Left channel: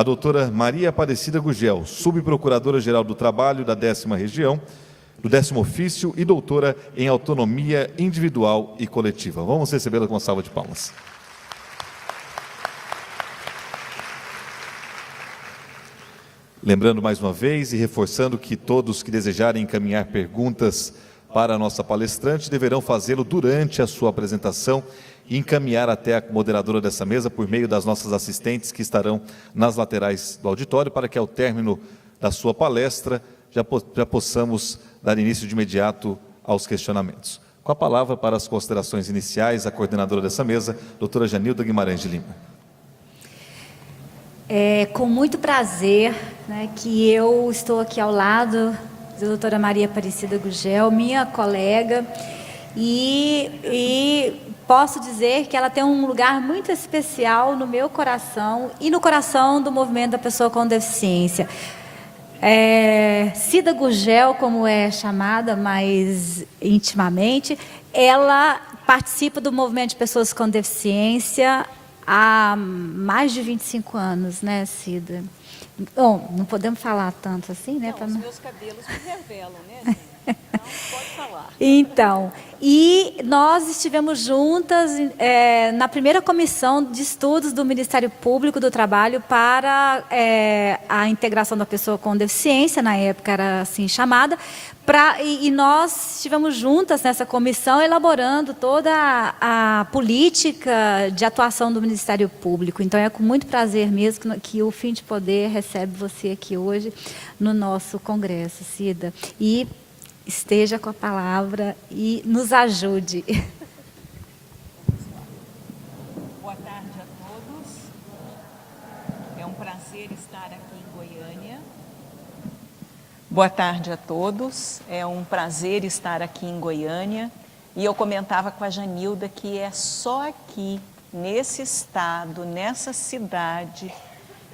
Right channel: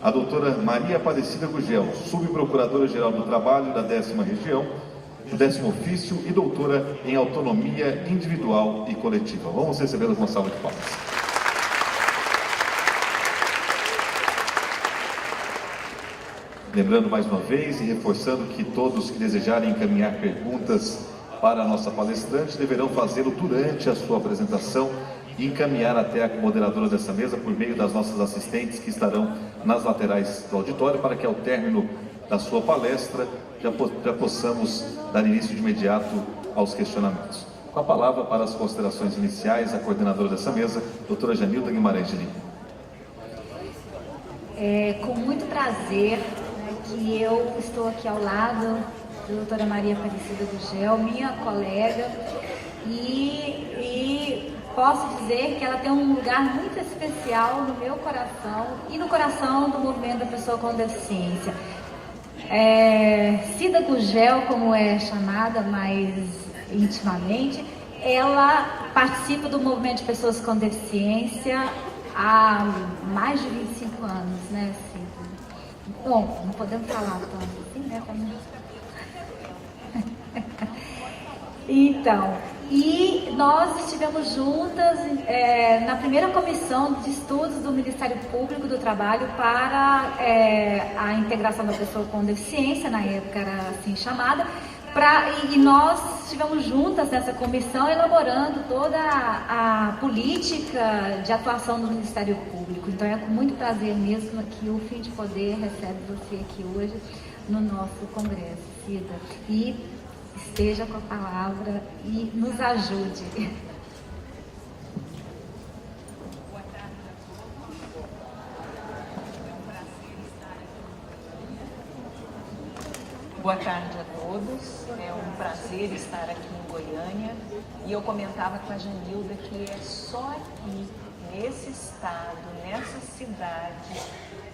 a doutora Maria Aparecida Gugel, subprocuradora-geral do Trabalho da 10ª Região, do 10º Ofício e doutora em Autonomia Individual e Coletiva. Vamos recebê-la com uma salva de palmas. Lembrando mais uma vez e reforçando que todos que desejarem encaminhar perguntas para a nossa palestrante deverão fazê-lo durante a sua apresentação e encaminhar até a moderadora dessa mesa por meio das nossas assistentes que estarão nas laterais do auditório para que ao término da sua palestra já possamos dar início de imediato aos questionamentos. Com a palavra para as considerações iniciais, a coordenadora dessa mesa, doutora Janilda Guimarães de Lima. É com muito prazer, que eu estou aqui ao lado da doutora Maria Aparecida Gugel, minha colega, e posso dizer que ela tem um lugar muito especial no meu coração e no coração do movimento da pessoa com deficiência. Cida Gugel, como é chamada mais intimamente, ela participa do movimento de pessoas com deficiência há mais de 25 anos, né, Cida? Bom, não podemos falar tanto assim, né? Os meus cabelos me revelam, né? Pode falar. Então, e nós estivemos juntas na primeira comissão de estudos do Ministério Público do Trabalho para a integração da pessoa com deficiência, na época era assim chamada, e nós estivemos juntas nessa comissão elaborando toda a política de atuação do Ministério Público. Então é com muito prazer mesmo que o Fim de Poder recebe você aqui hoje no nosso congresso, Cida. E esteja com a palavra e nos ajude. Boa tarde a todos. É um prazer estar aqui em Goiânia. Boa tarde a todos. É um prazer estar aqui em Goiânia. E eu comentava com a Janilda que é só aqui, nesse estado, nessa cidade,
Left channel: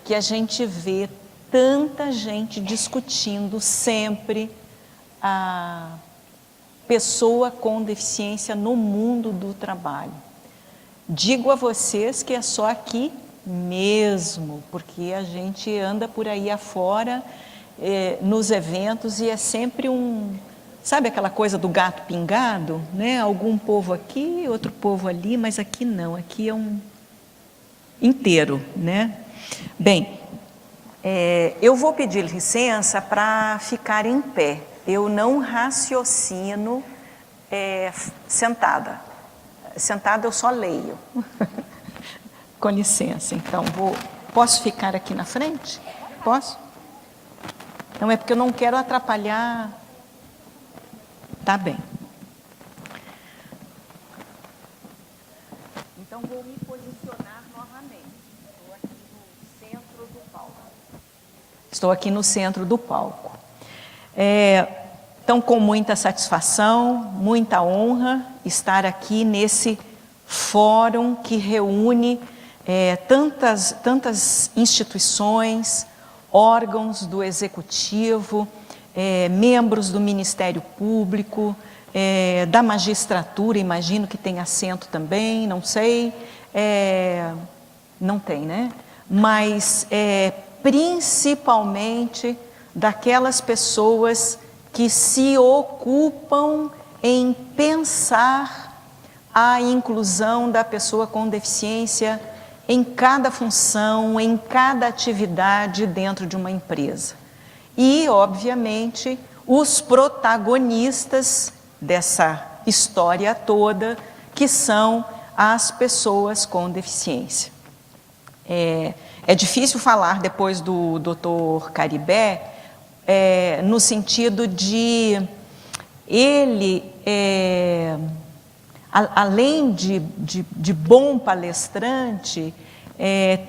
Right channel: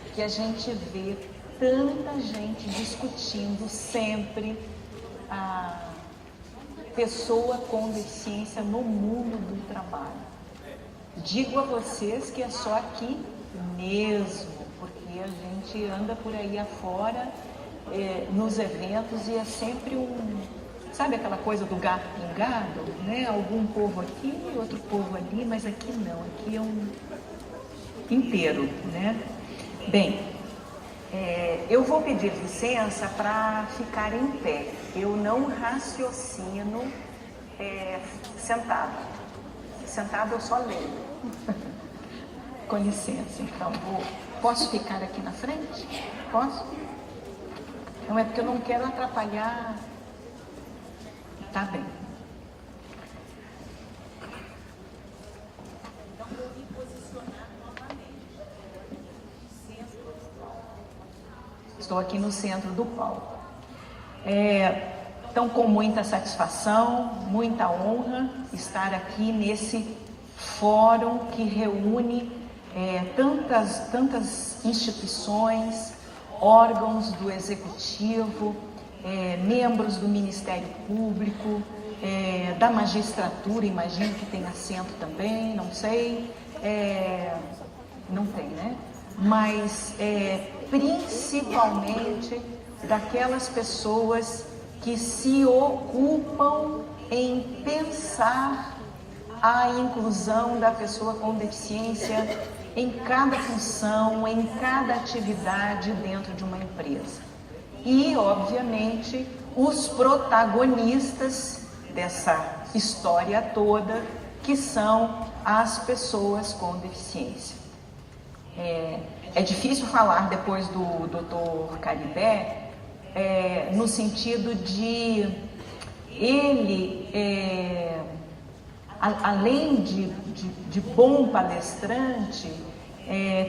que a gente vê tanta gente discutindo sempre a pessoa com deficiência no mundo do trabalho. Digo a vocês que é só aqui mesmo, porque a gente anda por aí afora, nos eventos, e é sempre sabe aquela coisa do gato pingado, né? Algum povo aqui, outro povo ali, mas aqui não, aqui é um inteiro, né? Bem, eu vou pedir licença para ficar em pé. Eu não raciocino sentada. Sentada eu só leio. Com licença, então, posso ficar aqui na frente? Posso? Não é porque eu não quero atrapalhar. Tá bem. Então, vou me posicionar novamente. Estou aqui no centro do palco. Então, com muita satisfação, muita honra, estar aqui nesse fórum que reúne tantas instituições, órgãos do Executivo, membros do Ministério Público, da magistratura, imagino que tem assento também, não sei, não tem, né? Mas principalmente daquelas pessoas que se ocupam em pensar a inclusão da pessoa com deficiência em cada função, em cada atividade dentro de uma empresa. E, obviamente, os protagonistas dessa história toda, que são as pessoas com deficiência. É difícil falar depois do Dr. Caribé, no sentido de ele, além de bom palestrante,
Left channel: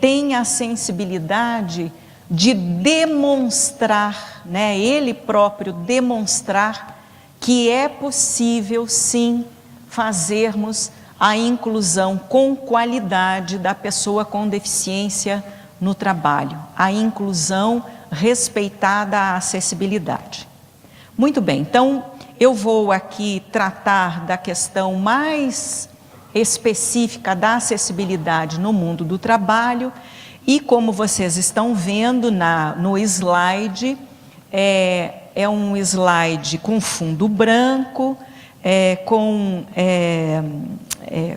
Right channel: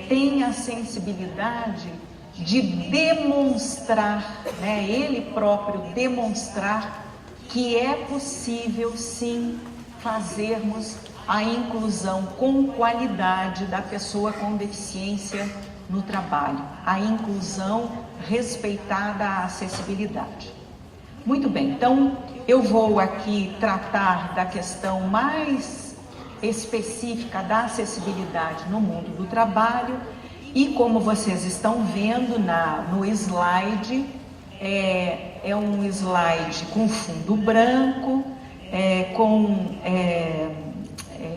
tem a sensibilidade de demonstrar, né, ele próprio demonstrar que é possível, sim, fazermos a inclusão com qualidade da pessoa com deficiência no trabalho, a inclusão respeitada à acessibilidade. Muito bem, então eu vou aqui tratar da questão mais específica da acessibilidade no mundo do trabalho E como vocês estão vendo no slide, é um slide com fundo branco,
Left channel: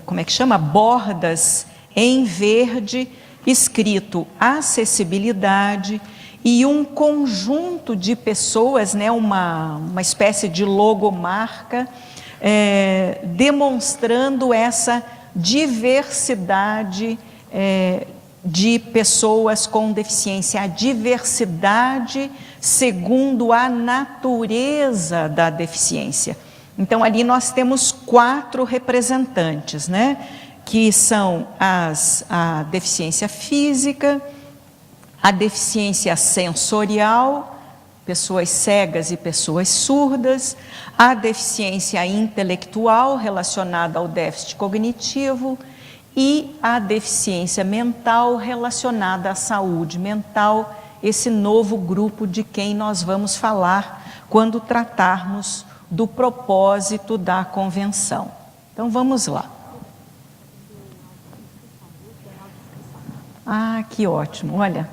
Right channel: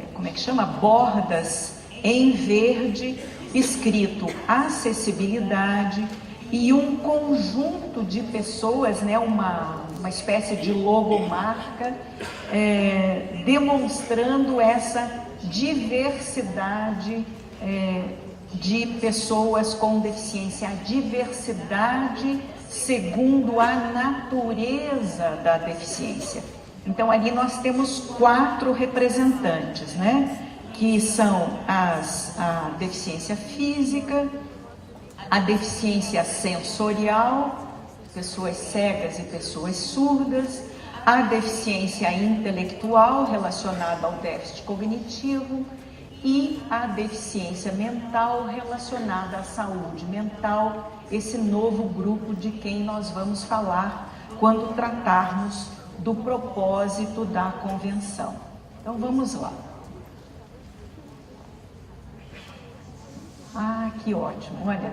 como é que chama? Bordas em verde, escrito acessibilidade, e um conjunto de pessoas, né, uma espécie de logomarca, demonstrando essa diversidade de pessoas com deficiência, a diversidade segundo a natureza da deficiência. Então, ali nós temos 4 representantes, né? Que são a deficiência física, a deficiência sensorial, pessoas cegas e pessoas surdas, a deficiência intelectual relacionada ao déficit cognitivo e a deficiência mental relacionada à saúde mental, esse novo grupo de quem nós vamos falar quando tratarmos do propósito da convenção. Então, vamos lá. Ah, que ótimo, olha,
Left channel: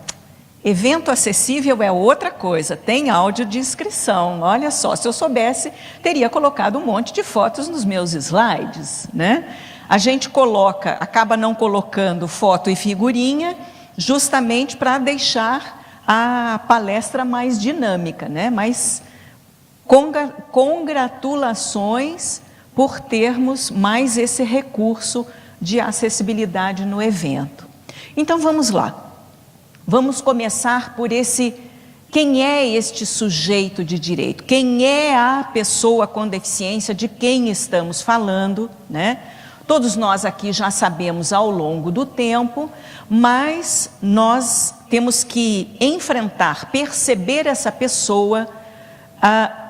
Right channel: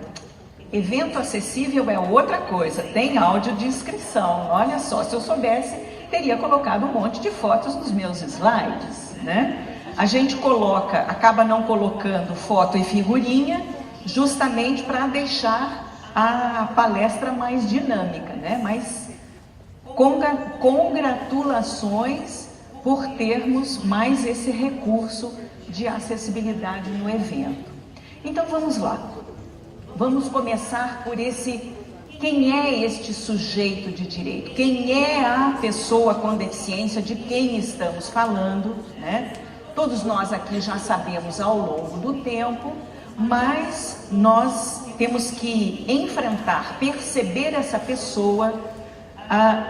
evento acessível é outra coisa, tem audiodescrição, olha só, se eu soubesse, teria colocado um monte de fotos nos meus slides, né? A gente acaba não colocando foto e figurinha, justamente para deixar a palestra mais dinâmica, né? Mas congratulações por termos mais esse recurso de acessibilidade no evento. Então, vamos lá. Vamos começar por quem é este sujeito de direito? Quem é a pessoa com deficiência de quem estamos falando, né? Todos nós aqui já sabemos ao longo do tempo, mas nós temos que enfrentar, perceber essa pessoa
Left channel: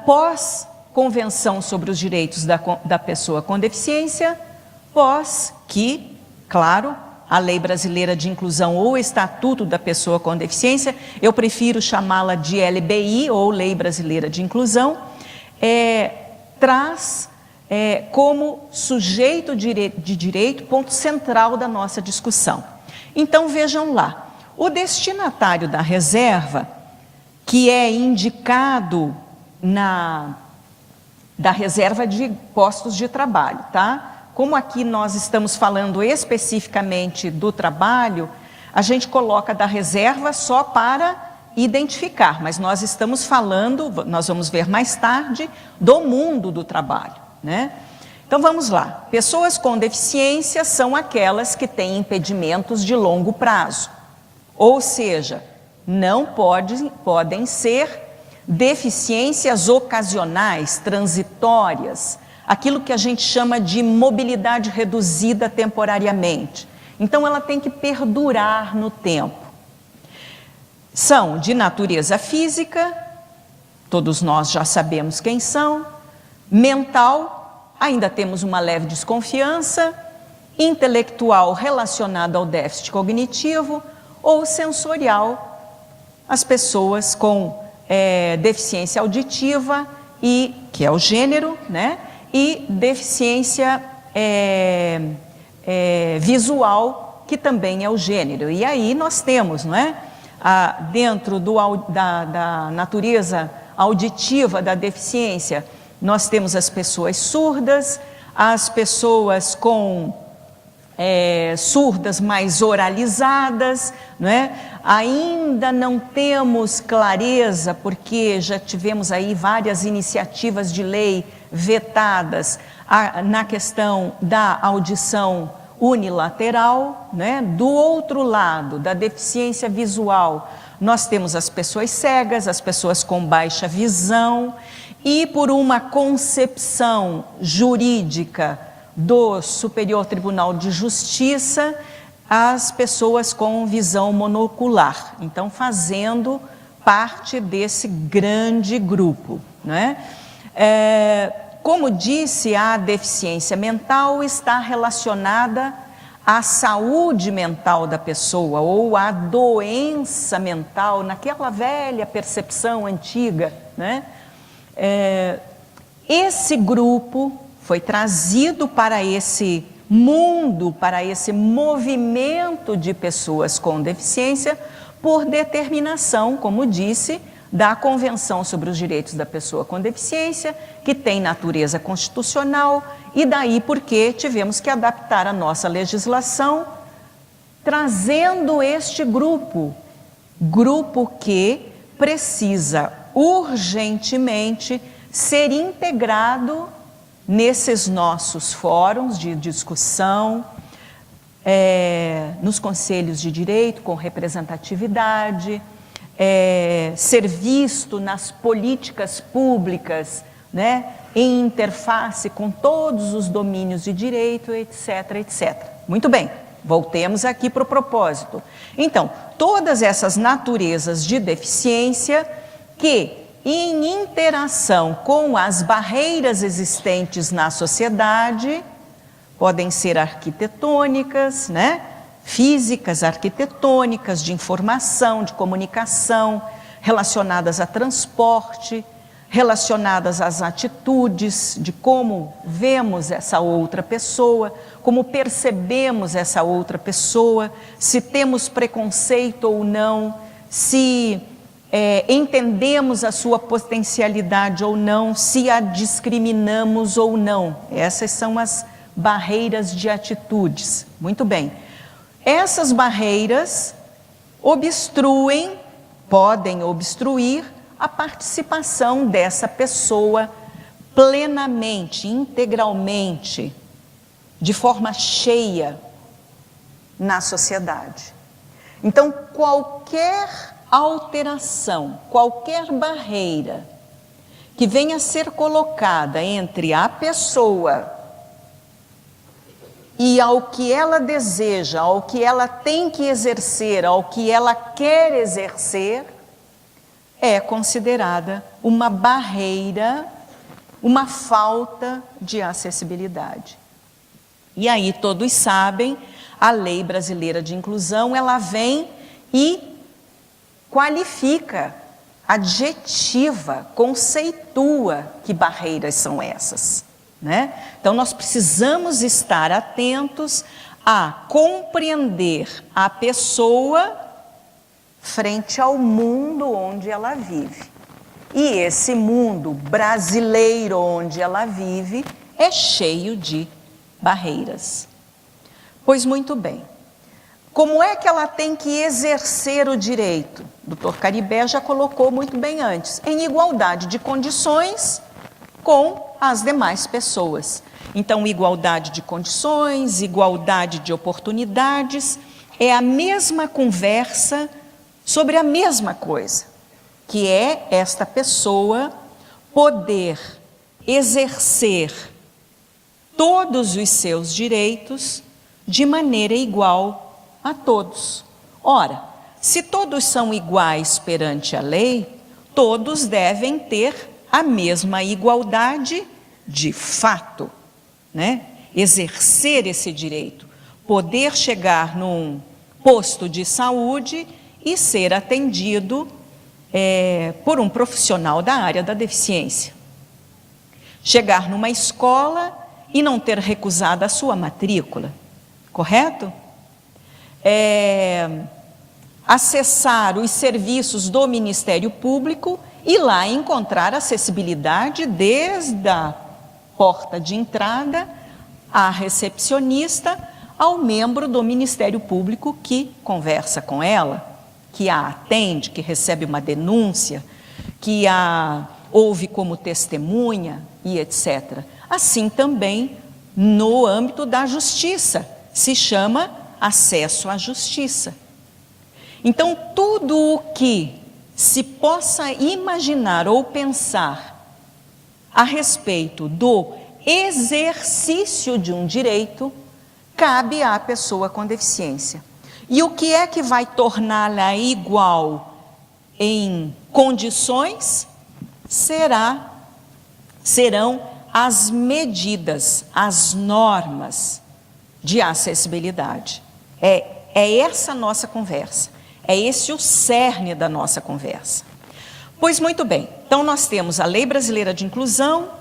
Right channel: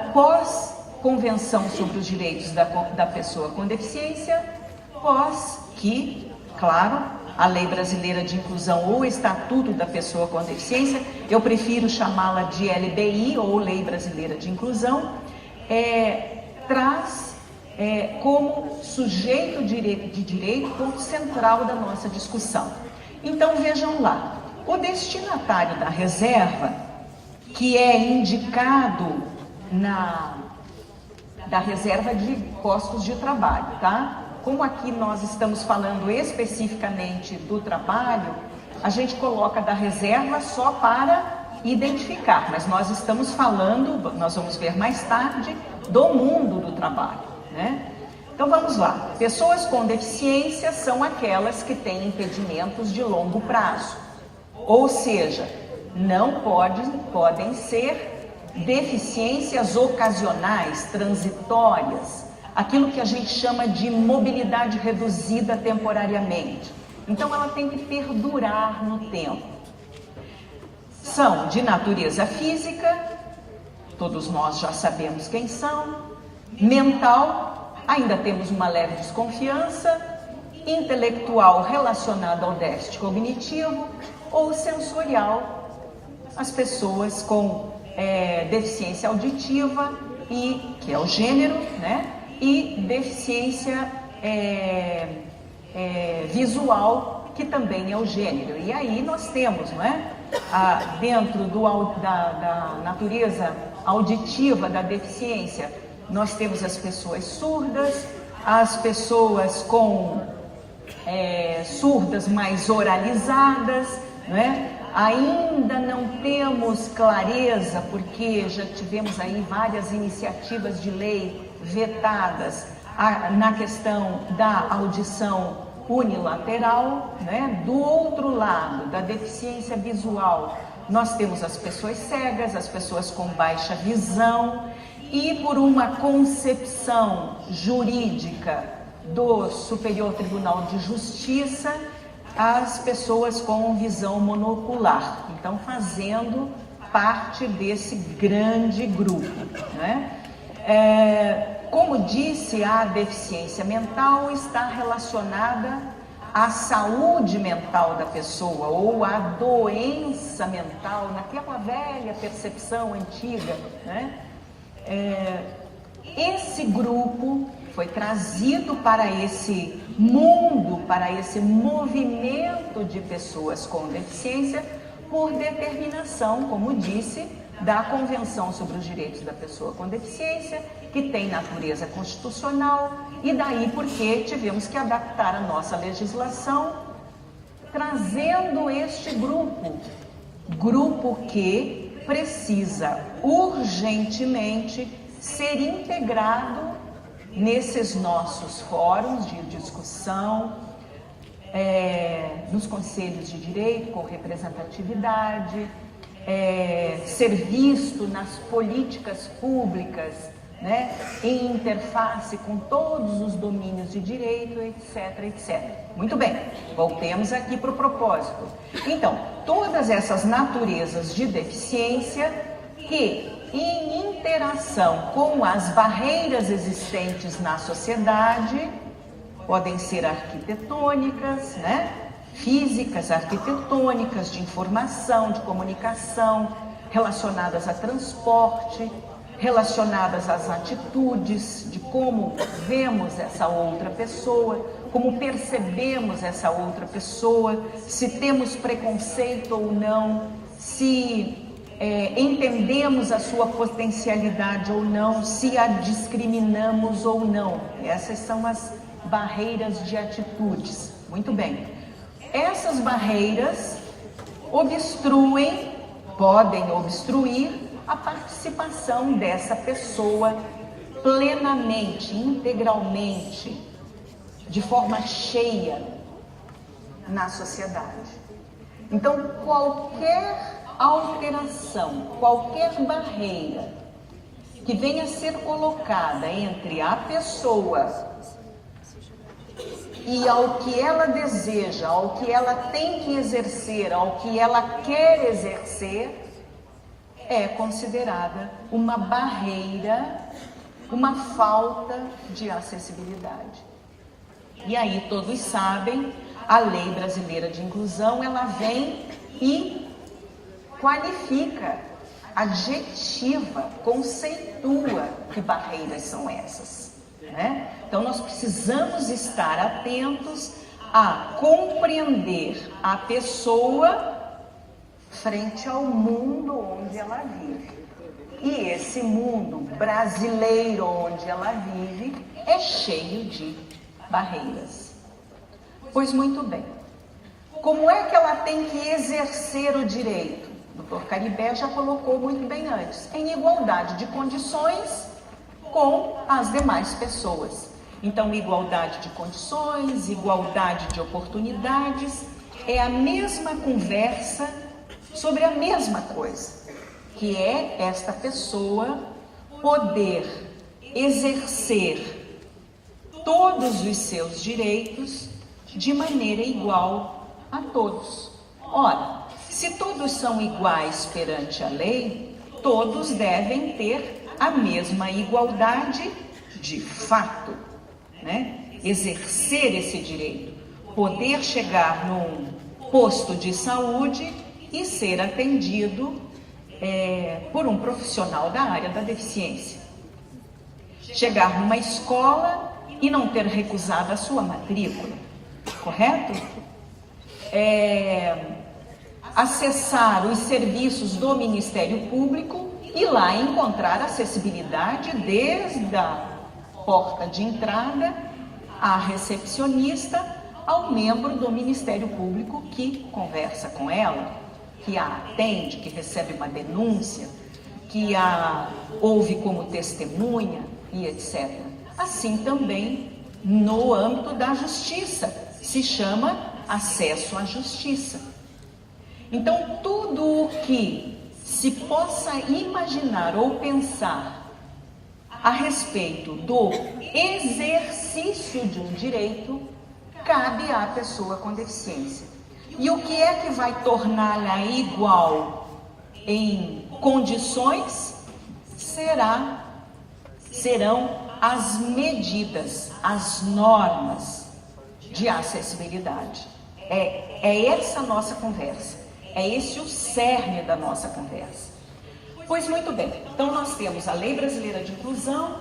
pós Convenção sobre os Direitos da Pessoa com Deficiência, pós que, claro, a Lei Brasileira de Inclusão ou Estatuto da Pessoa com Deficiência, eu prefiro chamá-la de LBI ou Lei Brasileira de Inclusão, traz como sujeito de direito ponto central da nossa discussão. Então, vejam lá, o destinatário da reserva, que é indicado da reserva de postos de trabalho, tá? Como aqui nós estamos falando especificamente do trabalho, a gente coloca da reserva só para identificar, mas nós estamos falando, nós vamos ver mais tarde, do mundo do trabalho, né? Então, vamos lá. Pessoas com deficiência são aquelas que têm impedimentos de longo prazo, ou seja, não podem ser deficiências ocasionais, transitórias, aquilo que a gente chama de mobilidade reduzida temporariamente. Então, ela tem que perdurar no tempo. São de natureza física, todos nós já sabemos quem são, mental, ainda temos uma leve desconfiança, intelectual relacionada ao déficit cognitivo, ou sensorial, as pessoas com deficiência auditiva, que é o gênero, né? E deficiência visual, que também é o gênero. E aí nós temos, não é? Dentro da natureza auditiva da deficiência, nós temos as pessoas surdas, as pessoas com surdas mais oralizadas, não é? Ainda não temos clareza, porque já tivemos aí várias iniciativas de lei vetadas na questão da audição unilateral, né? Do outro lado, da deficiência visual, nós temos as pessoas cegas, as pessoas com baixa visão, e por uma concepção jurídica do Superior Tribunal de Justiça, as pessoas com visão monocular, então fazendo parte desse grande grupo, né? Como disse, a deficiência mental está relacionada à saúde mental da pessoa ou à doença mental, naquela velha percepção antiga, né? esse grupo foi trazido para esse mundo, para esse movimento de pessoas com deficiência, por determinação, como disse, da Convenção sobre os Direitos da Pessoa com Deficiência, que tem natureza constitucional, e daí porque tivemos que adaptar a nossa legislação, trazendo este grupo que precisa urgentemente ser integrado nesses nossos fóruns de discussão, nos conselhos de direito com representatividade, ser visto nas políticas públicas, né, em interface com todos os domínios de direito, etc, etc. Muito bem, voltemos aqui para o propósito. Então, todas essas naturezas de deficiência que, em interação com as barreiras existentes na sociedade, podem ser arquitetônicas, né? Físicas, arquitetônicas, de informação, de comunicação, relacionadas a transporte, relacionadas às atitudes, de como vemos essa outra pessoa, como percebemos essa outra pessoa, se temos preconceito ou não, se entendemos a sua potencialidade ou não, se a discriminamos ou não. Essas são as barreiras de atitudes. Muito bem. Essas barreiras podem obstruir a participação dessa pessoa plenamente, integralmente, de forma cheia na sociedade. Então, qualquer alteração, qualquer barreira que venha a ser colocada entre a pessoa e ao que ela deseja, ao que ela tem que exercer, ao que ela quer exercer, é considerada uma barreira, uma falta de acessibilidade. E aí todos sabem, a Lei Brasileira de Inclusão, ela vem e qualifica, adjetiva, conceitua que barreiras são essas, né? Então nós precisamos estar atentos a compreender a pessoa frente ao mundo onde ela vive. E esse mundo brasileiro onde ela vive é cheio de barreiras. Pois muito bem, como é que ela tem que exercer o direito? O Dr. Caribé já colocou muito bem antes, em igualdade de condições com as demais pessoas. Então, igualdade de condições, igualdade de oportunidades, é a mesma conversa sobre a mesma coisa, que é esta pessoa poder exercer todos os seus direitos de maneira igual a todos. Ora, se todos são iguais perante a lei, todos devem ter a mesma igualdade de fato, né? Exercer esse direito, poder chegar num posto de saúde e ser atendido por um profissional da área da deficiência. Chegar numa escola e não ter recusado a sua matrícula, correto? Acessar os serviços do Ministério Público e lá encontrar acessibilidade desde a porta de entrada à recepcionista, ao membro do Ministério Público que conversa com ela, que a atende, que recebe uma denúncia, que a ouve como testemunha e etc. Assim também no âmbito da justiça, se chama acesso à justiça. Então, tudo o que se possa imaginar ou pensar a respeito do exercício de um direito, cabe à pessoa com deficiência. E o que é que vai torná-la igual em condições? Serão as medidas, as normas de acessibilidade. É essa a nossa conversa. É esse o cerne da nossa conversa. Pois muito bem, então nós temos a Lei Brasileira de Inclusão,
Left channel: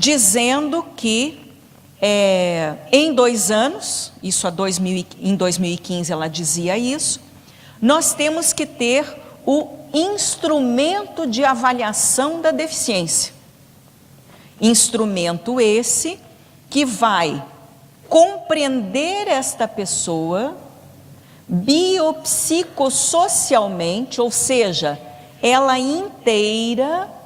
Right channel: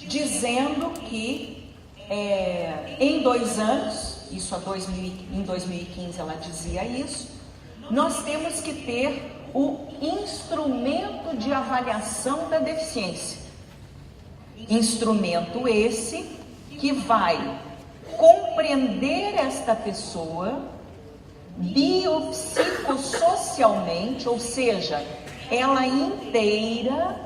dizendo que em 2 anos, em 2015 ela dizia isso, nós temos que ter o instrumento de avaliação da deficiência. Instrumento esse que vai compreender esta pessoa biopsicossocialmente, ou seja, ela inteira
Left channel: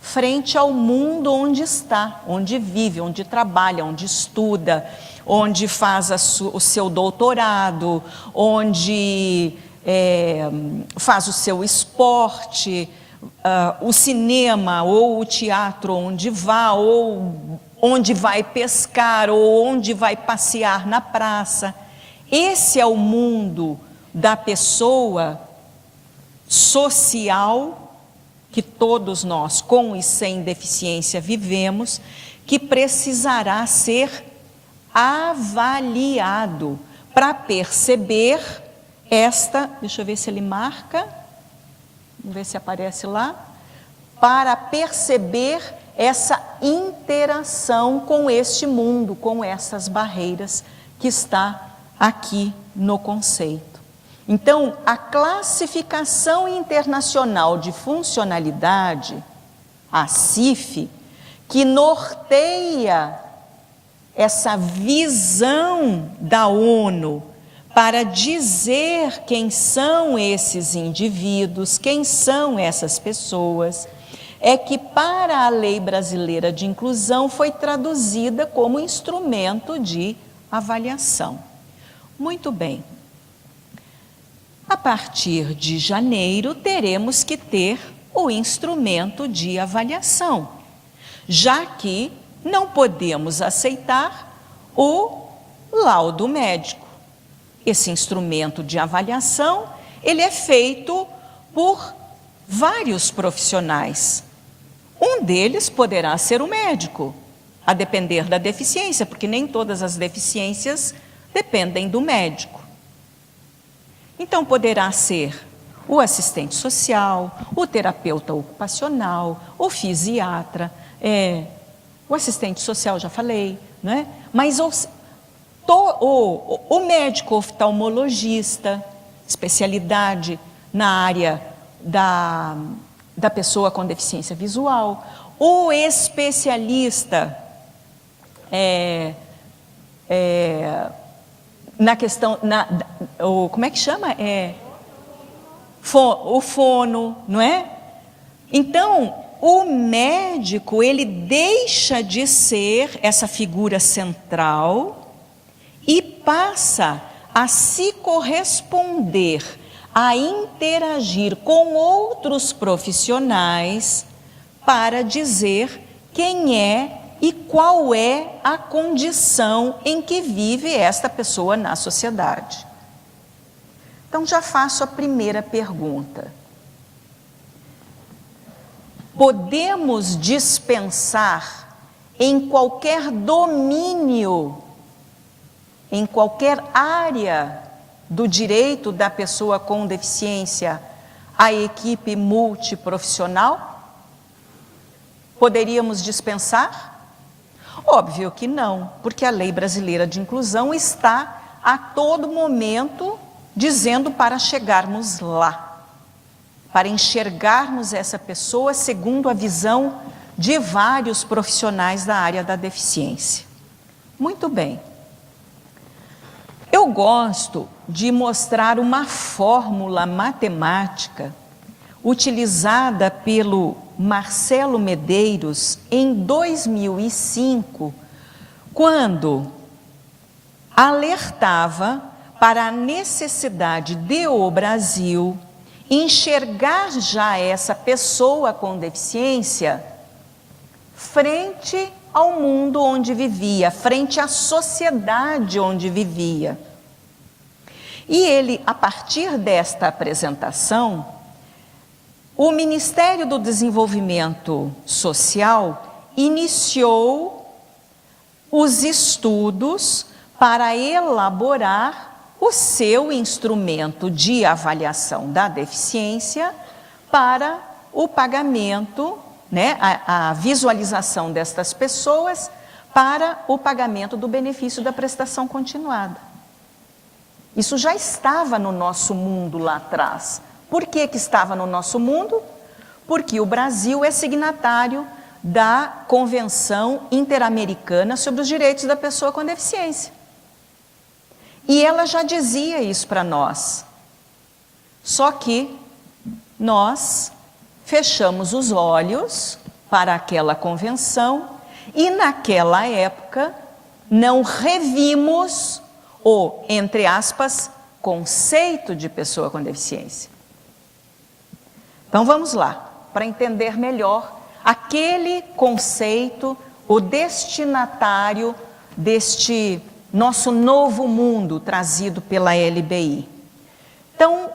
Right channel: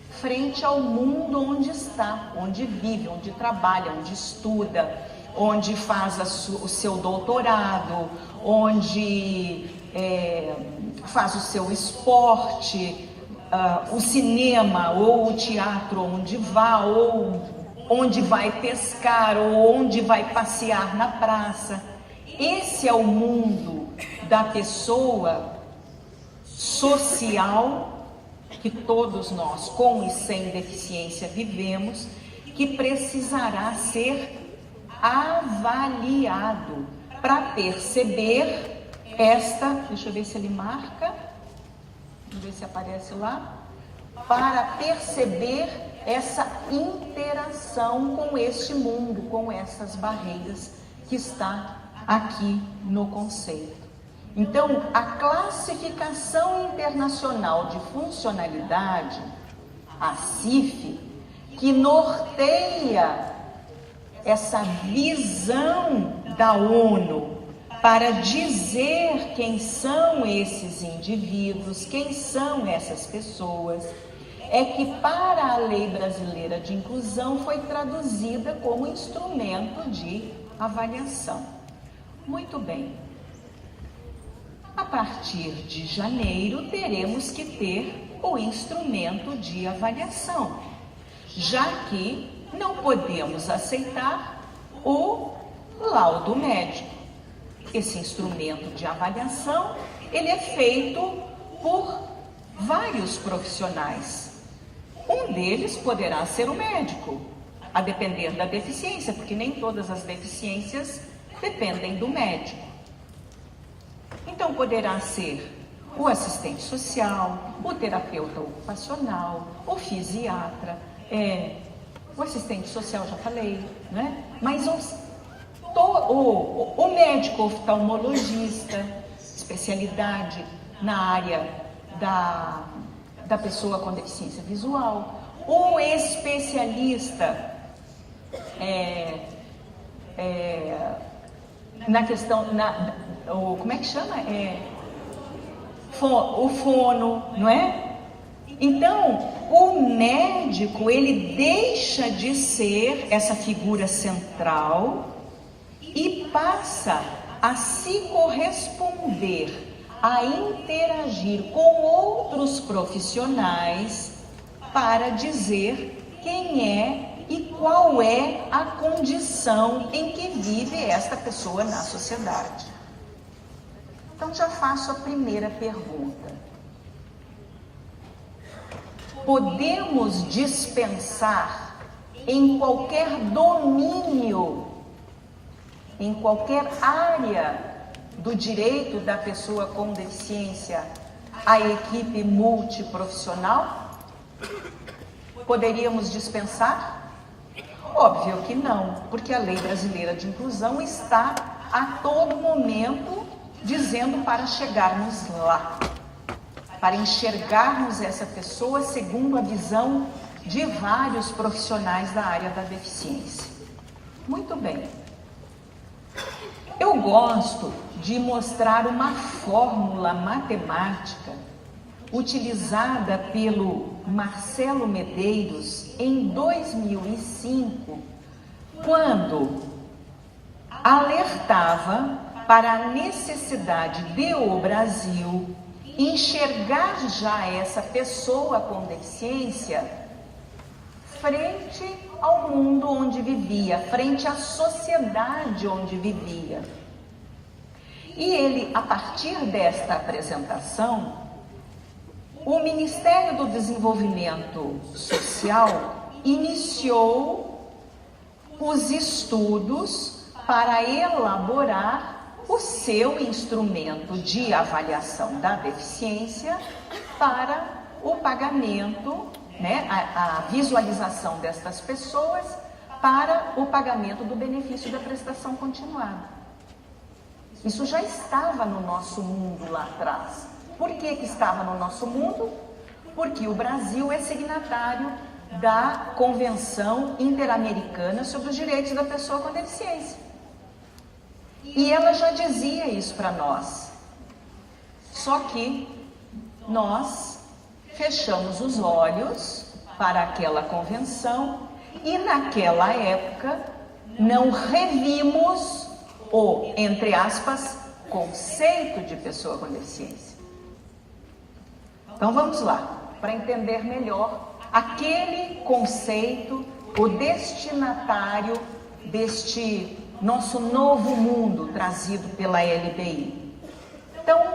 frente ao mundo onde está, onde vive, onde trabalha, onde estuda, onde faz o seu doutorado, onde faz o seu esporte, o cinema ou o teatro onde vá, ou onde vai pescar, ou onde vai passear na praça. Esse é o mundo da pessoa social que todos nós, com e sem deficiência, vivemos, que precisará ser avaliado para perceber deixa eu ver se ele marca, vamos ver se aparece lá, para perceber essa interação com este mundo, com essas barreiras que está aqui no conceito. Então, a Classificação Internacional de Funcionalidade, a CIF, que norteia essa visão da ONU para dizer quem são esses indivíduos, quem são essas pessoas, é que para a Lei Brasileira de Inclusão foi traduzida como instrumento de avaliação. Muito bem. A partir de janeiro, teremos que ter o instrumento de avaliação, já que não podemos aceitar o laudo médico. Esse instrumento de avaliação, ele é feito por vários profissionais. Um deles poderá ser o médico, a depender da deficiência, porque nem todas as deficiências dependem do médico. Então, poderá ser o assistente social, o terapeuta ocupacional, o fisiatra, o assistente social, já falei, né? Mas o médico oftalmologista, especialidade na área da pessoa com deficiência visual, o especialista na questão, como é que chama? O fono, não é? Então, o médico, ele deixa de ser essa figura central e passa a se corresponder, a interagir com outros profissionais para dizer quem é e qual é a condição em que vive esta pessoa na sociedade. Então, já faço a primeira pergunta. Podemos dispensar em qualquer domínio, em qualquer área do direito da pessoa com deficiência, a equipe multiprofissional? Poderíamos dispensar? Óbvio que não, porque a Lei Brasileira de Inclusão está a todo momento dizendo para chegarmos lá, para enxergarmos essa pessoa segundo a visão de vários profissionais da área da deficiência. Muito bem. Eu gosto de mostrar uma fórmula matemática utilizada pelo Marcelo Medeiros em 2005, quando alertava para a necessidade de o Brasil enxergar já essa pessoa com deficiência frente ao mundo onde vivia, frente à sociedade onde vivia. E ele, a partir desta apresentação, o Ministério do Desenvolvimento Social iniciou os estudos para elaborar o seu instrumento de avaliação da deficiência para o pagamento né, a visualização destas pessoas para o pagamento do benefício da prestação continuada. Isso já estava no nosso mundo lá atrás. Por que estava no nosso mundo? Porque o Brasil é signatário da Convenção Interamericana sobre os Direitos da Pessoa com Deficiência. E ela já dizia isso para nós. Só que nós fechamos os olhos para aquela convenção e naquela época não revimos o, entre aspas, conceito de pessoa com deficiência. Então vamos lá, para entender melhor aquele conceito, o destinatário deste nosso novo mundo trazido pela LBI. Então,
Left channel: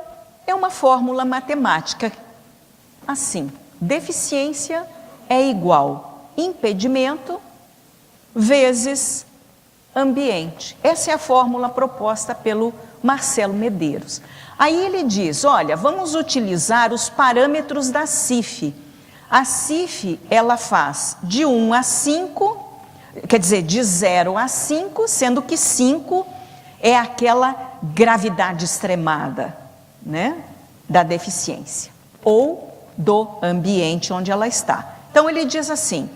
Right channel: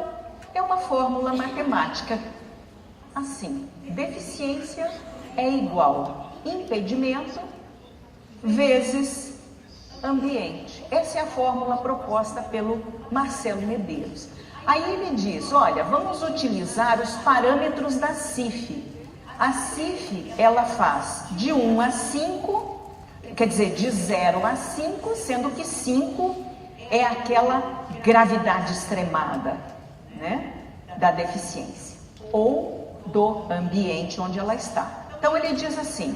é uma fórmula matemática assim: deficiência é igual impedimento vezes ambiente. Essa é a fórmula proposta pelo Marcelo Medeiros. Aí ele diz, olha, vamos utilizar os parâmetros da CIF. A CIF, ela faz de 1 a 5, quer dizer, de 0 a 5, sendo que 5 é aquela gravidade extremada, né, da deficiência, ou do ambiente onde ela está. Então ele diz assim,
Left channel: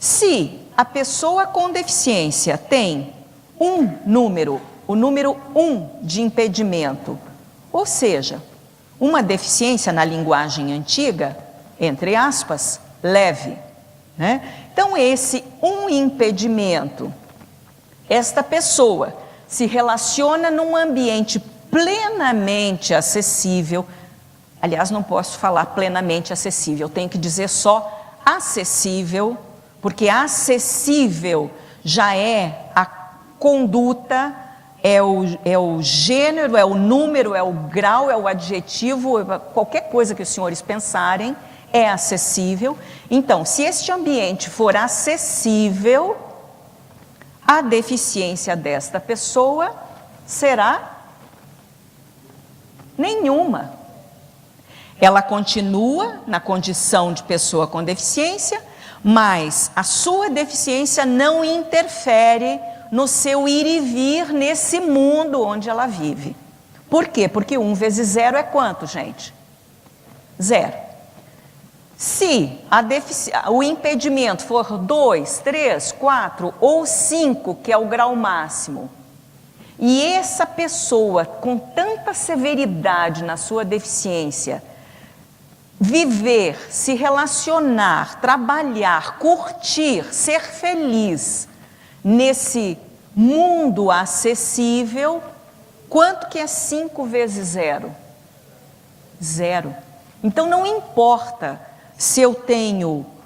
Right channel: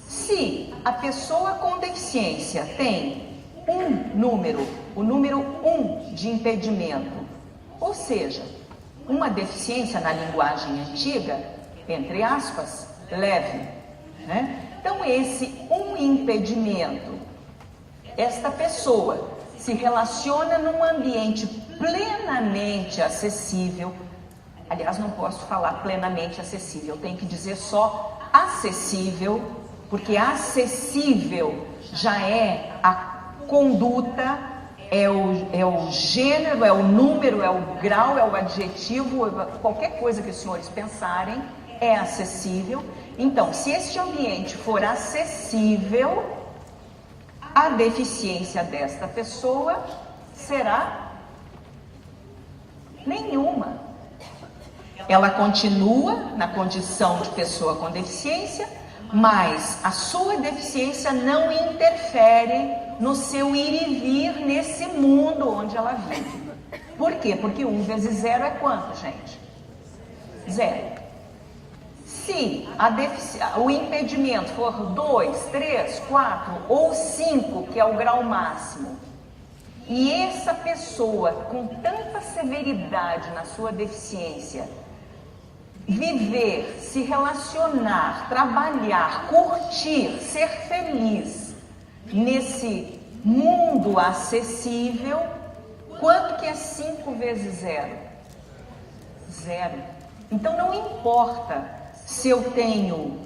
se a pessoa com deficiência tem o número 1 de impedimento, ou seja, uma deficiência na linguagem antiga, entre aspas, leve, né? Então esse impedimento, esta pessoa se relaciona num ambiente plenamente acessível. Aliás, não posso falar plenamente acessível, tenho que dizer só acessível, porque acessível já é a conduta, é o gênero, é o número, é o grau, é o adjetivo, qualquer coisa que os senhores pensarem é acessível. Então, se este ambiente for acessível, a deficiência desta pessoa será nenhuma. Ela continua na condição de pessoa com deficiência, mas a sua deficiência não interfere no seu ir e vir nesse mundo onde ela vive. Por quê? Porque 1 vezes 0 é quanto, gente? 0. Se o impedimento for 2, 3, 4 ou 5, que é o grau máximo, e essa pessoa com tanta severidade na sua deficiência viver, se relacionar, trabalhar, curtir, ser feliz nesse mundo acessível, quanto que é 5 vezes 0? 0. Então não importa se eu tenho,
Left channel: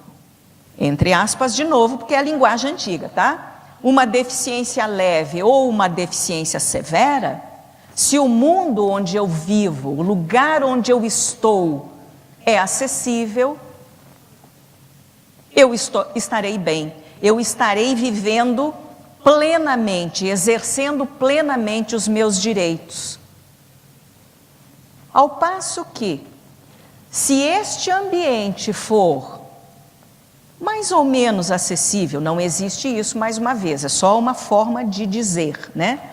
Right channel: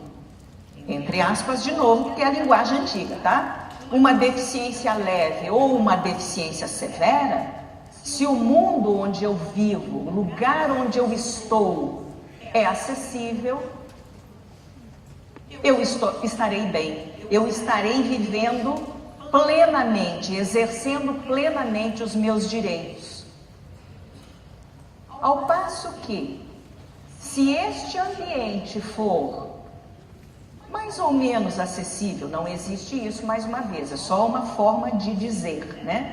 entre aspas de novo, porque é a linguagem antiga, tá? Uma deficiência leve ou uma deficiência severa, se o mundo onde eu vivo, o lugar onde eu estou, é acessível, eu estarei bem, eu estarei vivendo plenamente, exercendo plenamente os meus direitos. Ao passo que, se este ambiente for mais ou menos acessível, não existe isso mais uma vez, é só uma forma de dizer, né?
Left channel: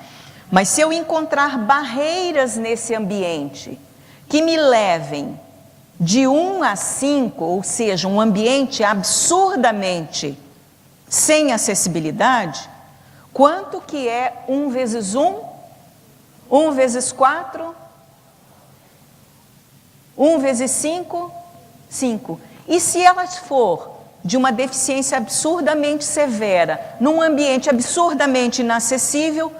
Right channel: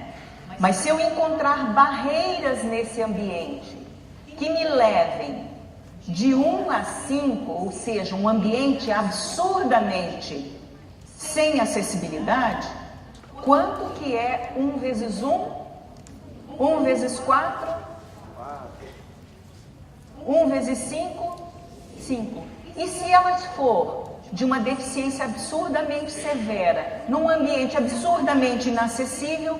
Mas se eu encontrar barreiras nesse ambiente que me levem de 1 a 5, ou seja, um ambiente absurdamente sem acessibilidade, quanto que é 1 vezes 1? 1 vezes 4? 1 vezes 5? 5. E se ela for de uma deficiência absurdamente severa, num ambiente absurdamente inacessível,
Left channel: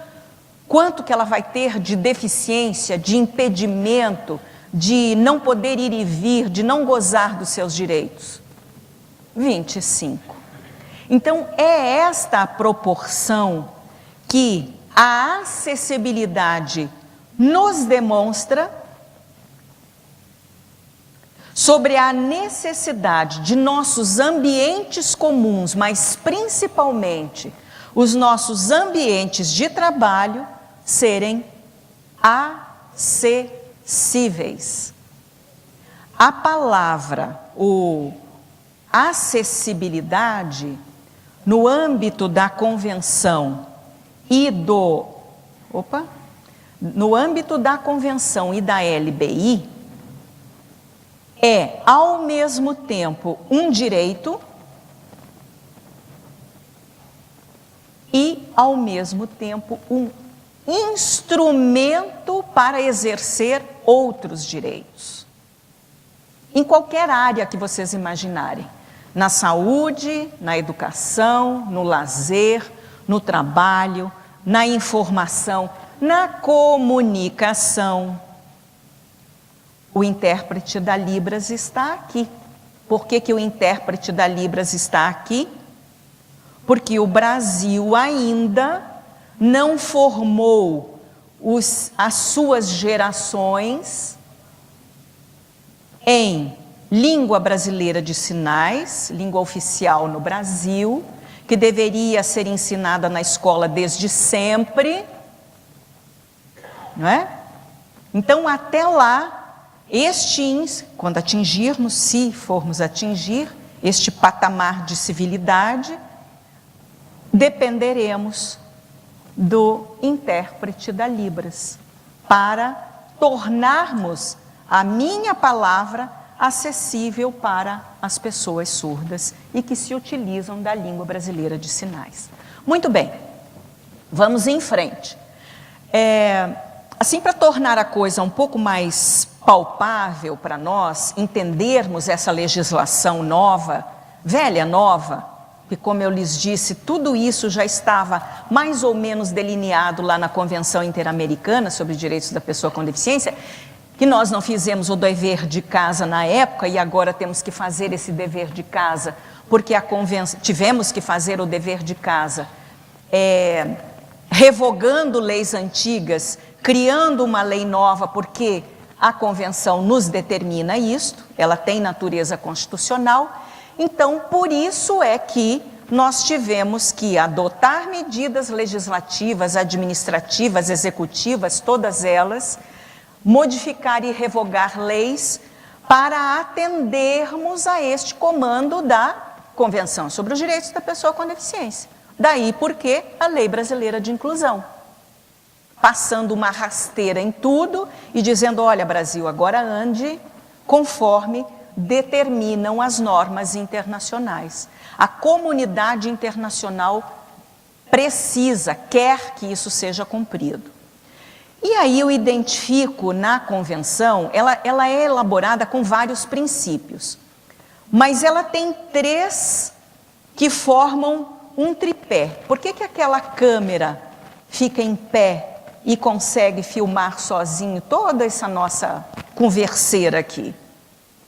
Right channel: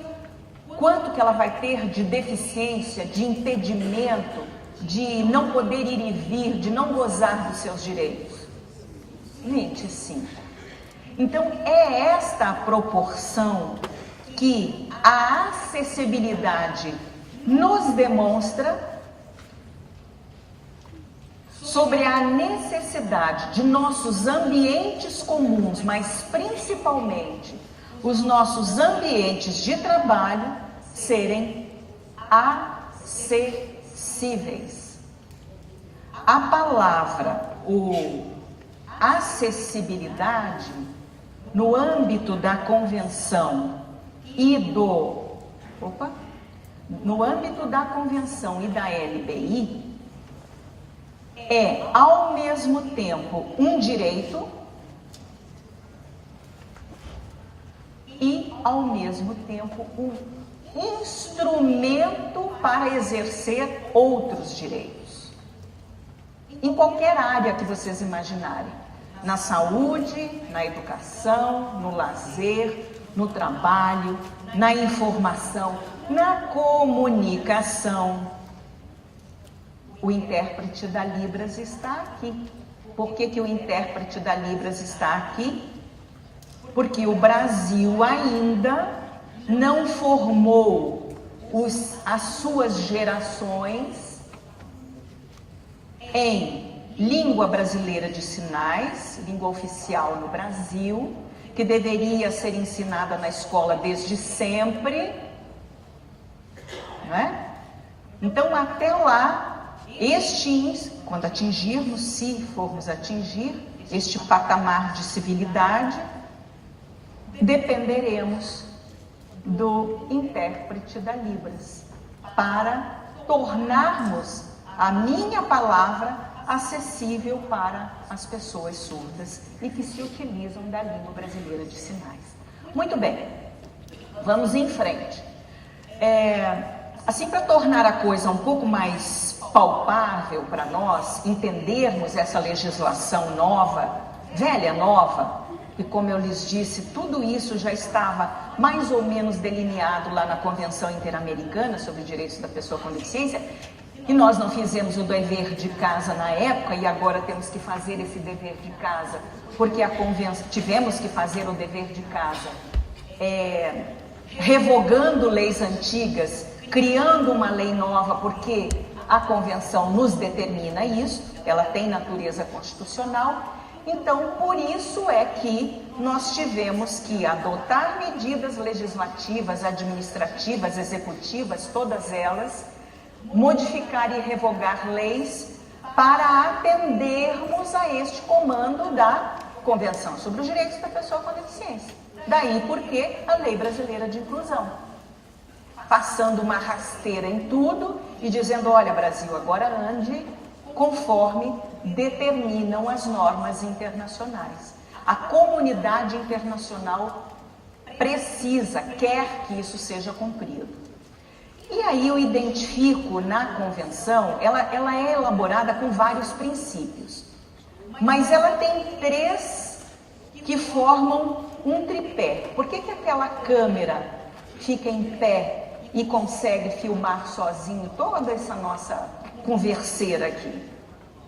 quanto que ela vai ter de deficiência, de impedimento, de não poder ir e vir, de não gozar dos seus direitos? 25. Então, é esta a proporção que a acessibilidade nos demonstra sobre a necessidade de nossos ambientes comuns, mas principalmente os nossos ambientes de trabalho serem acessíveis. A palavra, acessibilidade no âmbito da convenção e no âmbito da convenção e da LBI é, ao mesmo tempo, um direito e, ao mesmo tempo, um instrumento para exercer outros direitos. Em qualquer área que vocês imaginarem. Na saúde, na educação, no lazer, no trabalho, na informação, na comunicação. O intérprete da Libras está aqui. Por que o intérprete da Libras está aqui? Porque o Brasil ainda não formou as suas gerações em língua brasileira de sinais, língua oficial no Brasil, que deveria ser ensinada na escola desde sempre, não é? Então, até lá, quando atingirmos, se formos atingir este patamar de civilidade, dependeremos do intérprete da Libras, para tornarmos a minha palavra acessível para as pessoas surdas e que se utilizam da língua brasileira de sinais. Muito bem, vamos em frente. Assim, para tornar a coisa um pouco mais palpável para nós, entendermos essa legislação nova, velha nova, que, como eu lhes disse, tudo isso já estava mais ou menos delineado lá na Convenção Interamericana sobre Direitos da Pessoa com Deficiência, que nós não fizemos o dever de casa na época e agora temos que fazer esse dever de casa, porque tivemos que fazer o dever de casa revogando leis antigas, criando uma lei nova, porque a Convenção nos determina isso, ela tem natureza constitucional. Então, por isso é que nós tivemos que adotar medidas legislativas, administrativas, executivas, todas elas, modificar e revogar leis para atendermos a este comando da Convenção sobre os Direitos da Pessoa com Deficiência. Daí porque a Lei Brasileira de Inclusão, passando uma rasteira em tudo e dizendo, olha, Brasil, agora ande conforme determinam as normas internacionais. A comunidade internacional quer que isso seja cumprido. E aí eu identifico na convenção, ela é elaborada com vários princípios, mas ela tem 3 que formam um tripé. Por que aquela câmera fica em pé e consegue filmar sozinho toda essa nossa converseira aqui?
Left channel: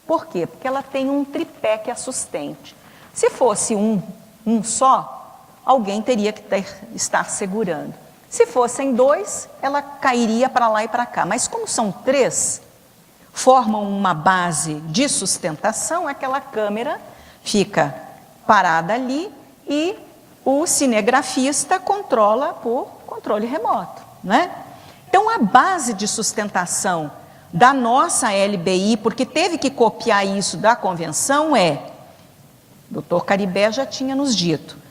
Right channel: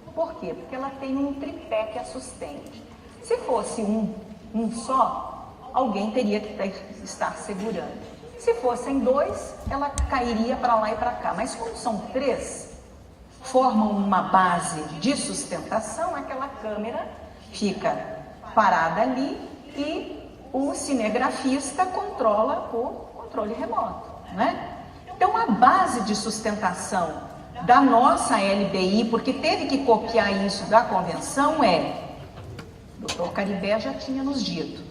Por quê? Porque ela tem um tripé que a sustente. Se fosse um só, alguém teria que estar segurando. Se fossem 2, ela cairia para lá e para cá. Mas como são 3, formam uma base de sustentação, aquela câmera fica parada ali e o cinegrafista controla por controle remoto, né? Então, a base de sustentação da nossa LBI, porque teve que copiar isso da convenção, o Dr. Caribé já tinha nos dito,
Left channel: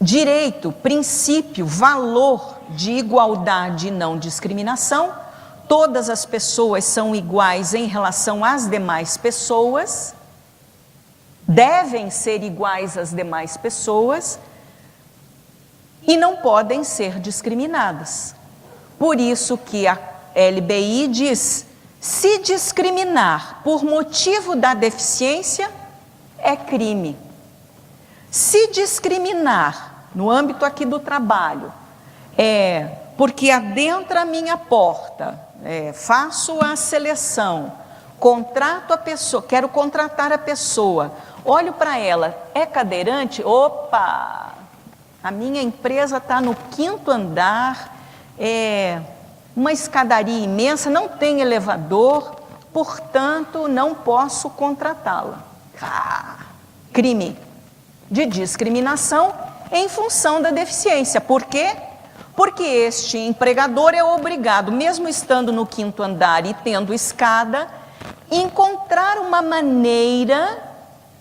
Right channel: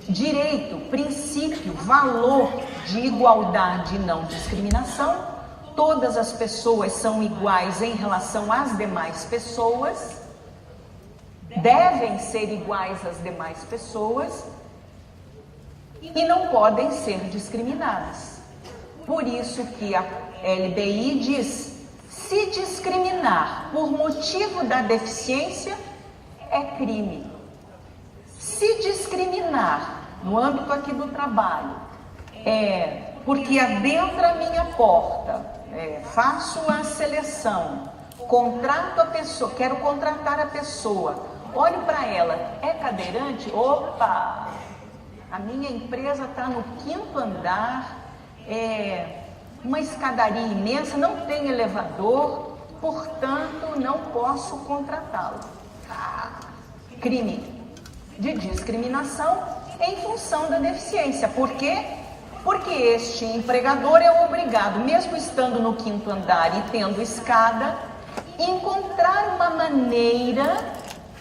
direito, princípio, valor de igualdade e não discriminação. Todas as pessoas são iguais em relação às demais pessoas, devem ser iguais às demais pessoas e não podem ser discriminadas. Por isso que a LBI diz, se discriminar por motivo da deficiência é crime. Se discriminar no âmbito aqui do trabalho, porque adentra a minha porta, faço a seleção, contrato a pessoa, quero contratar a pessoa, olho para ela, é cadeirante? Opa! A minha empresa está no 5º andar, uma escadaria imensa, não tem elevador, portanto, não posso contratá-la. Crime de discriminação em função da deficiência. Por quê? Porque este empregador é obrigado, mesmo estando no 5º andar e tendo escada, encontrar uma maneira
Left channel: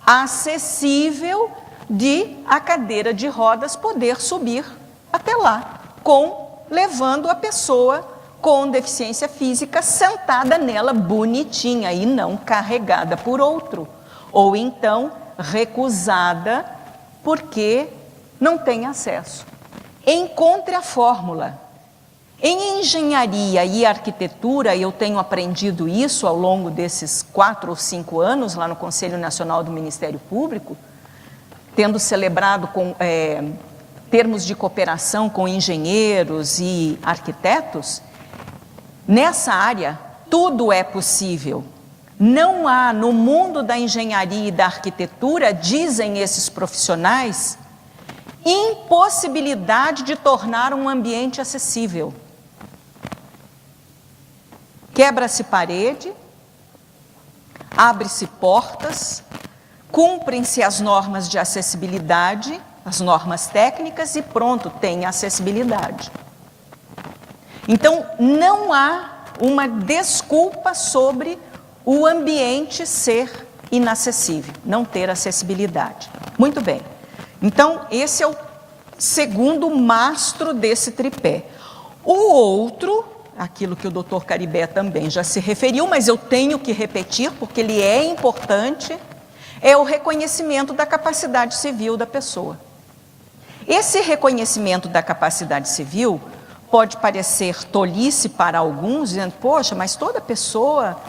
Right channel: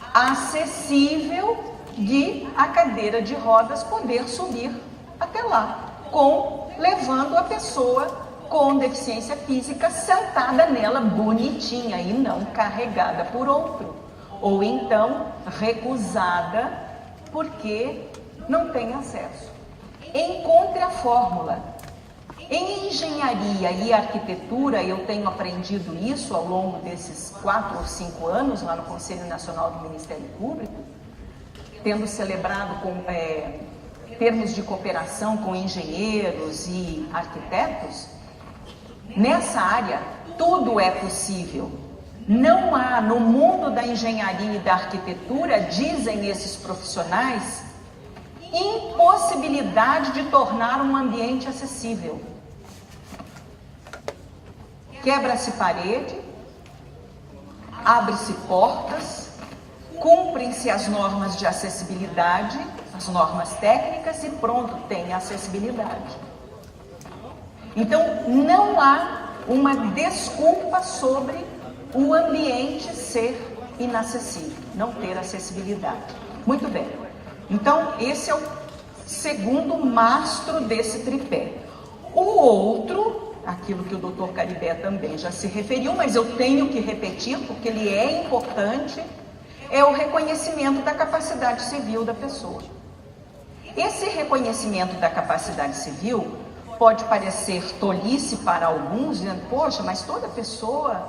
acessível de a cadeira de rodas poder subir até lá, levando a pessoa com deficiência física sentada nela bonitinha e não carregada por outro, ou então recusada porque não tem acesso. Encontre a fórmula. Em engenharia e arquitetura, eu tenho aprendido isso ao longo desses 4 ou 5 anos lá no Conselho Nacional do Ministério Público, tendo celebrado termos de cooperação com engenheiros e arquitetos. Nessa área, tudo é possível. Não há, no mundo da engenharia e da arquitetura, dizem esses profissionais, impossibilidade de tornar um ambiente acessível. Quebra-se parede, abre-se portas, cumprem-se as normas de acessibilidade, as normas técnicas e pronto, tem acessibilidade. Então, não há uma desculpa sobre o ambiente ser inacessível, não ter acessibilidade. Muito bem. Então, esse é o segundo mastro desse tripé. O outro, aquilo que o Dr. Caribé também já se referiu, mas eu tenho que repetir porque ele é importante, é o reconhecimento da capacidade civil da pessoa. Esse reconhecimento da capacidade civil pode parecer tolice para alguns, dizendo, poxa, mas toda pessoa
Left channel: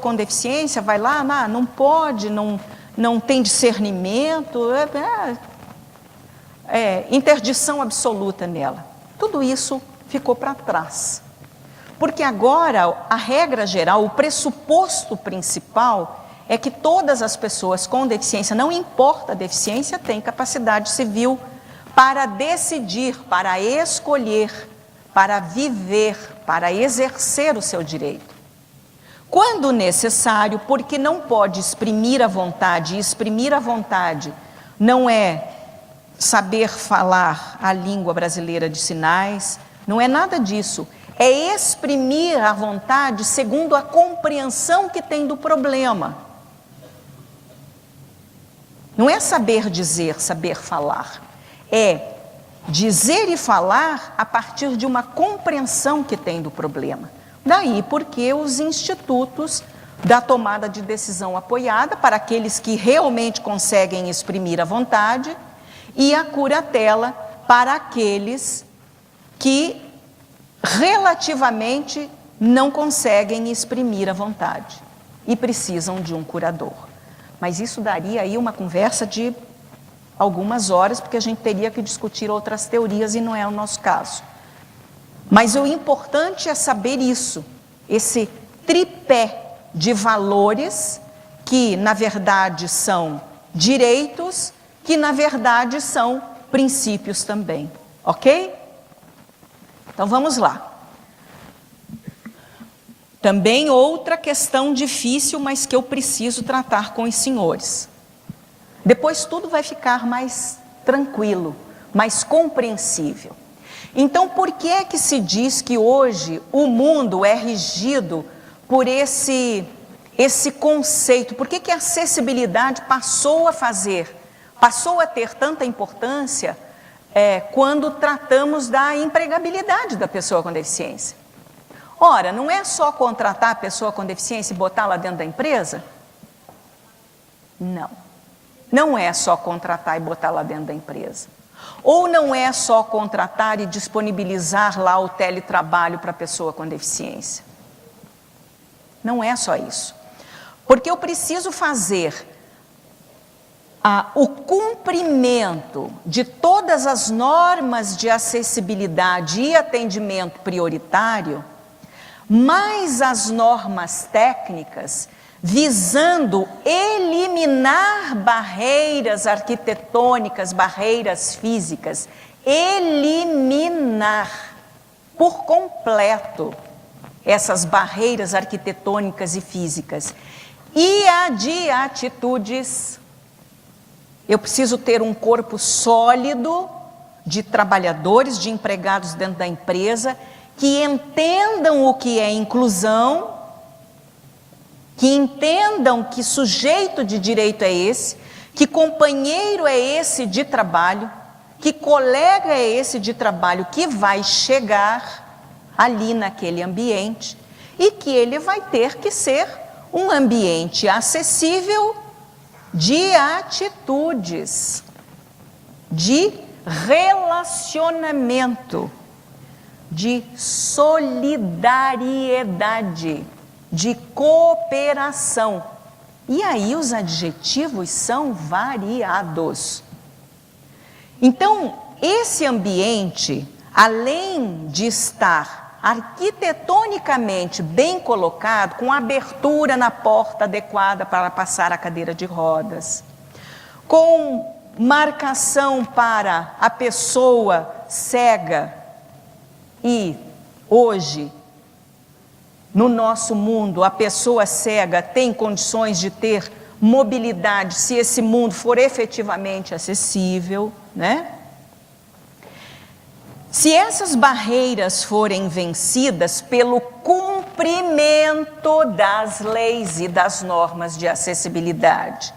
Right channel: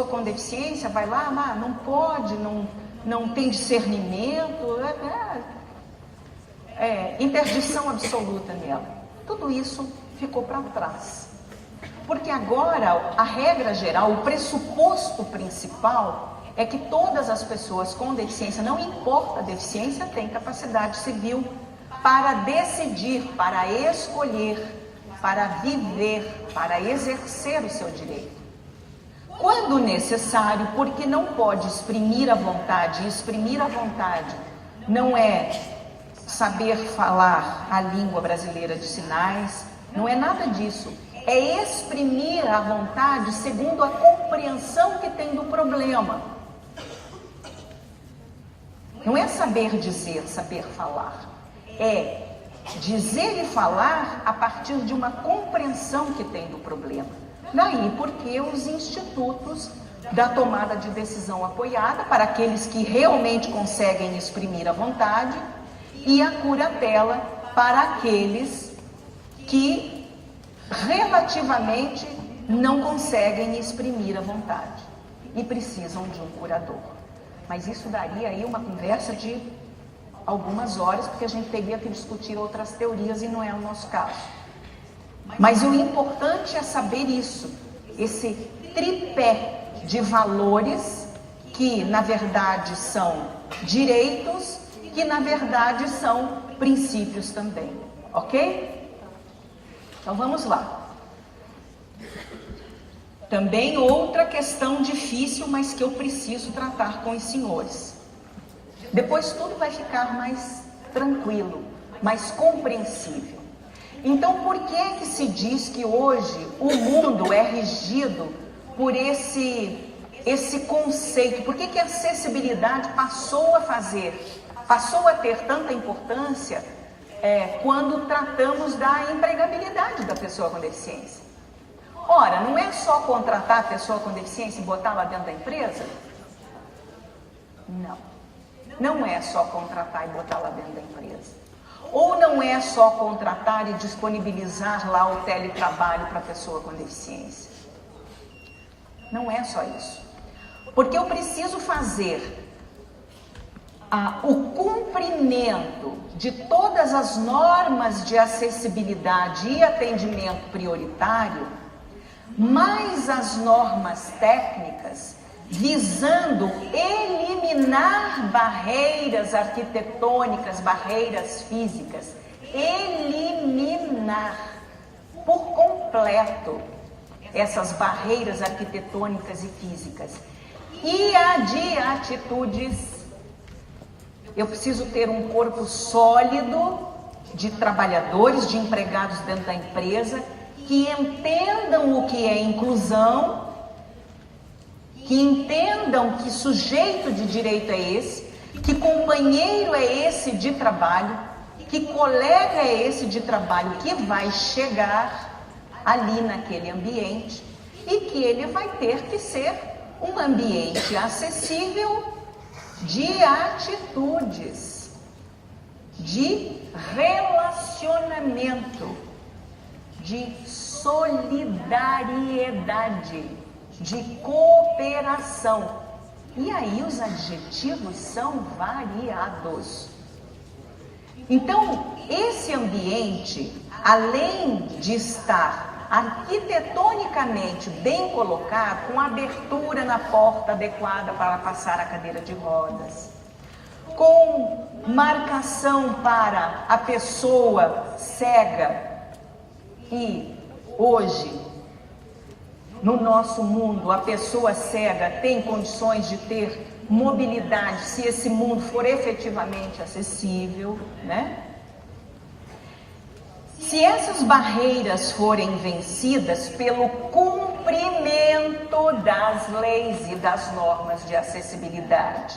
com deficiência vai lá, não pode, não tem discernimento, interdição absoluta nela. Tudo isso ficou para trás. Porque agora, a regra geral, o pressuposto principal é que todas as pessoas com deficiência, não importa a deficiência, têm capacidade civil para decidir, para escolher, para viver, para exercer o seu direito. Quando necessário, porque não pode exprimir a vontade, e exprimir a vontade não é saber falar a língua brasileira de sinais, não é nada disso. É exprimir a vontade segundo a compreensão que tem do problema. Não é saber dizer, saber falar. É dizer e falar a partir de uma compreensão que tem do problema. Daí porque os institutos da tomada de decisão apoiada para aqueles que realmente conseguem exprimir a vontade e a curatela para aqueles que relativamente não conseguem exprimir a vontade e precisam de um curador. Mas isso daria aí uma conversa de algumas horas, porque a gente teria que discutir outras teorias e não é o nosso caso. Mas o importante é saber isso, esse tripé de valores que, na verdade, são direitos, que, na verdade, são princípios também. Ok? Então, vamos lá. Também outra questão difícil, mas que eu preciso tratar com os senhores. Depois tudo vai ficar mais tranquilo, mais compreensível. Então, por que é que se diz que hoje o mundo é regido por esse conceito? Por que que a acessibilidade passou a ter tanta importância quando tratamos da empregabilidade da pessoa com deficiência? Ora, não é só contratar a pessoa com deficiência e botá-la dentro da empresa? Não. Não é só contratar e botá-la dentro da empresa. Ou não é só contratar e disponibilizar lá o teletrabalho para a pessoa com deficiência. Não é só isso. Porque eu preciso fazer o cumprimento de todas as normas de acessibilidade e atendimento prioritário, mais as normas técnicas, visando eliminar barreiras arquitetônicas, barreiras físicas, eliminar por completo essas barreiras arquitetônicas e físicas. E a de atitudes, eu preciso ter um corpo sólido de trabalhadores, de empregados dentro da empresa, que entendam o que é inclusão, que entendam que sujeito de direito é esse, que companheiro é esse de trabalho, que colega é esse de trabalho que vai chegar ali naquele ambiente e que ele vai ter que ser um ambiente acessível de atitudes, de relacionamento, de solidariedade, de cooperação. E aí os adjetivos são variados. Então, esse ambiente, além de estar arquitetonicamente bem colocado, com abertura na porta adequada para passar a cadeira de rodas, com marcação para a pessoa cega, e hoje, no nosso mundo, a pessoa cega tem condições de ter mobilidade se esse mundo for efetivamente acessível, né? Se essas barreiras forem vencidas pelo cumprimento das leis e das normas de acessibilidade,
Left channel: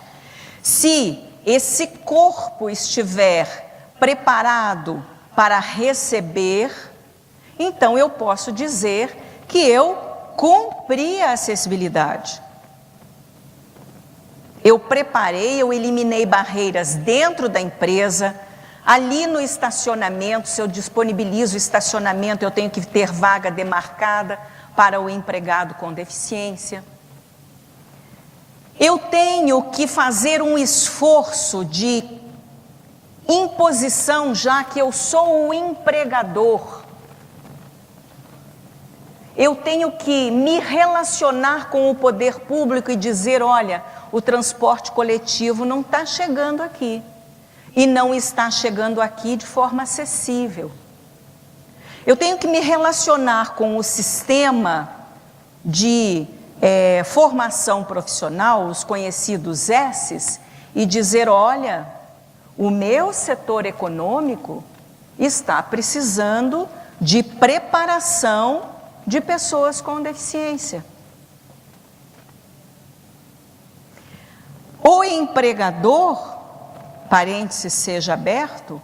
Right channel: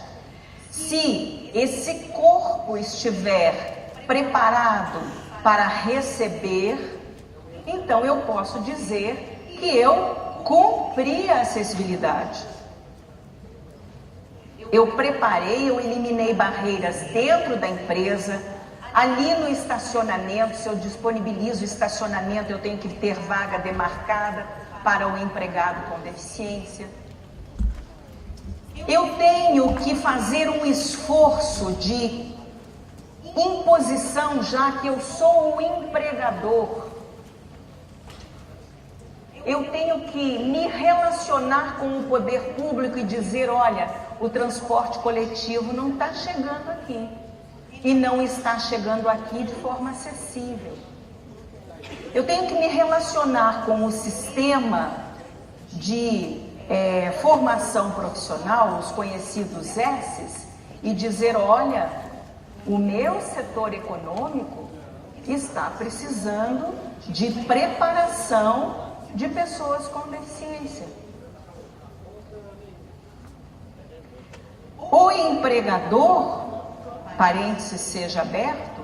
se esse corpo estiver preparado para receber, então eu posso dizer que eu cumpri a acessibilidade. Eu preparei, eu eliminei barreiras dentro da empresa. Ali no estacionamento, se eu disponibilizo estacionamento, eu tenho que ter vaga demarcada para o empregado com deficiência. Eu tenho que fazer um esforço de imposição, já que eu sou o empregador. Eu tenho que me relacionar com o poder público e dizer, olha, o transporte coletivo não está chegando aqui. E não está chegando aqui de forma acessível. Eu tenho que me relacionar com o sistema de formação profissional, os conhecidos S's, e dizer, olha, o meu setor econômico está precisando de preparação de pessoas com deficiência. O empregador, parênteses seja aberto,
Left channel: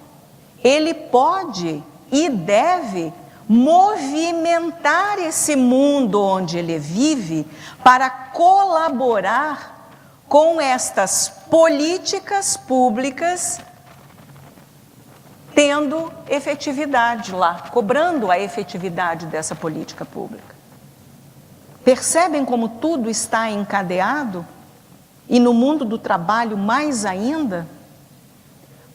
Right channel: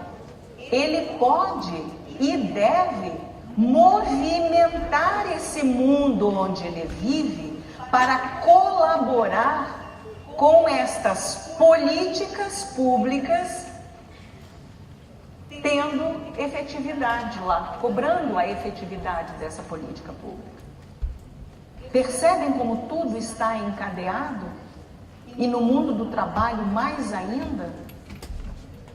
ele pode e deve movimentar esse mundo onde ele vive para colaborar com estas políticas públicas, tendo efetividade lá, cobrando a efetividade dessa política pública. Percebem como tudo está encadeado? E no mundo do trabalho mais ainda?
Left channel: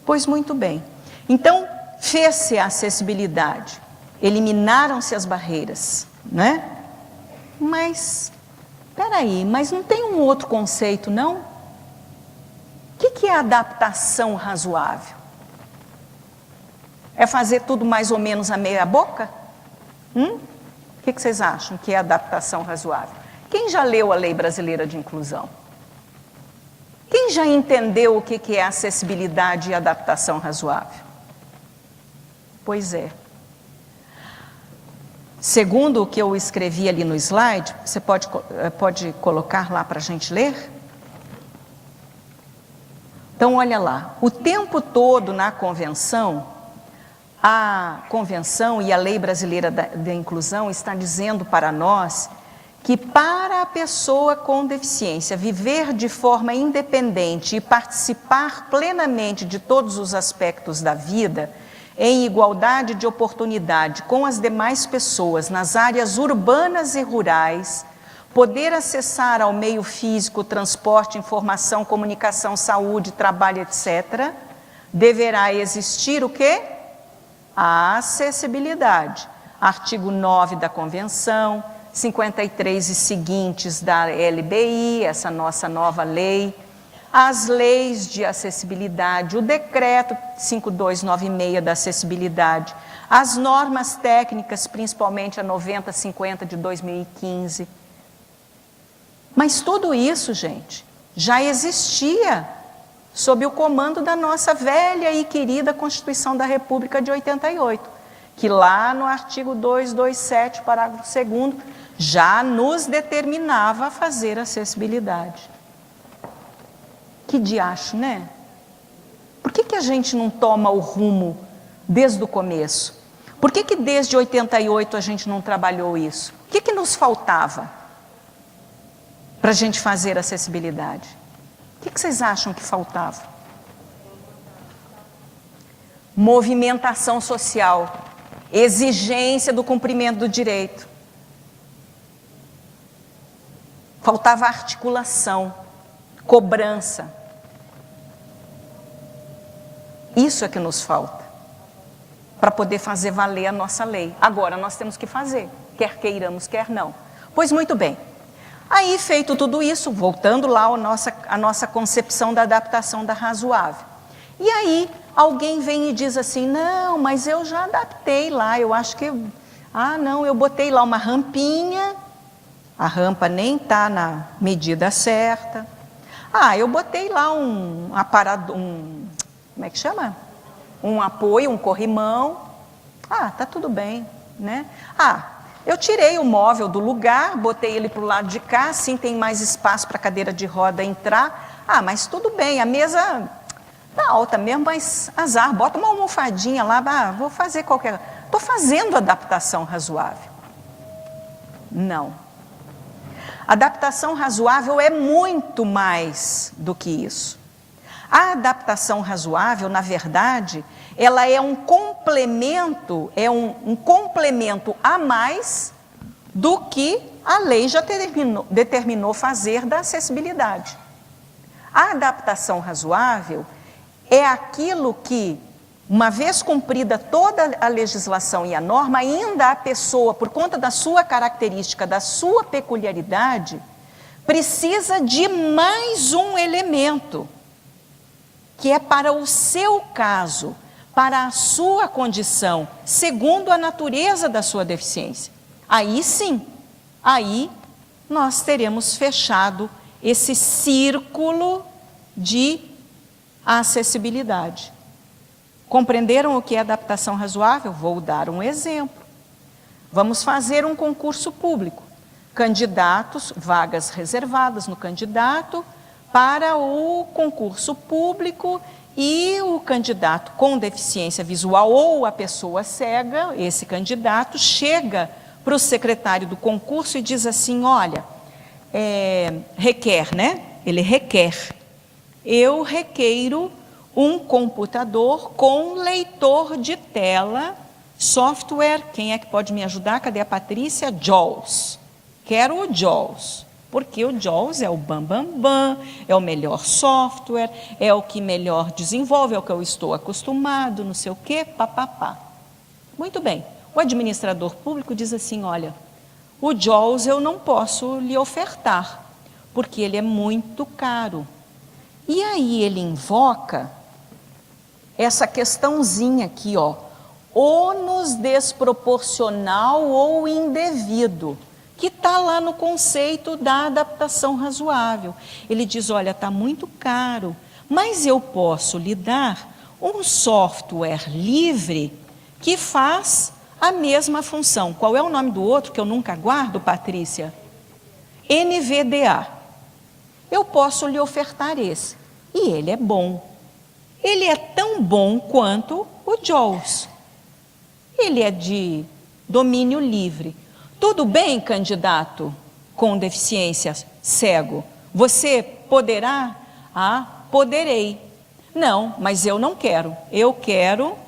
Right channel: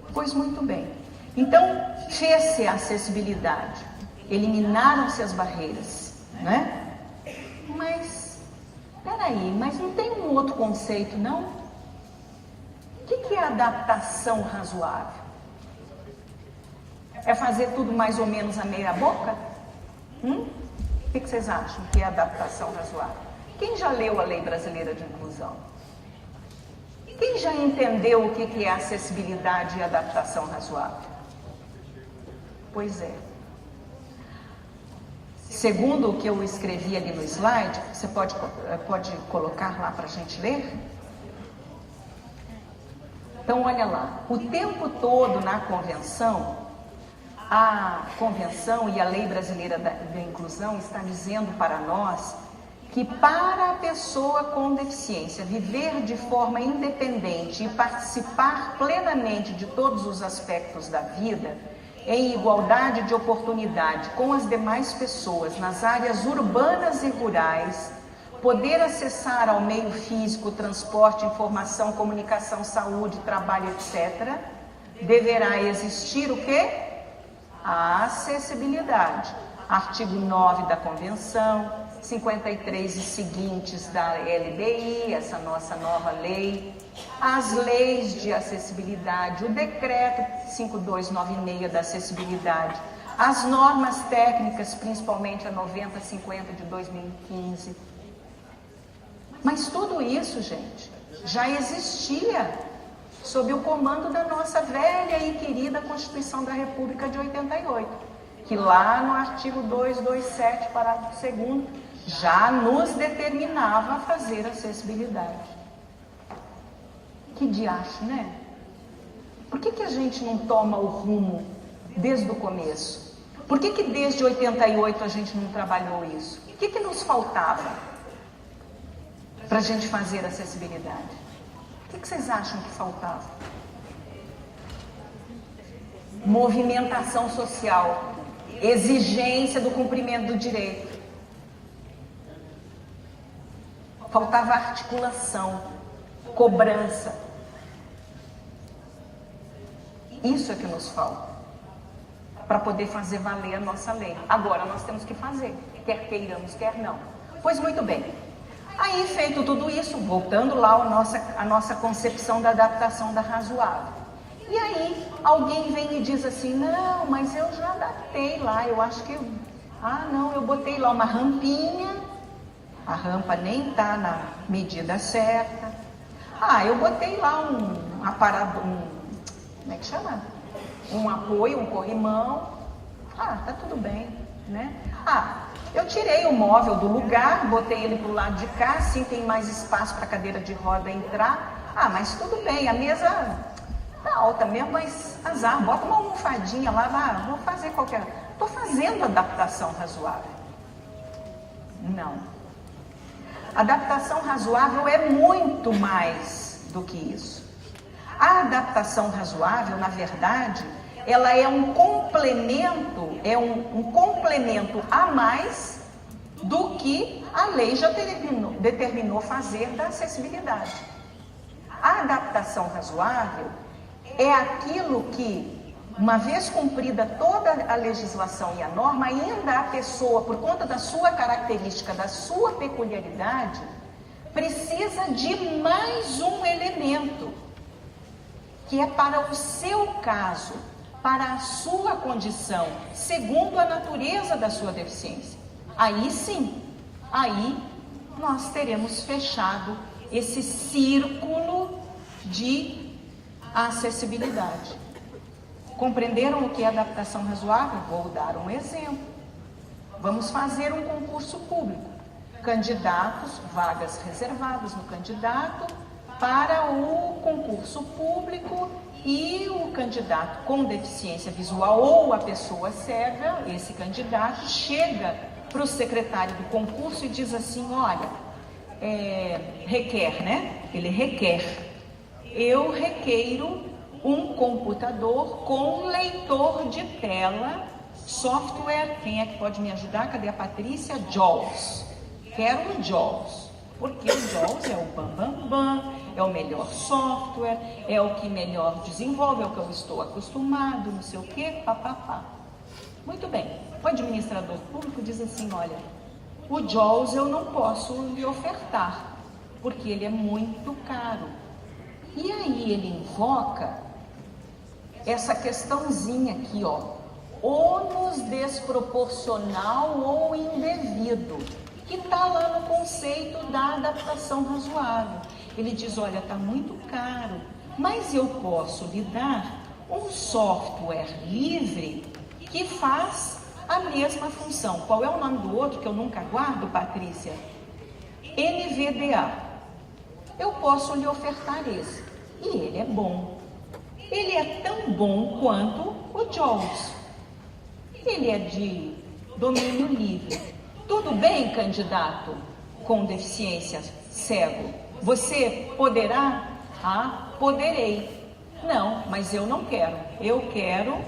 Pois muito bem. Então, fez-se a acessibilidade, eliminaram-se as barreiras, né? Mas, peraí, mas não tem um outro conceito, não? O que é adaptação razoável? É fazer tudo mais ou menos a meia boca? O que vocês acham que é adaptação razoável? Quem já leu a Lei Brasileira de Inclusão? Quem já entendeu o que é acessibilidade e adaptação razoável? Pois é. Segundo o que eu escrevi ali no slide, você pode colocar lá para a gente ler? Então, olha lá. O tempo todo na convenção, a convenção e a Lei Brasileira da Inclusão está dizendo para nós que para a pessoa com deficiência viver de forma independente e participar plenamente de todos os aspectos da vida, em igualdade de oportunidade com as demais pessoas nas áreas urbanas e rurais, poder acessar ao meio físico, transporte, informação, comunicação, saúde, trabalho, etc., deverá existir o quê? A acessibilidade. Artigo 9 da Convenção, 53 e seguintes da LBI, essa nossa nova lei, as leis de acessibilidade, o decreto 5296 da acessibilidade, as normas técnicas, principalmente a 9050 de 2015. Mas tudo isso, gente, já existia sob o comando da nossa velha e querida Constituição da República de 88, que lá no artigo 227, parágrafo 2º, já nos determinava a fazer acessibilidade. Que diacho, né? Por que a gente não toma o rumo desde o começo? Por que desde 88 a gente não trabalhou isso? O que nos faltava para a gente fazer acessibilidade? O que vocês acham que faltava? Movimentação social, exigência do cumprimento do direito. Faltava articulação, cobrança. Isso é que nos falta para poder fazer valer a nossa lei. Agora nós temos que fazer, quer queiramos, quer não. Pois muito bem. Aí, feito tudo isso, voltando lá à nossa concepção da adaptação da razoável. E aí, alguém vem e diz assim, não, mas eu já adaptei lá, eu acho que... Ah, não, eu botei lá uma rampinha, a rampa nem está na medida certa. Ah, eu botei lá um aparador, como é que chama? Um apoio, um corrimão. Ah, tá tudo bem, né? Ah, eu tirei o móvel do lugar, botei ele para o lado de cá, assim tem mais espaço para a cadeira de roda entrar. Ah, mas tudo bem, a mesa tá alta mesmo, mas azar, bota uma almofadinha lá, vou fazer qualquer... Estou fazendo adaptação razoável. Não. Adaptação razoável é muito mais do que isso. A adaptação razoável, na verdade, ela é um complemento, a mais do que a lei já determinou fazer da acessibilidade. A adaptação razoável é aquilo que, uma vez cumprida toda a legislação e a norma, ainda a pessoa, por conta da sua característica, da sua peculiaridade, precisa de mais um elemento, que é para o seu caso, para a sua condição, segundo a natureza da sua deficiência. Aí sim, aí nós teremos fechado esse círculo de acessibilidade. Compreenderam o que é adaptação razoável? Vou dar um exemplo. Vamos fazer um concurso público. Candidatos, vagas reservadas no candidato para o concurso público, e o candidato com deficiência visual ou a pessoa cega, esse candidato, chega para o secretário do concurso e diz assim, olha, requer, né? Ele requer. Eu requeiro um computador com leitor de tela, software, quem é que pode me ajudar? Cadê a Patrícia? JAWS. Quero o JAWS. Porque o JAWS é o bam, é o melhor software, é o que melhor desenvolve, é o que eu estou acostumado, não sei o quê, papapá. Muito bem, o administrador público diz assim, olha, o JAWS eu não posso lhe ofertar, porque ele é muito caro. E aí ele invoca essa questãozinha aqui, ó, ônus desproporcional ou indevido, que está lá no conceito da adaptação razoável. Ele diz, olha, está muito caro, mas eu posso lhe dar um software livre que faz a mesma função. Qual é o nome do outro que eu nunca guardo, Patrícia? NVDA. Eu posso lhe ofertar esse. E ele é bom. Ele é tão bom quanto o JAWS. Ele é de domínio livre. Tudo bem, candidato com deficiência cego? Você poderá? Ah, poderei. Não, mas eu não quero. Eu quero,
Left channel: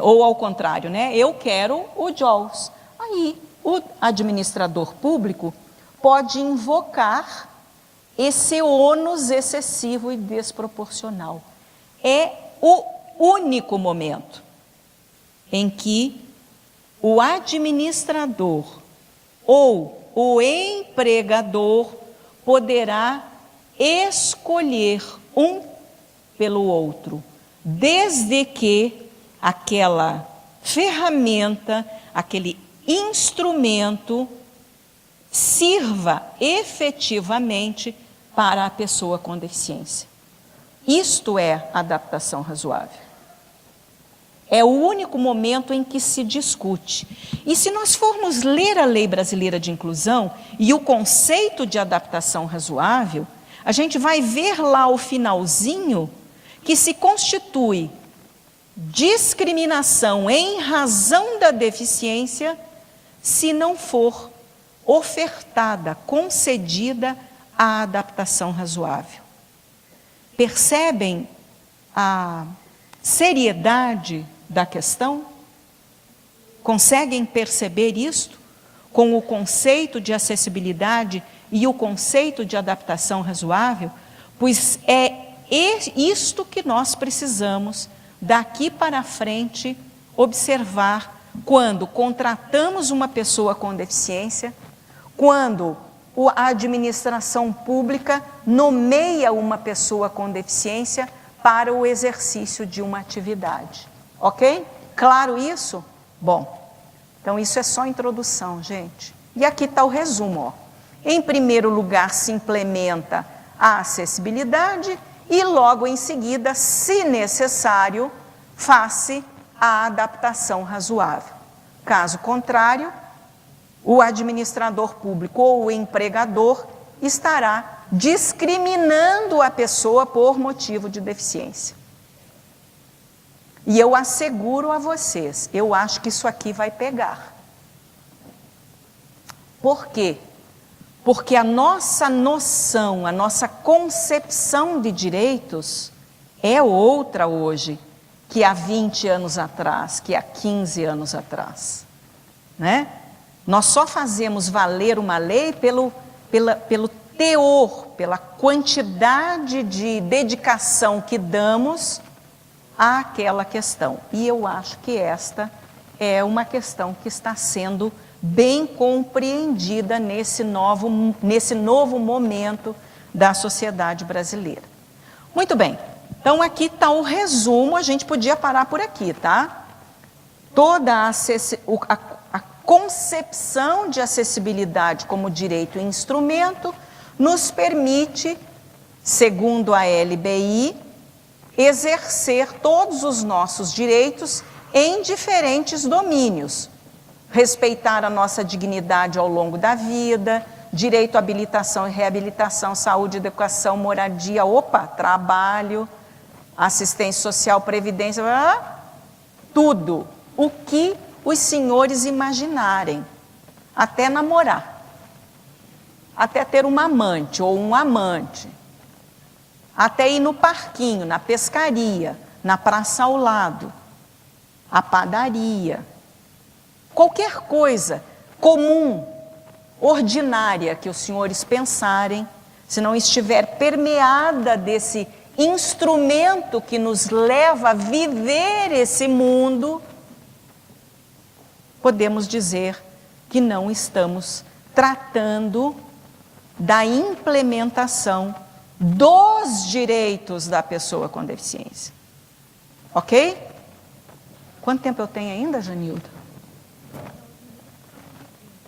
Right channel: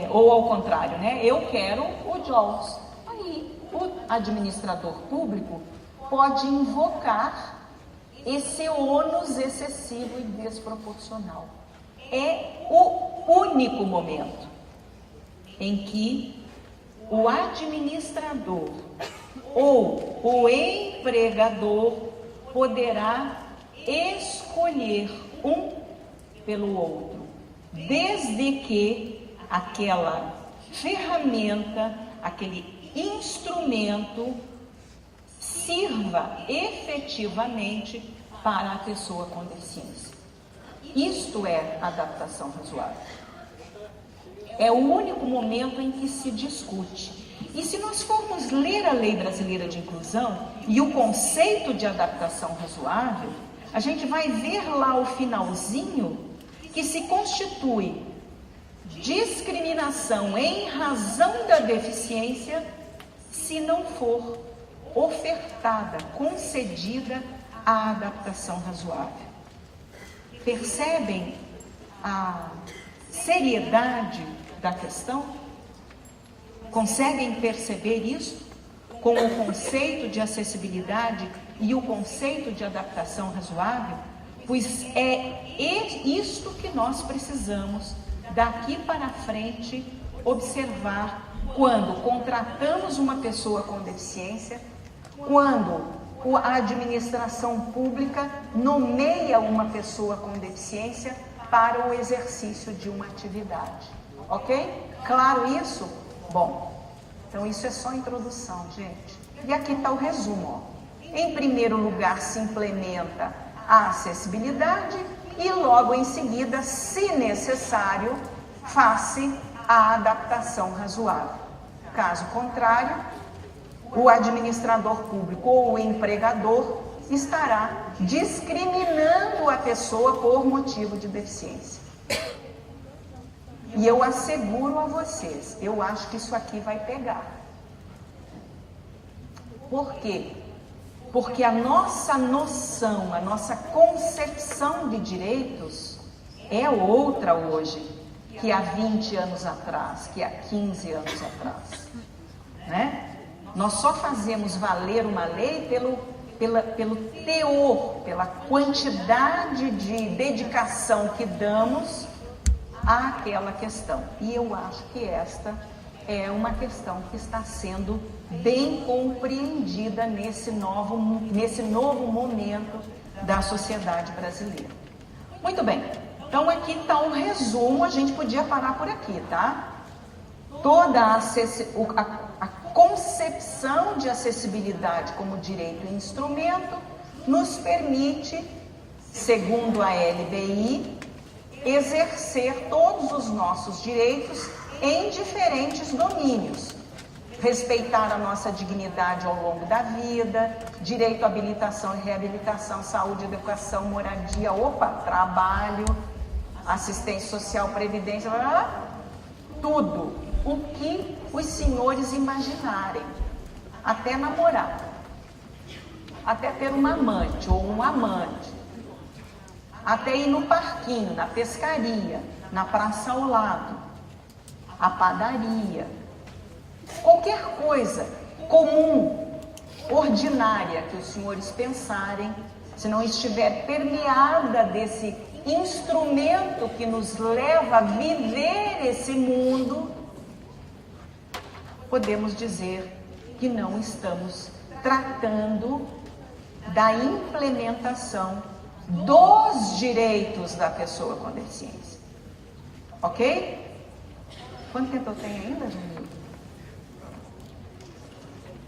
ou ao contrário, né? Eu quero o JAWS. Aí, o administrador público pode invocar esse ônus excessivo e desproporcional. É o único momento em que o administrador ou o empregador poderá escolher um pelo outro, desde que aquela ferramenta, aquele instrumento sirva efetivamente para a pessoa com deficiência. Isto é adaptação razoável. É o único momento em que se discute. E se nós formos ler a Lei Brasileira de Inclusão e o conceito de adaptação razoável, a gente vai ver lá o finalzinho que se constitui discriminação em razão da deficiência se não for ofertada, concedida a adaptação razoável. Percebem a seriedade da questão? Conseguem perceber isso com o conceito de acessibilidade e o conceito de adaptação razoável? Pois é isto que nós precisamos daqui para frente observar quando contratamos uma pessoa com deficiência, quando a administração pública nomeia uma pessoa com deficiência para o exercício de uma atividade. Ok? Claro isso? Bom, então isso é só introdução, gente. E aqui está o resumo. Ó. Em primeiro lugar, se implementa a acessibilidade e logo em seguida, se necessário, faz-se a adaptação razoável. Caso contrário, o administrador público ou o empregador estará discriminando a pessoa por motivo de deficiência. E eu asseguro a vocês, eu acho que isso aqui vai pegar. Por quê? Porque a nossa noção, a nossa concepção de direitos é outra hoje que há 20 anos atrás, que há 15 anos atrás. Né? Nós só fazemos valer uma lei pelo teor, pela quantidade de dedicação que damos àquela questão. E eu acho que esta é uma questão que está sendo bem compreendida nesse novo momento da sociedade brasileira. Muito bem, então aqui está o resumo, a gente podia parar por aqui, tá? Toda a concepção de acessibilidade como direito e instrumento nos permite, segundo a LBI, exercer todos os nossos direitos em diferentes domínios. Respeitar a nossa dignidade ao longo da vida, direito à habilitação e reabilitação, saúde, educação, moradia, trabalho, assistência social, previdência, tudo o que os senhores imaginarem, até namorar, até ter uma amante ou um amante, até ir no parquinho, na pescaria, na praça ao lado, a padaria, qualquer coisa comum, ordinária que os senhores pensarem, se não estiver permeada desse instrumento que nos leva a viver esse mundo, podemos dizer que não estamos tratando da implementação dos direitos da pessoa com deficiência. Ok? Quanto tempo eu tenho ainda, Janilda?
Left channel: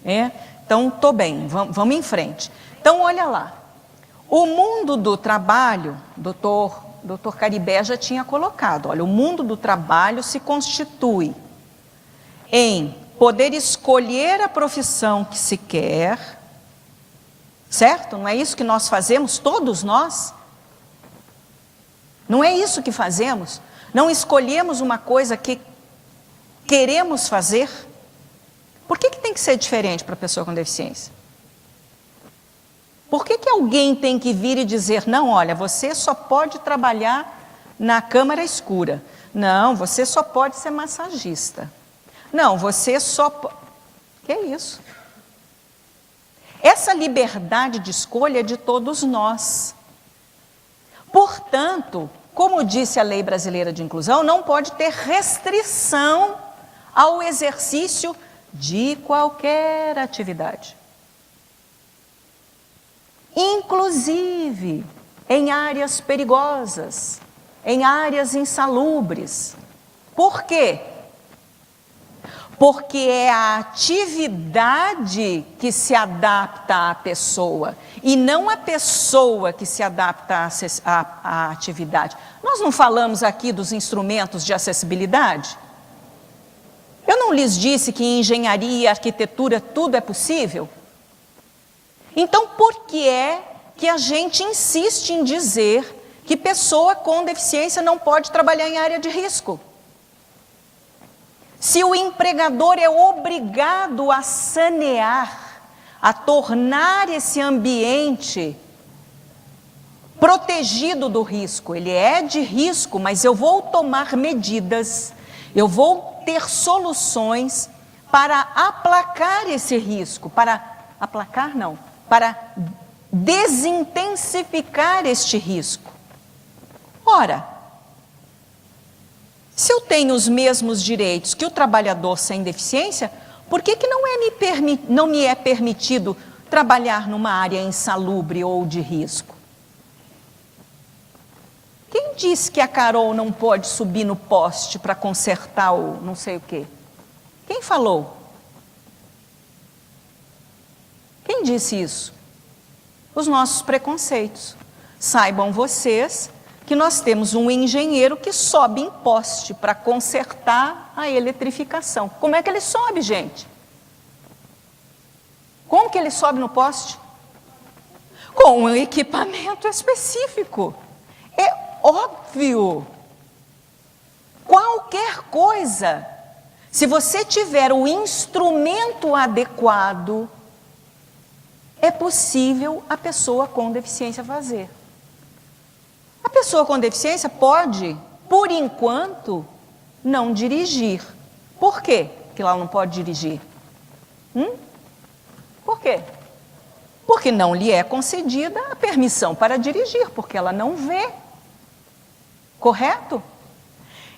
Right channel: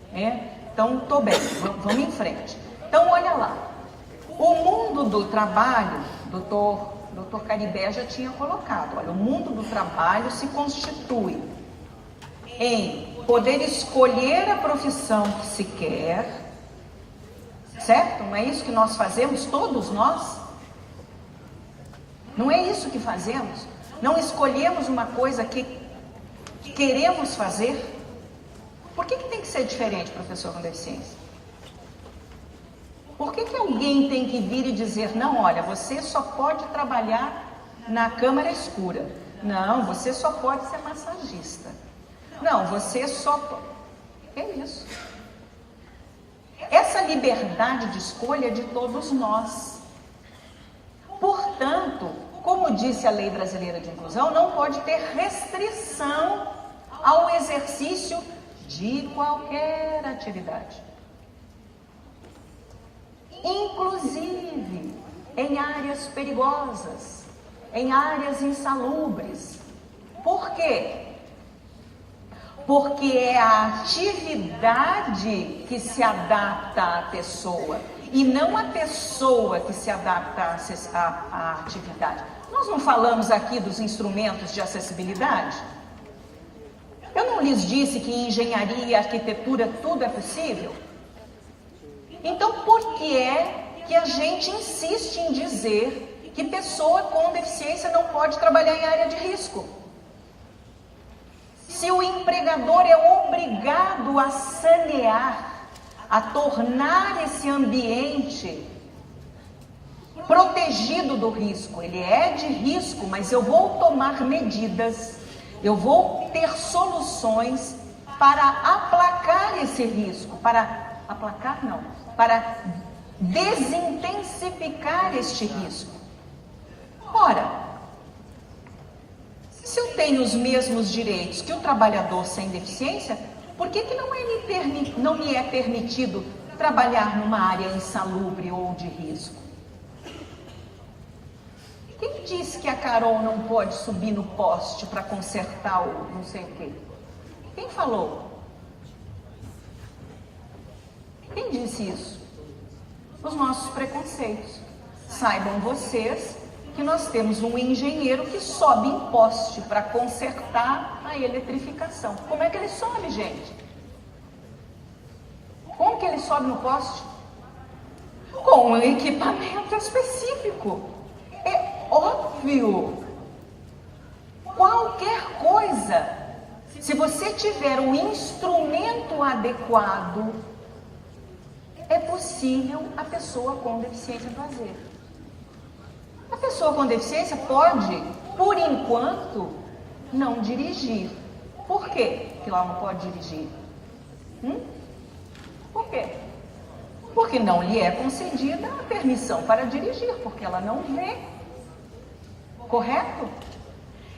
Então, estou bem, vamos em frente. Então, olha lá. O mundo do trabalho, doutor Caribé já tinha colocado, olha, o mundo do trabalho se constitui em poder escolher a profissão que se quer, certo? Não é isso que nós fazemos, todos nós? Não é isso que fazemos? Não escolhemos uma coisa que queremos fazer? Por que tem que ser diferente para a pessoa com deficiência? Por que alguém tem que vir e dizer, não, olha, você só pode trabalhar na câmara escura. Não, você só pode ser massagista. Não, você só... Que é isso? Essa liberdade de escolha é de todos nós. Portanto, como disse a Lei Brasileira de Inclusão, não pode ter restrição ao exercício de qualquer atividade. Inclusive em áreas perigosas, em áreas insalubres. Por quê? Porque é a atividade que se adapta à pessoa e não a pessoa que se adapta à atividade. Nós não falamos aqui dos instrumentos de acessibilidade? Eu não lhes disse que em engenharia, arquitetura, tudo é possível? Então, por que é que a gente insiste em dizer que pessoa com deficiência não pode trabalhar em área de risco? Se o empregador é obrigado a sanear, a tornar esse ambiente protegido do risco, ele é de risco, mas eu vou tomar medidas, eu vou ter soluções para aplacar esse risco, para desintensificar este risco. Ora, se eu tenho os mesmos direitos que o trabalhador sem deficiência, por que não me é permitido trabalhar numa área insalubre ou de risco? Quem disse que a Carol não pode subir no poste para consertar o não sei o quê? Quem falou? Quem disse isso? Os nossos preconceitos. Saibam vocês que nós temos um engenheiro que sobe em poste para consertar a eletrificação. Como é que ele sobe, gente? Como que ele sobe no poste? Com um equipamento específico. É óbvio. Qualquer coisa, se você tiver um instrumento adequado, é possível a pessoa com deficiência fazer. A pessoa com deficiência pode, por enquanto, não dirigir. Por quê que ela não pode dirigir? Por quê? Porque não lhe é concedida a permissão para dirigir, porque ela não vê. Correto?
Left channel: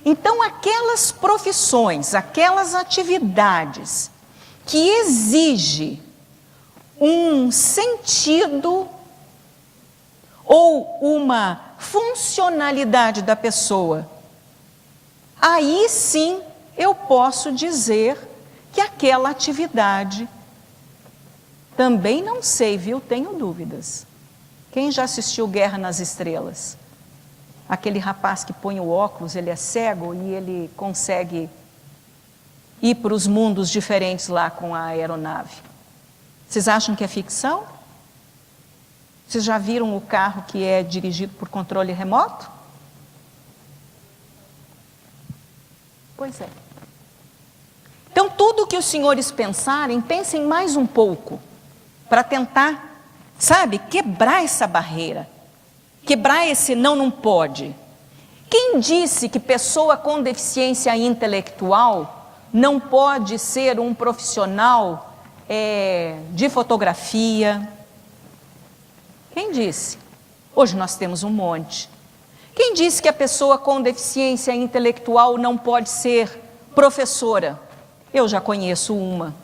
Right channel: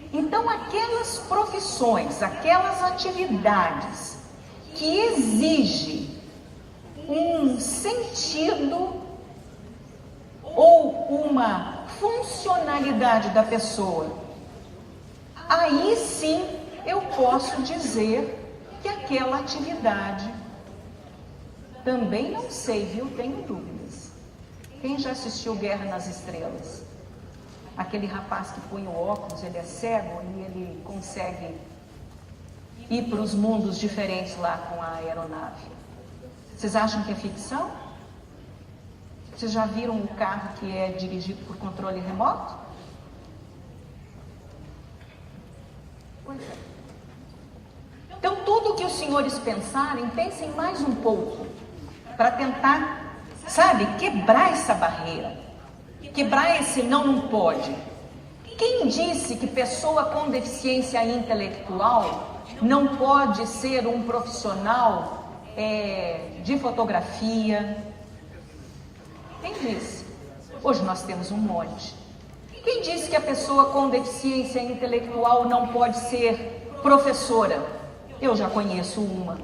Então, aquelas profissões, aquelas atividades que exigem um sentido ou uma funcionalidade da pessoa, aí sim eu posso dizer que aquela atividade, também não sei, viu? Tenho dúvidas. Quem já assistiu Guerra nas Estrelas? Aquele rapaz que põe o óculos, ele é cego e ele consegue ir para os mundos diferentes lá com a aeronave. Vocês acham que é ficção? Vocês já viram o carro que é dirigido por controle remoto? Pois é. Então, tudo que os senhores pensarem, pensem mais um pouco, para tentar, sabe, quebrar essa barreira, quebrar esse não pode. Quem disse que pessoa com deficiência intelectual não pode ser um profissional de fotografia? Quem disse? Hoje nós temos um monte. Quem disse que a pessoa com deficiência intelectual não pode ser professora? Eu já conheço uma.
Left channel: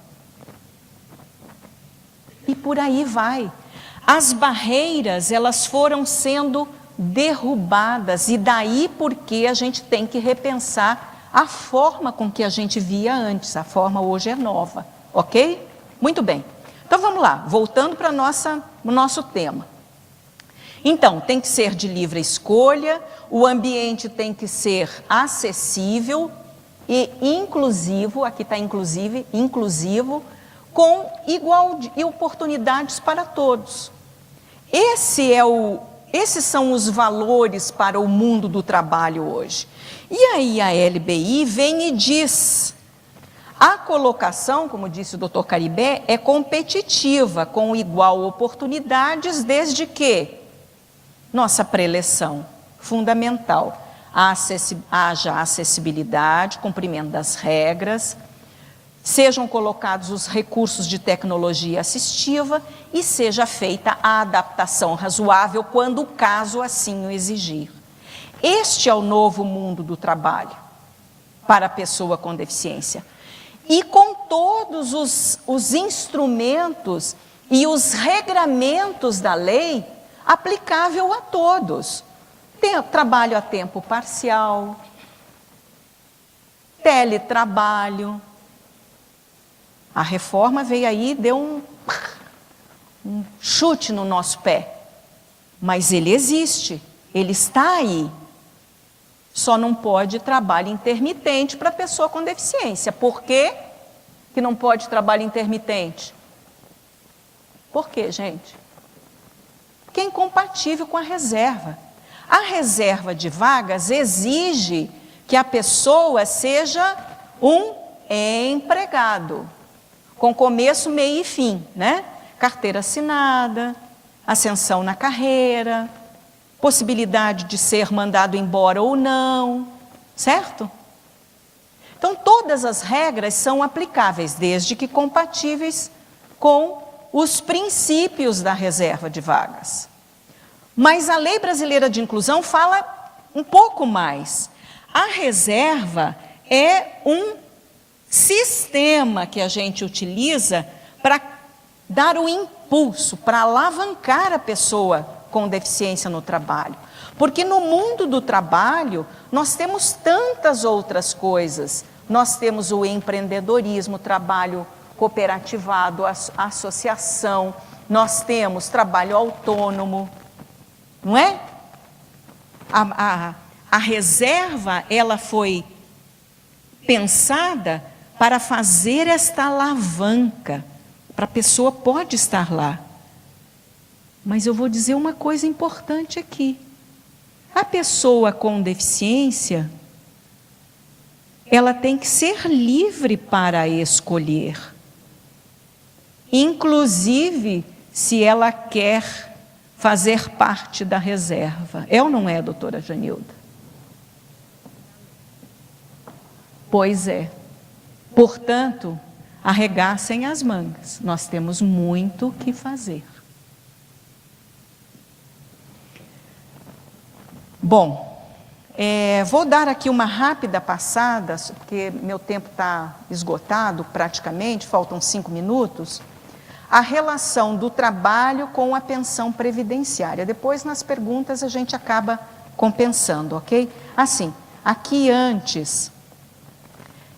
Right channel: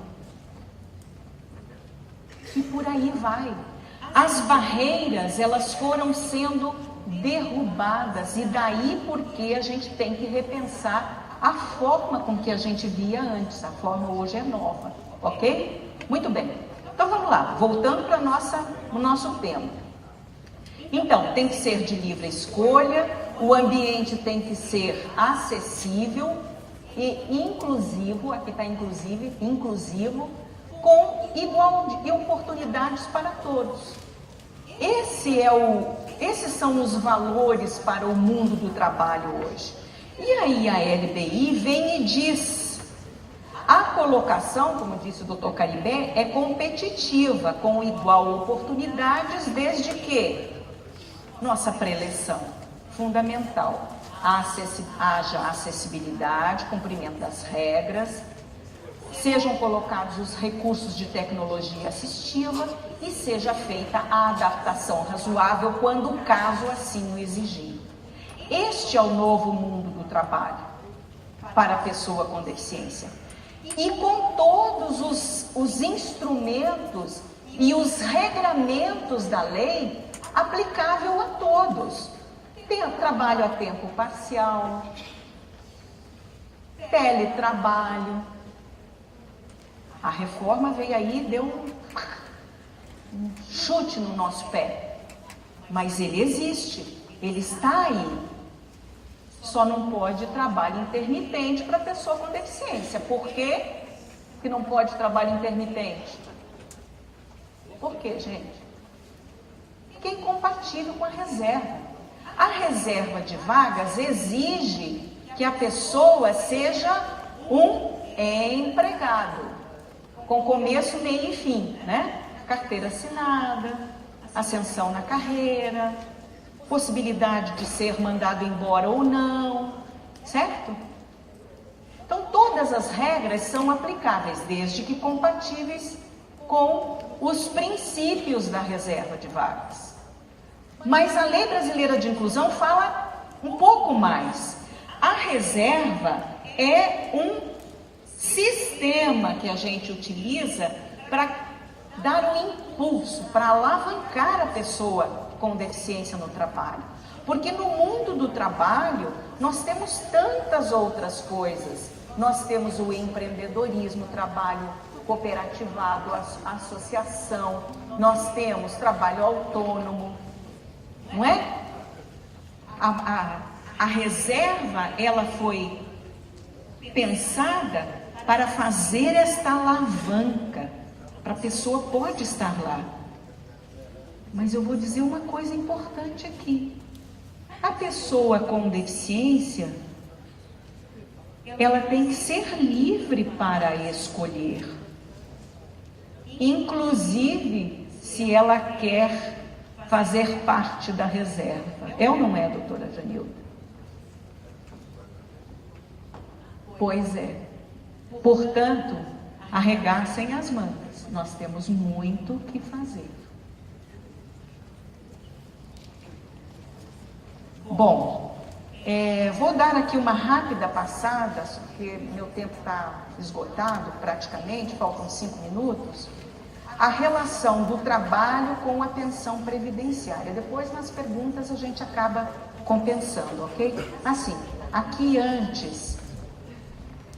E por aí vai. As barreiras, elas foram sendo derrubadas, e daí porque a gente tem que repensar a forma com que a gente via antes. A forma hoje é nova, ok? Muito bem. Então vamos lá, voltando para o nosso tema. Então, tem que ser de livre escolha, o ambiente tem que ser acessível e inclusivo, aqui está inclusivo, com igual e oportunidades para todos. Esses são os valores para o mundo do trabalho hoje. E aí a LBI vem e diz: a colocação, como disse o Dr. Caribé, é competitiva, com igual oportunidades, desde que nossa preleção fundamental, haja acessibilidade, cumprimento das regras, sejam colocados os recursos de tecnologia assistiva e seja feita a adaptação razoável quando o caso assim o exigir. Este é o novo mundo do trabalho para a pessoa com deficiência. E com todos os instrumentos e os regramentos da lei aplicável a todos. Trabalho a tempo parcial, teletrabalho. A reforma veio aí e deu um chute no nosso pé. Mas ele existe, ele está aí. Só não pode trabalho intermitente para pessoa com deficiência. Por quê que não pode trabalho intermitente? Por quê, gente? Porque é incompatível com a reserva. A reserva de vagas exige que a pessoa seja um empregado, com começo, meio e fim, né? Carteira assinada, ascensão na carreira, possibilidade de ser mandado embora ou não, certo? Então, todas as regras são aplicáveis, desde que compatíveis com os princípios da reserva de vagas. Mas a Lei Brasileira de Inclusão fala um pouco mais. A reserva é um sistema que a gente utiliza para dar um impulso, para alavancar a pessoa com deficiência no trabalho. Porque no mundo do trabalho, nós temos tantas outras coisas. Nós temos o empreendedorismo, o trabalho cooperativado, a associação, nós temos trabalho autônomo, não é? A reserva, ela foi pensada para fazer esta alavanca, para a pessoa pode estar lá. Mas eu vou dizer uma coisa importante aqui. A pessoa com deficiência, ela tem que ser livre para escolher. Inclusive, se ela quer fazer parte da reserva. É ou não é, doutora Janilda? Pois é. Portanto, arregaçem as mangas. Nós temos muito o que fazer. Bom, vou dar aqui uma rápida passada, porque meu tempo está esgotado praticamente, faltam 5 minutos, a relação do trabalho com a pensão previdenciária. Depois, nas perguntas, a gente acaba compensando, ok? Assim, aqui antes,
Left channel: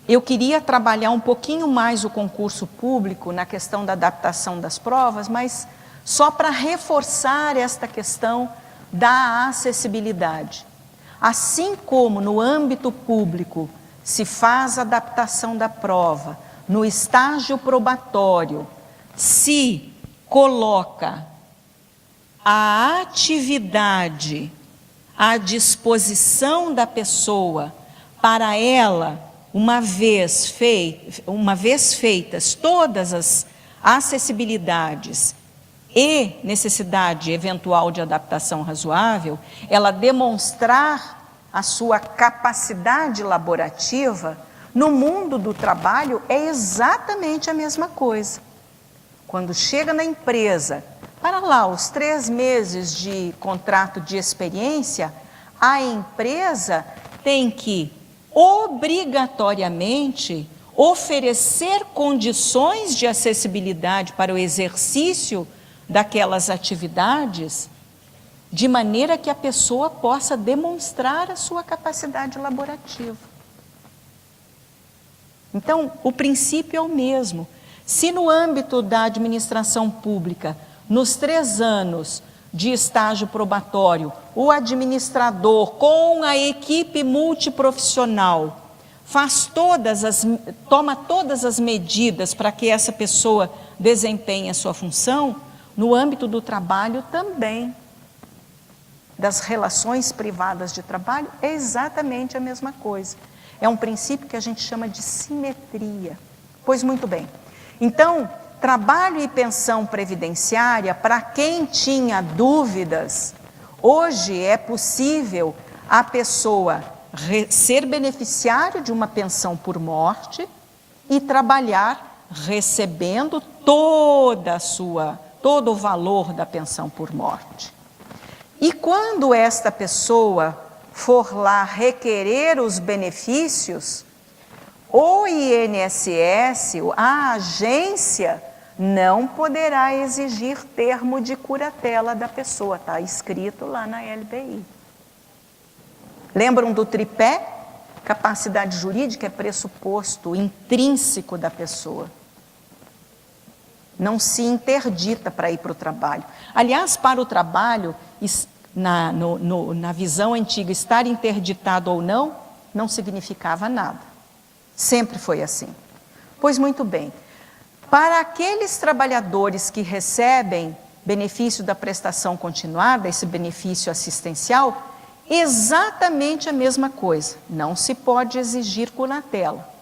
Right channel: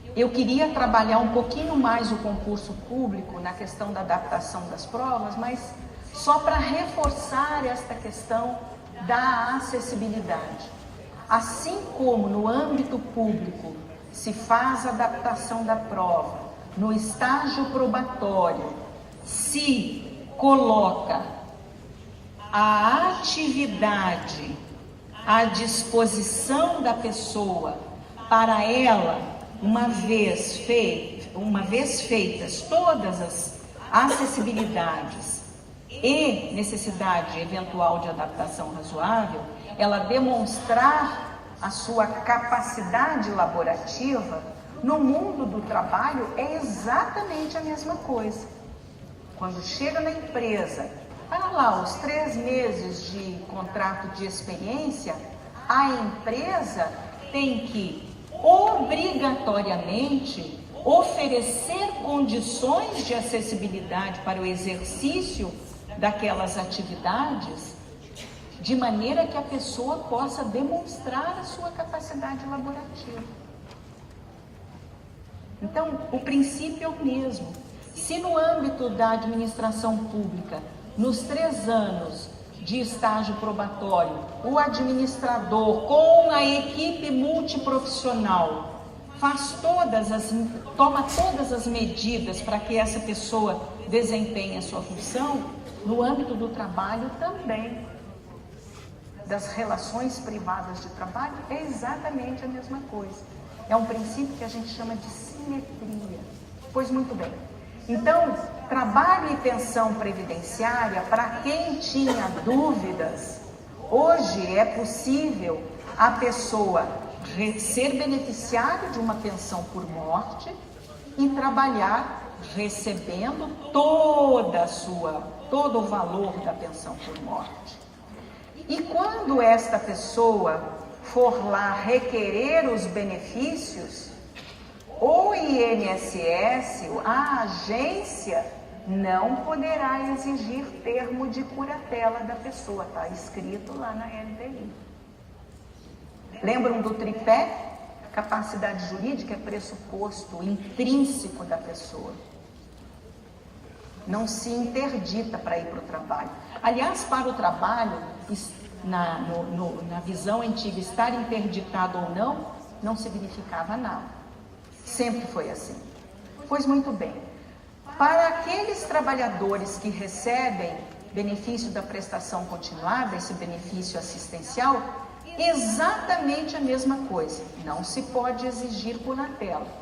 eu queria trabalhar um pouquinho mais o concurso público na questão da adaptação das provas, mas só para reforçar esta questão da acessibilidade. Assim como no âmbito público se faz a adaptação da prova, no estágio probatório se coloca a atividade à disposição da pessoa para ela, uma vez feitas todas as acessibilidades e necessidade eventual de adaptação razoável, ela demonstrar a sua capacidade laborativa, no mundo do trabalho é exatamente a mesma coisa. Quando chega na empresa, para lá os 3 meses de contrato de experiência, a empresa tem que obrigatoriamente oferecer condições de acessibilidade para o exercício daquelas atividades, de maneira que a pessoa possa demonstrar a sua capacidade laborativa. Então, o princípio é o mesmo. Se no âmbito da administração pública, nos 3 anos de estágio probatório, o administrador com a equipe multiprofissional toma todas as medidas para que essa pessoa desempenhe a sua função, no âmbito do trabalho também, das relações privadas de trabalho, é exatamente a mesma coisa. É um princípio que a gente chama de simetria. Pois muito bem. Então, trabalho e pensão previdenciária, para quem tinha dúvidas, hoje é possível a pessoa ser beneficiário de uma pensão por morte e trabalhar recebendo todo o valor da pensão por morte. E quando esta pessoa for lá requerer os benefícios, o INSS, a agência, não poderá exigir termo de curatela da pessoa, está escrito lá na LPI. Lembram do tripé? Capacidade jurídica é pressuposto intrínseco da pessoa. Não se interdita para ir para o trabalho. Aliás, para o trabalho, na visão antiga, estar interditado ou não significava nada. Sempre foi assim. Pois muito bem, para aqueles trabalhadores que recebem benefício da prestação continuada, esse benefício assistencial, exatamente a mesma coisa, não se pode exigir curatela.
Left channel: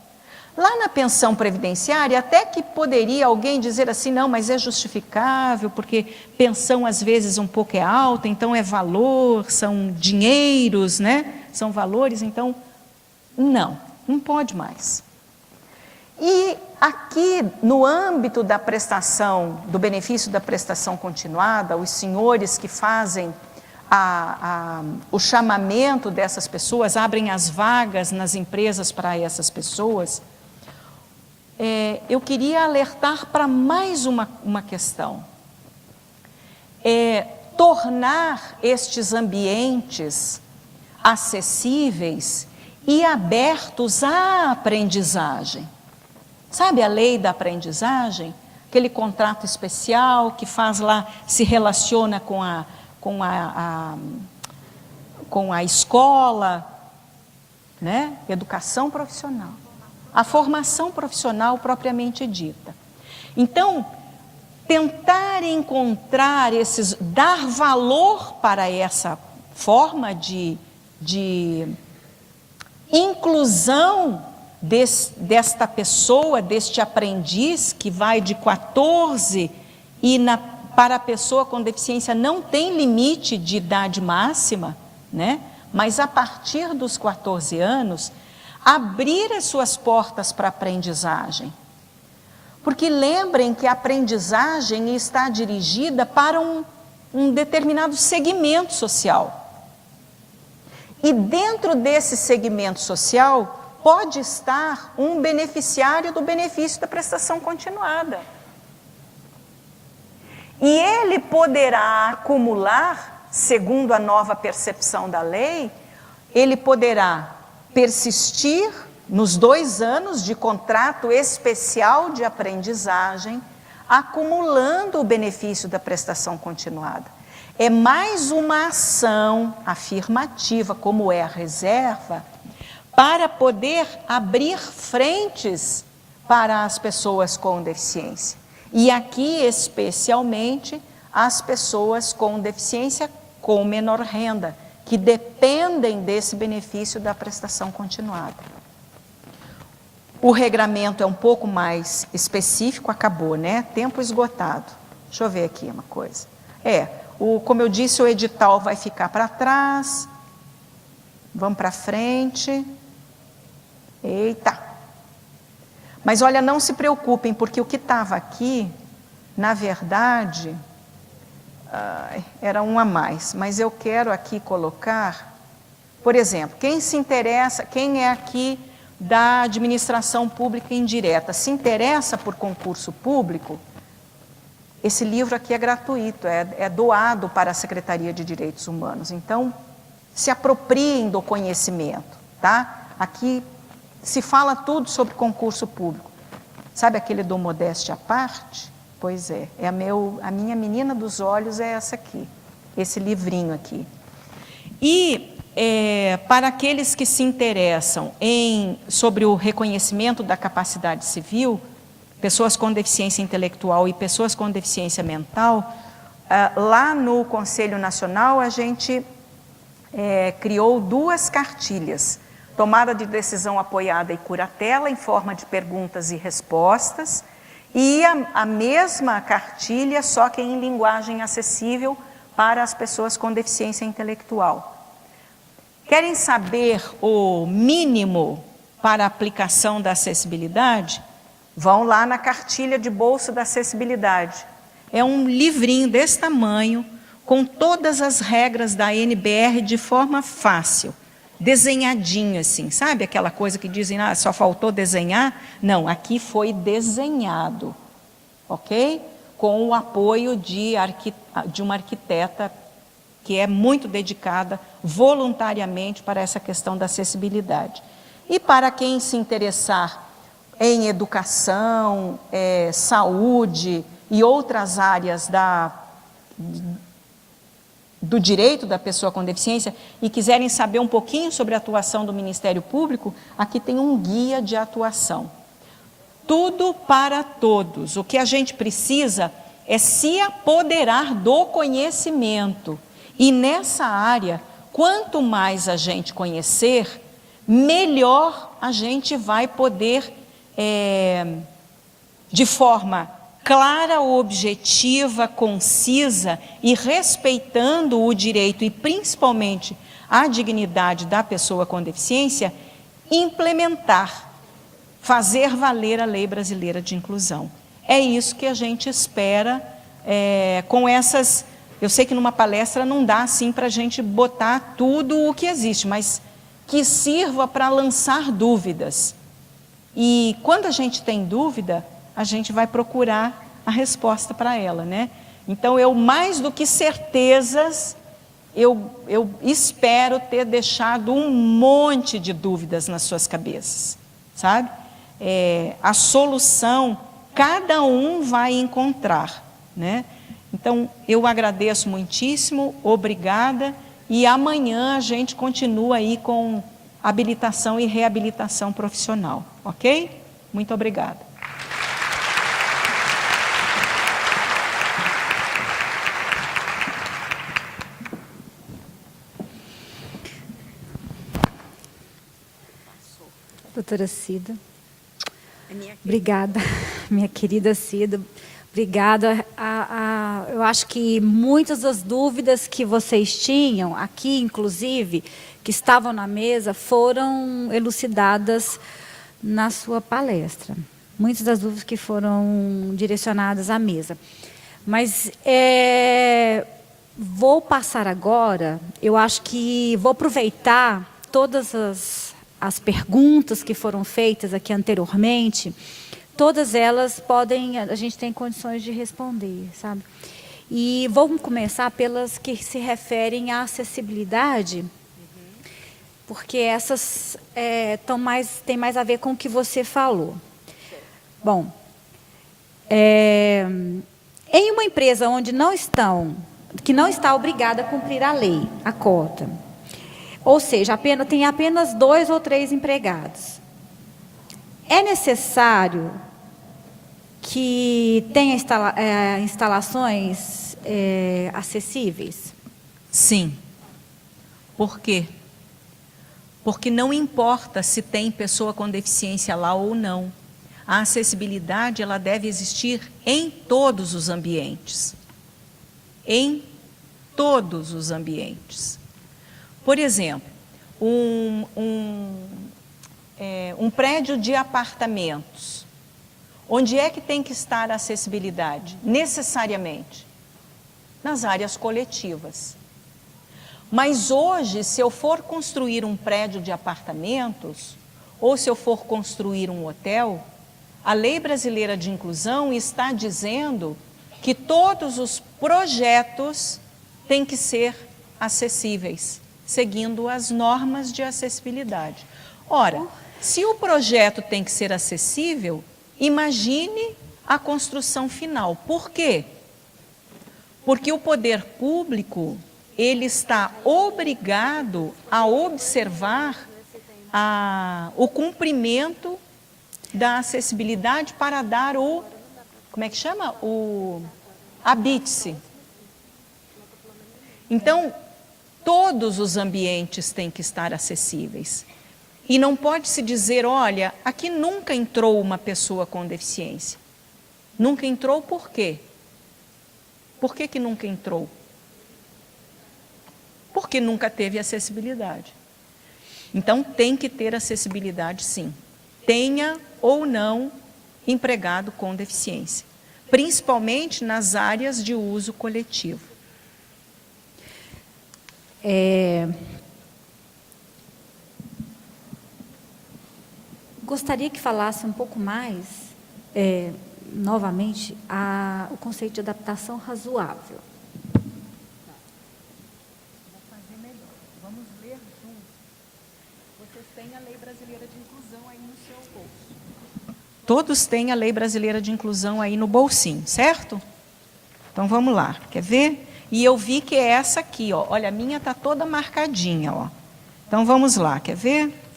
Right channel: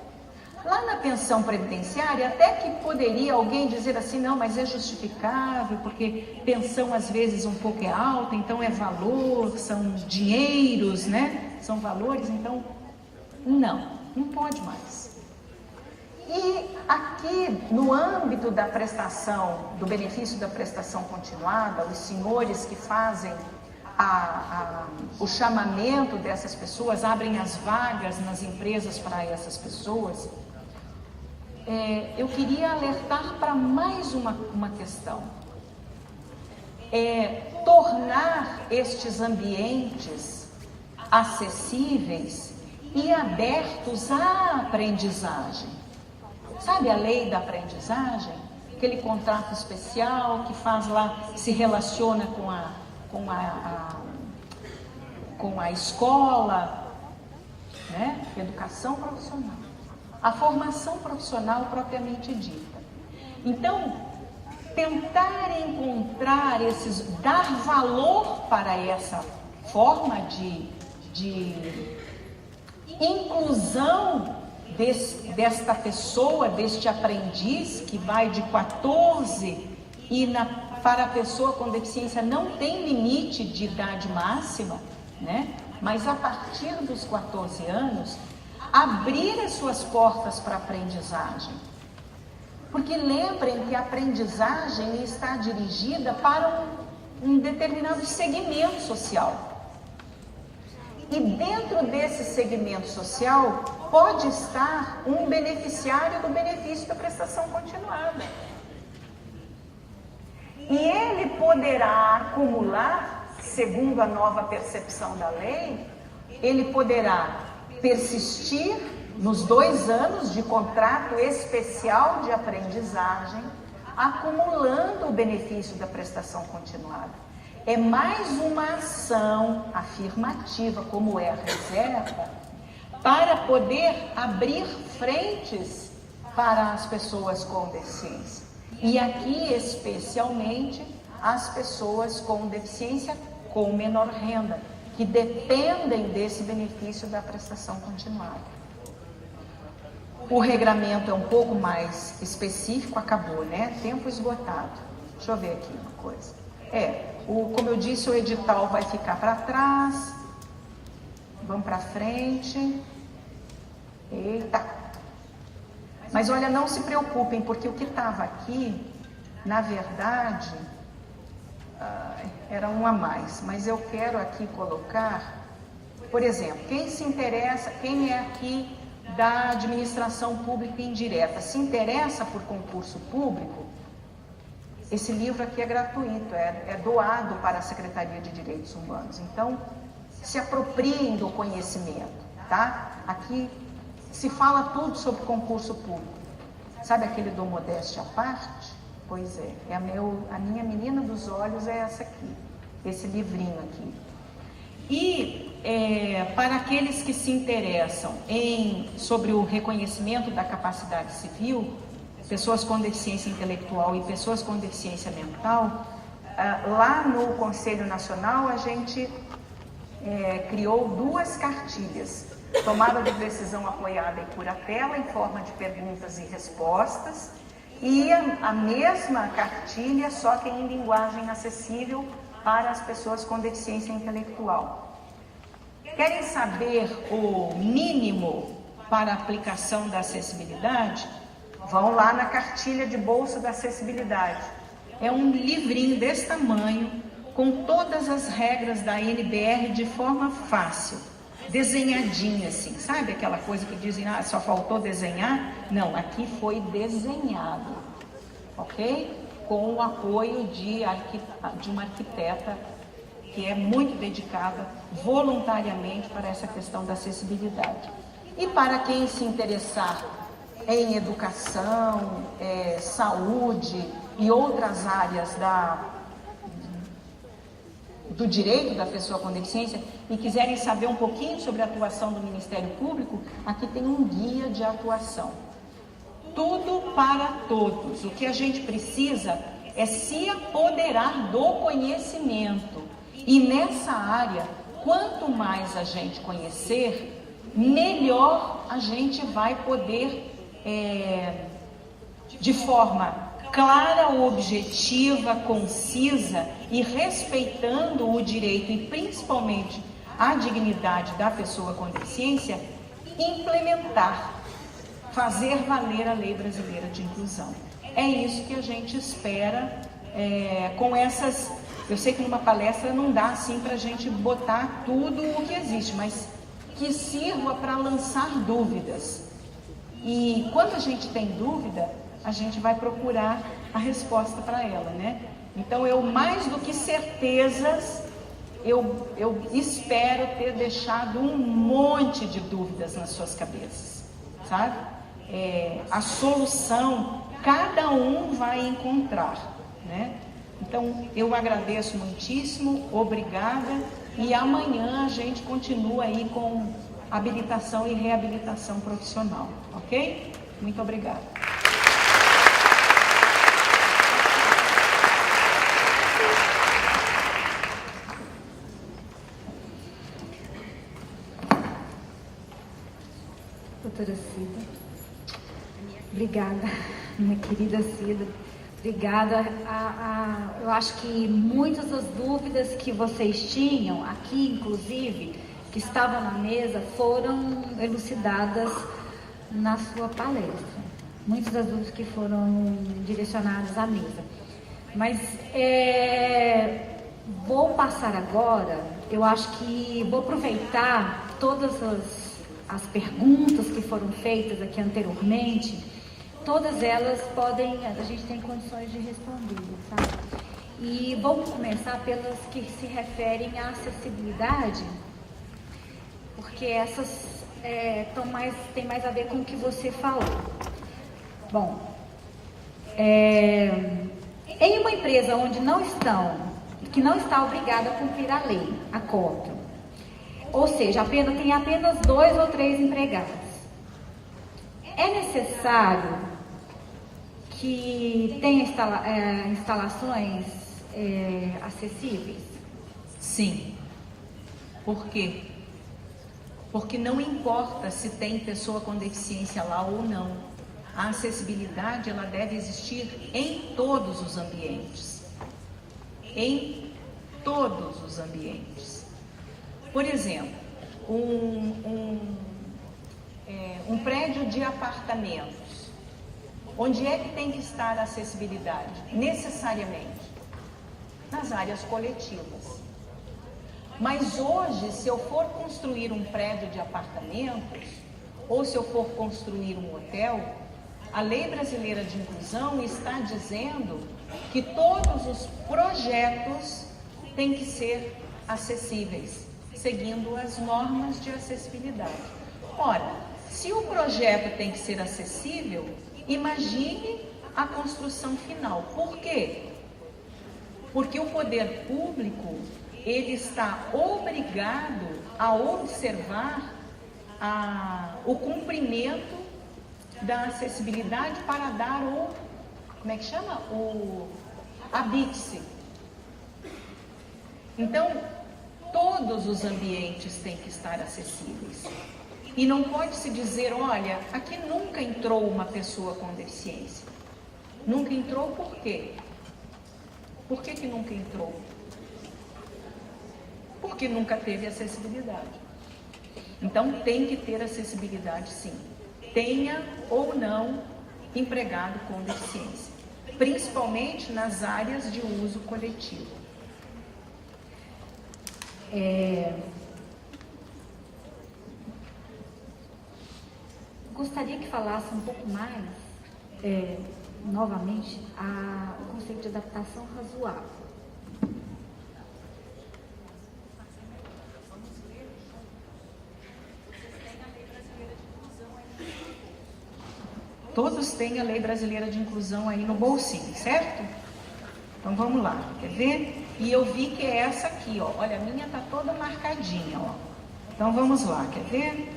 Lá na pensão previdenciária, até que poderia alguém dizer assim, não, mas é justificável, porque pensão às vezes um pouco é alta, então é valor, são dinheiros, né? São valores, então não pode mais. E aqui, no âmbito da prestação, do benefício da prestação continuada, os senhores que fazem o chamamento dessas pessoas, abrem as vagas nas empresas para essas pessoas, eu queria alertar para mais uma questão. Tornar estes ambientes acessíveis e abertos à aprendizagem. Sabe a lei da aprendizagem? Aquele contrato especial que faz lá, se relaciona com a escola, né? Educação profissional. A formação profissional propriamente dita. Então, tentar encontrar dar valor para essa forma de inclusão desta pessoa, deste aprendiz que vai de 14 e para a pessoa com deficiência não tem limite de idade máxima, né? Mas a partir dos 14 anos, abrir as suas portas para a aprendizagem. Porque lembrem que a aprendizagem está dirigida para um determinado segmento social. E dentro desse segmento social, pode estar um beneficiário do benefício da prestação continuada. E ele poderá acumular, segundo a nova percepção da lei, ele poderá persistir nos 2 anos de contrato especial de aprendizagem, acumulando o benefício da prestação continuada. É mais uma ação afirmativa, como é a reserva, para poder abrir frentes para as pessoas com deficiência. E aqui, especialmente, as pessoas com deficiência com menor renda, que dependem desse benefício da prestação continuada. O regramento é um pouco mais específico, acabou, né? Tempo esgotado. Deixa eu ver aqui uma coisa. Como eu disse, o edital vai ficar para trás. Vamos para frente. Eita! Mas olha, não se preocupem, porque o que estava aqui, na verdade, era um a mais. Mas eu quero aqui colocar, por exemplo, quem se interessa, quem é aqui da administração pública indireta, se interessa por concurso público, esse livro aqui é gratuito, é doado para a Secretaria de Direitos Humanos. Então, se apropriem do conhecimento, tá? Aqui se fala tudo sobre concurso público. Sabe aquele do modéstia à parte? Pois é, a minha menina dos olhos é essa aqui, esse livrinho aqui. E para aqueles que se interessam sobre o reconhecimento da capacidade civil, pessoas com deficiência intelectual e pessoas com deficiência mental, lá no Conselho Nacional a gente criou 2 cartilhas. Tomada de decisão apoiada e curatela em forma de perguntas e respostas, e a mesma cartilha, só que em linguagem acessível para as pessoas com deficiência intelectual. Querem saber o mínimo para a aplicação da acessibilidade? Vão lá na cartilha de bolsa da acessibilidade. É um livrinho desse tamanho, com todas as regras da NBR de forma fácil. Desenhadinho assim, sabe aquela coisa que dizem, só faltou desenhar? Não, aqui foi desenhado, ok? Com o apoio de uma arquiteta que é muito dedicada voluntariamente para essa questão da acessibilidade. E para quem se interessar em educação, do direito da pessoa com deficiência e quiserem saber um pouquinho sobre a atuação do Ministério Público, aqui tem um guia de atuação. Tudo para todos. O que a gente precisa é se apoderar do conhecimento. E nessa área, quanto mais a gente conhecer, melhor a gente vai poder, de forma clara, objetiva, concisa e respeitando o direito e principalmente a dignidade da pessoa com deficiência, implementar, fazer valer a Lei Brasileira de Inclusão. É isso que a gente espera com essas... Eu sei que numa palestra não dá assim para a gente botar tudo o que existe, mas que sirva para lançar dúvidas. E quando a gente tem dúvida, a gente vai procurar a resposta para ela, né? Então, eu mais do que certezas, eu espero ter deixado um monte de dúvidas nas suas cabeças, sabe? A solução, cada um vai encontrar, né? Então, eu agradeço muitíssimo, obrigada, e amanhã a gente continua aí com habilitação e reabilitação profissional, ok? Muito obrigada. Doutora Cida, obrigada, minha querida Cida, obrigada. Eu acho que muitas das dúvidas que vocês tinham aqui, inclusive, que estavam na mesa, foram elucidadas na sua palestra. Muitas das dúvidas que foram direcionadas à mesa. Mas vou passar agora, eu acho que vou aproveitar todas as perguntas que foram feitas aqui anteriormente, todas elas a gente tem condições de responder, sabe? E vou começar pelas que se referem à acessibilidade, porque essas têm mais a ver com o que você falou. Bom, em uma empresa que não está obrigada a cumprir a lei, a cota, ou seja, tem apenas 2 ou 3 empregados, é necessário que tenha instalações acessíveis? Sim. Por quê? Porque não importa se tem pessoa com deficiência lá ou não. A acessibilidade, ela deve existir em todos os ambientes. Em todos os ambientes. Por exemplo, um prédio de apartamentos. Onde é que tem que estar a acessibilidade? Necessariamente nas áreas coletivas. Mas hoje, se eu for construir um prédio de apartamentos, ou se eu for construir um hotel, a Lei Brasileira de Inclusão está dizendo que todos os projetos têm que ser acessíveis, seguindo as normas de acessibilidade. Ora, se o projeto tem que ser acessível, imagine a construção final. Por quê? Porque o poder público, ele está obrigado a observar o cumprimento da acessibilidade para dar a BITSE. Então, todos os ambientes têm que estar acessíveis. E não pode se dizer, olha, aqui nunca entrou uma pessoa com deficiência. Nunca entrou por quê? Por que nunca entrou? Porque nunca teve acessibilidade. Então, tem que ter acessibilidade, sim. Tenha ou não empregado com deficiência. Principalmente nas áreas de uso coletivo. Gostaria que falasse um pouco mais, novamente, o conceito de adaptação razoável. Todos têm a Lei Brasileira de Inclusão aí no bolsinho, certo? Então, vamos lá. Quer ver? e eu vi que é essa aqui, ó. Olha, a minha está toda marcadinha, ó. Então, vamos lá, quer ver?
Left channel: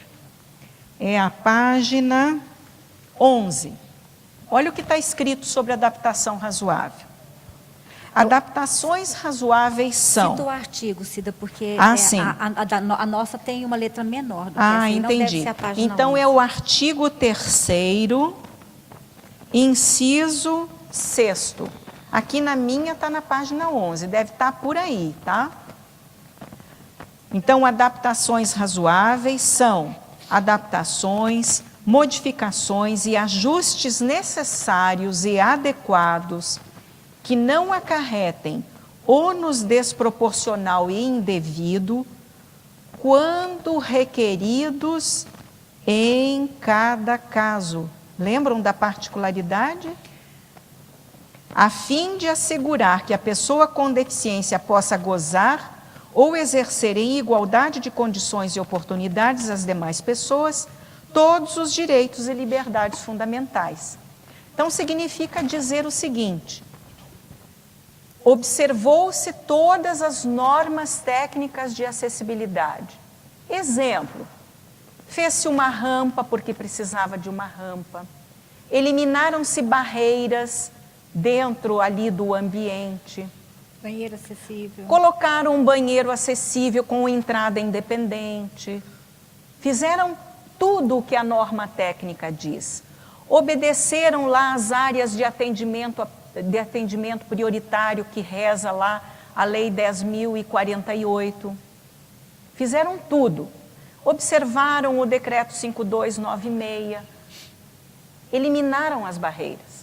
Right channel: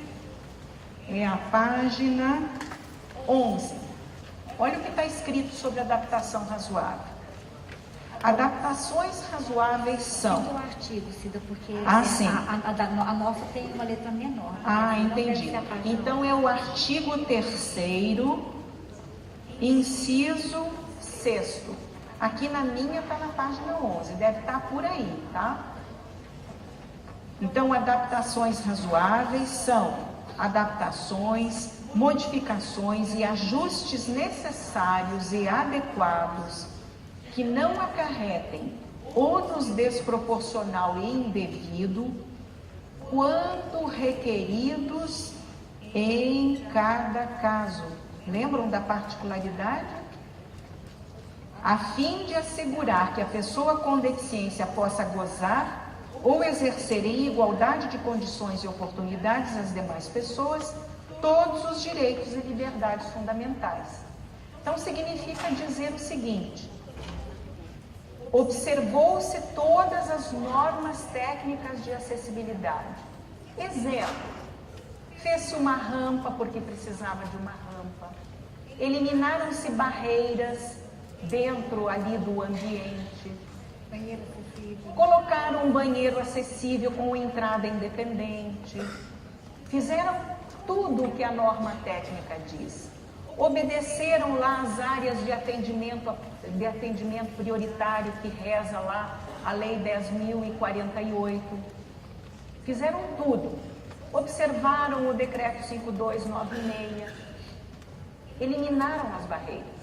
É a página 11. Olha o que está escrito sobre adaptação razoável. Adaptações razoáveis são... Cita o artigo, Cida, porque sim. a nossa tem uma letra menor. Entendi. Então, é o artigo 3º, inciso 6º. Aqui na minha está na página 11, deve estar por aí, tá? Então, adaptações razoáveis são adaptações, modificações e ajustes necessários e adequados que não acarretem ônus desproporcional e indevido, quando requeridos em cada caso. Lembram da particularidade? A fim de assegurar que a pessoa com deficiência possa gozar ou exercer em igualdade de condições e oportunidades às demais pessoas todos os direitos e liberdades fundamentais. Então, significa dizer o seguinte: observou-se todas as normas técnicas de acessibilidade. Exemplo, fez-se uma rampa porque precisava de uma rampa, eliminaram-se barreiras dentro ali do ambiente, banheiro acessível, colocaram um banheiro acessível com entrada independente, fizeram tudo o que a norma técnica diz. Obedeceram lá as áreas de atendimento prioritário que reza lá a Lei 10.048. Fizeram tudo. Observaram o Decreto 5296. Eliminaram as barreiras.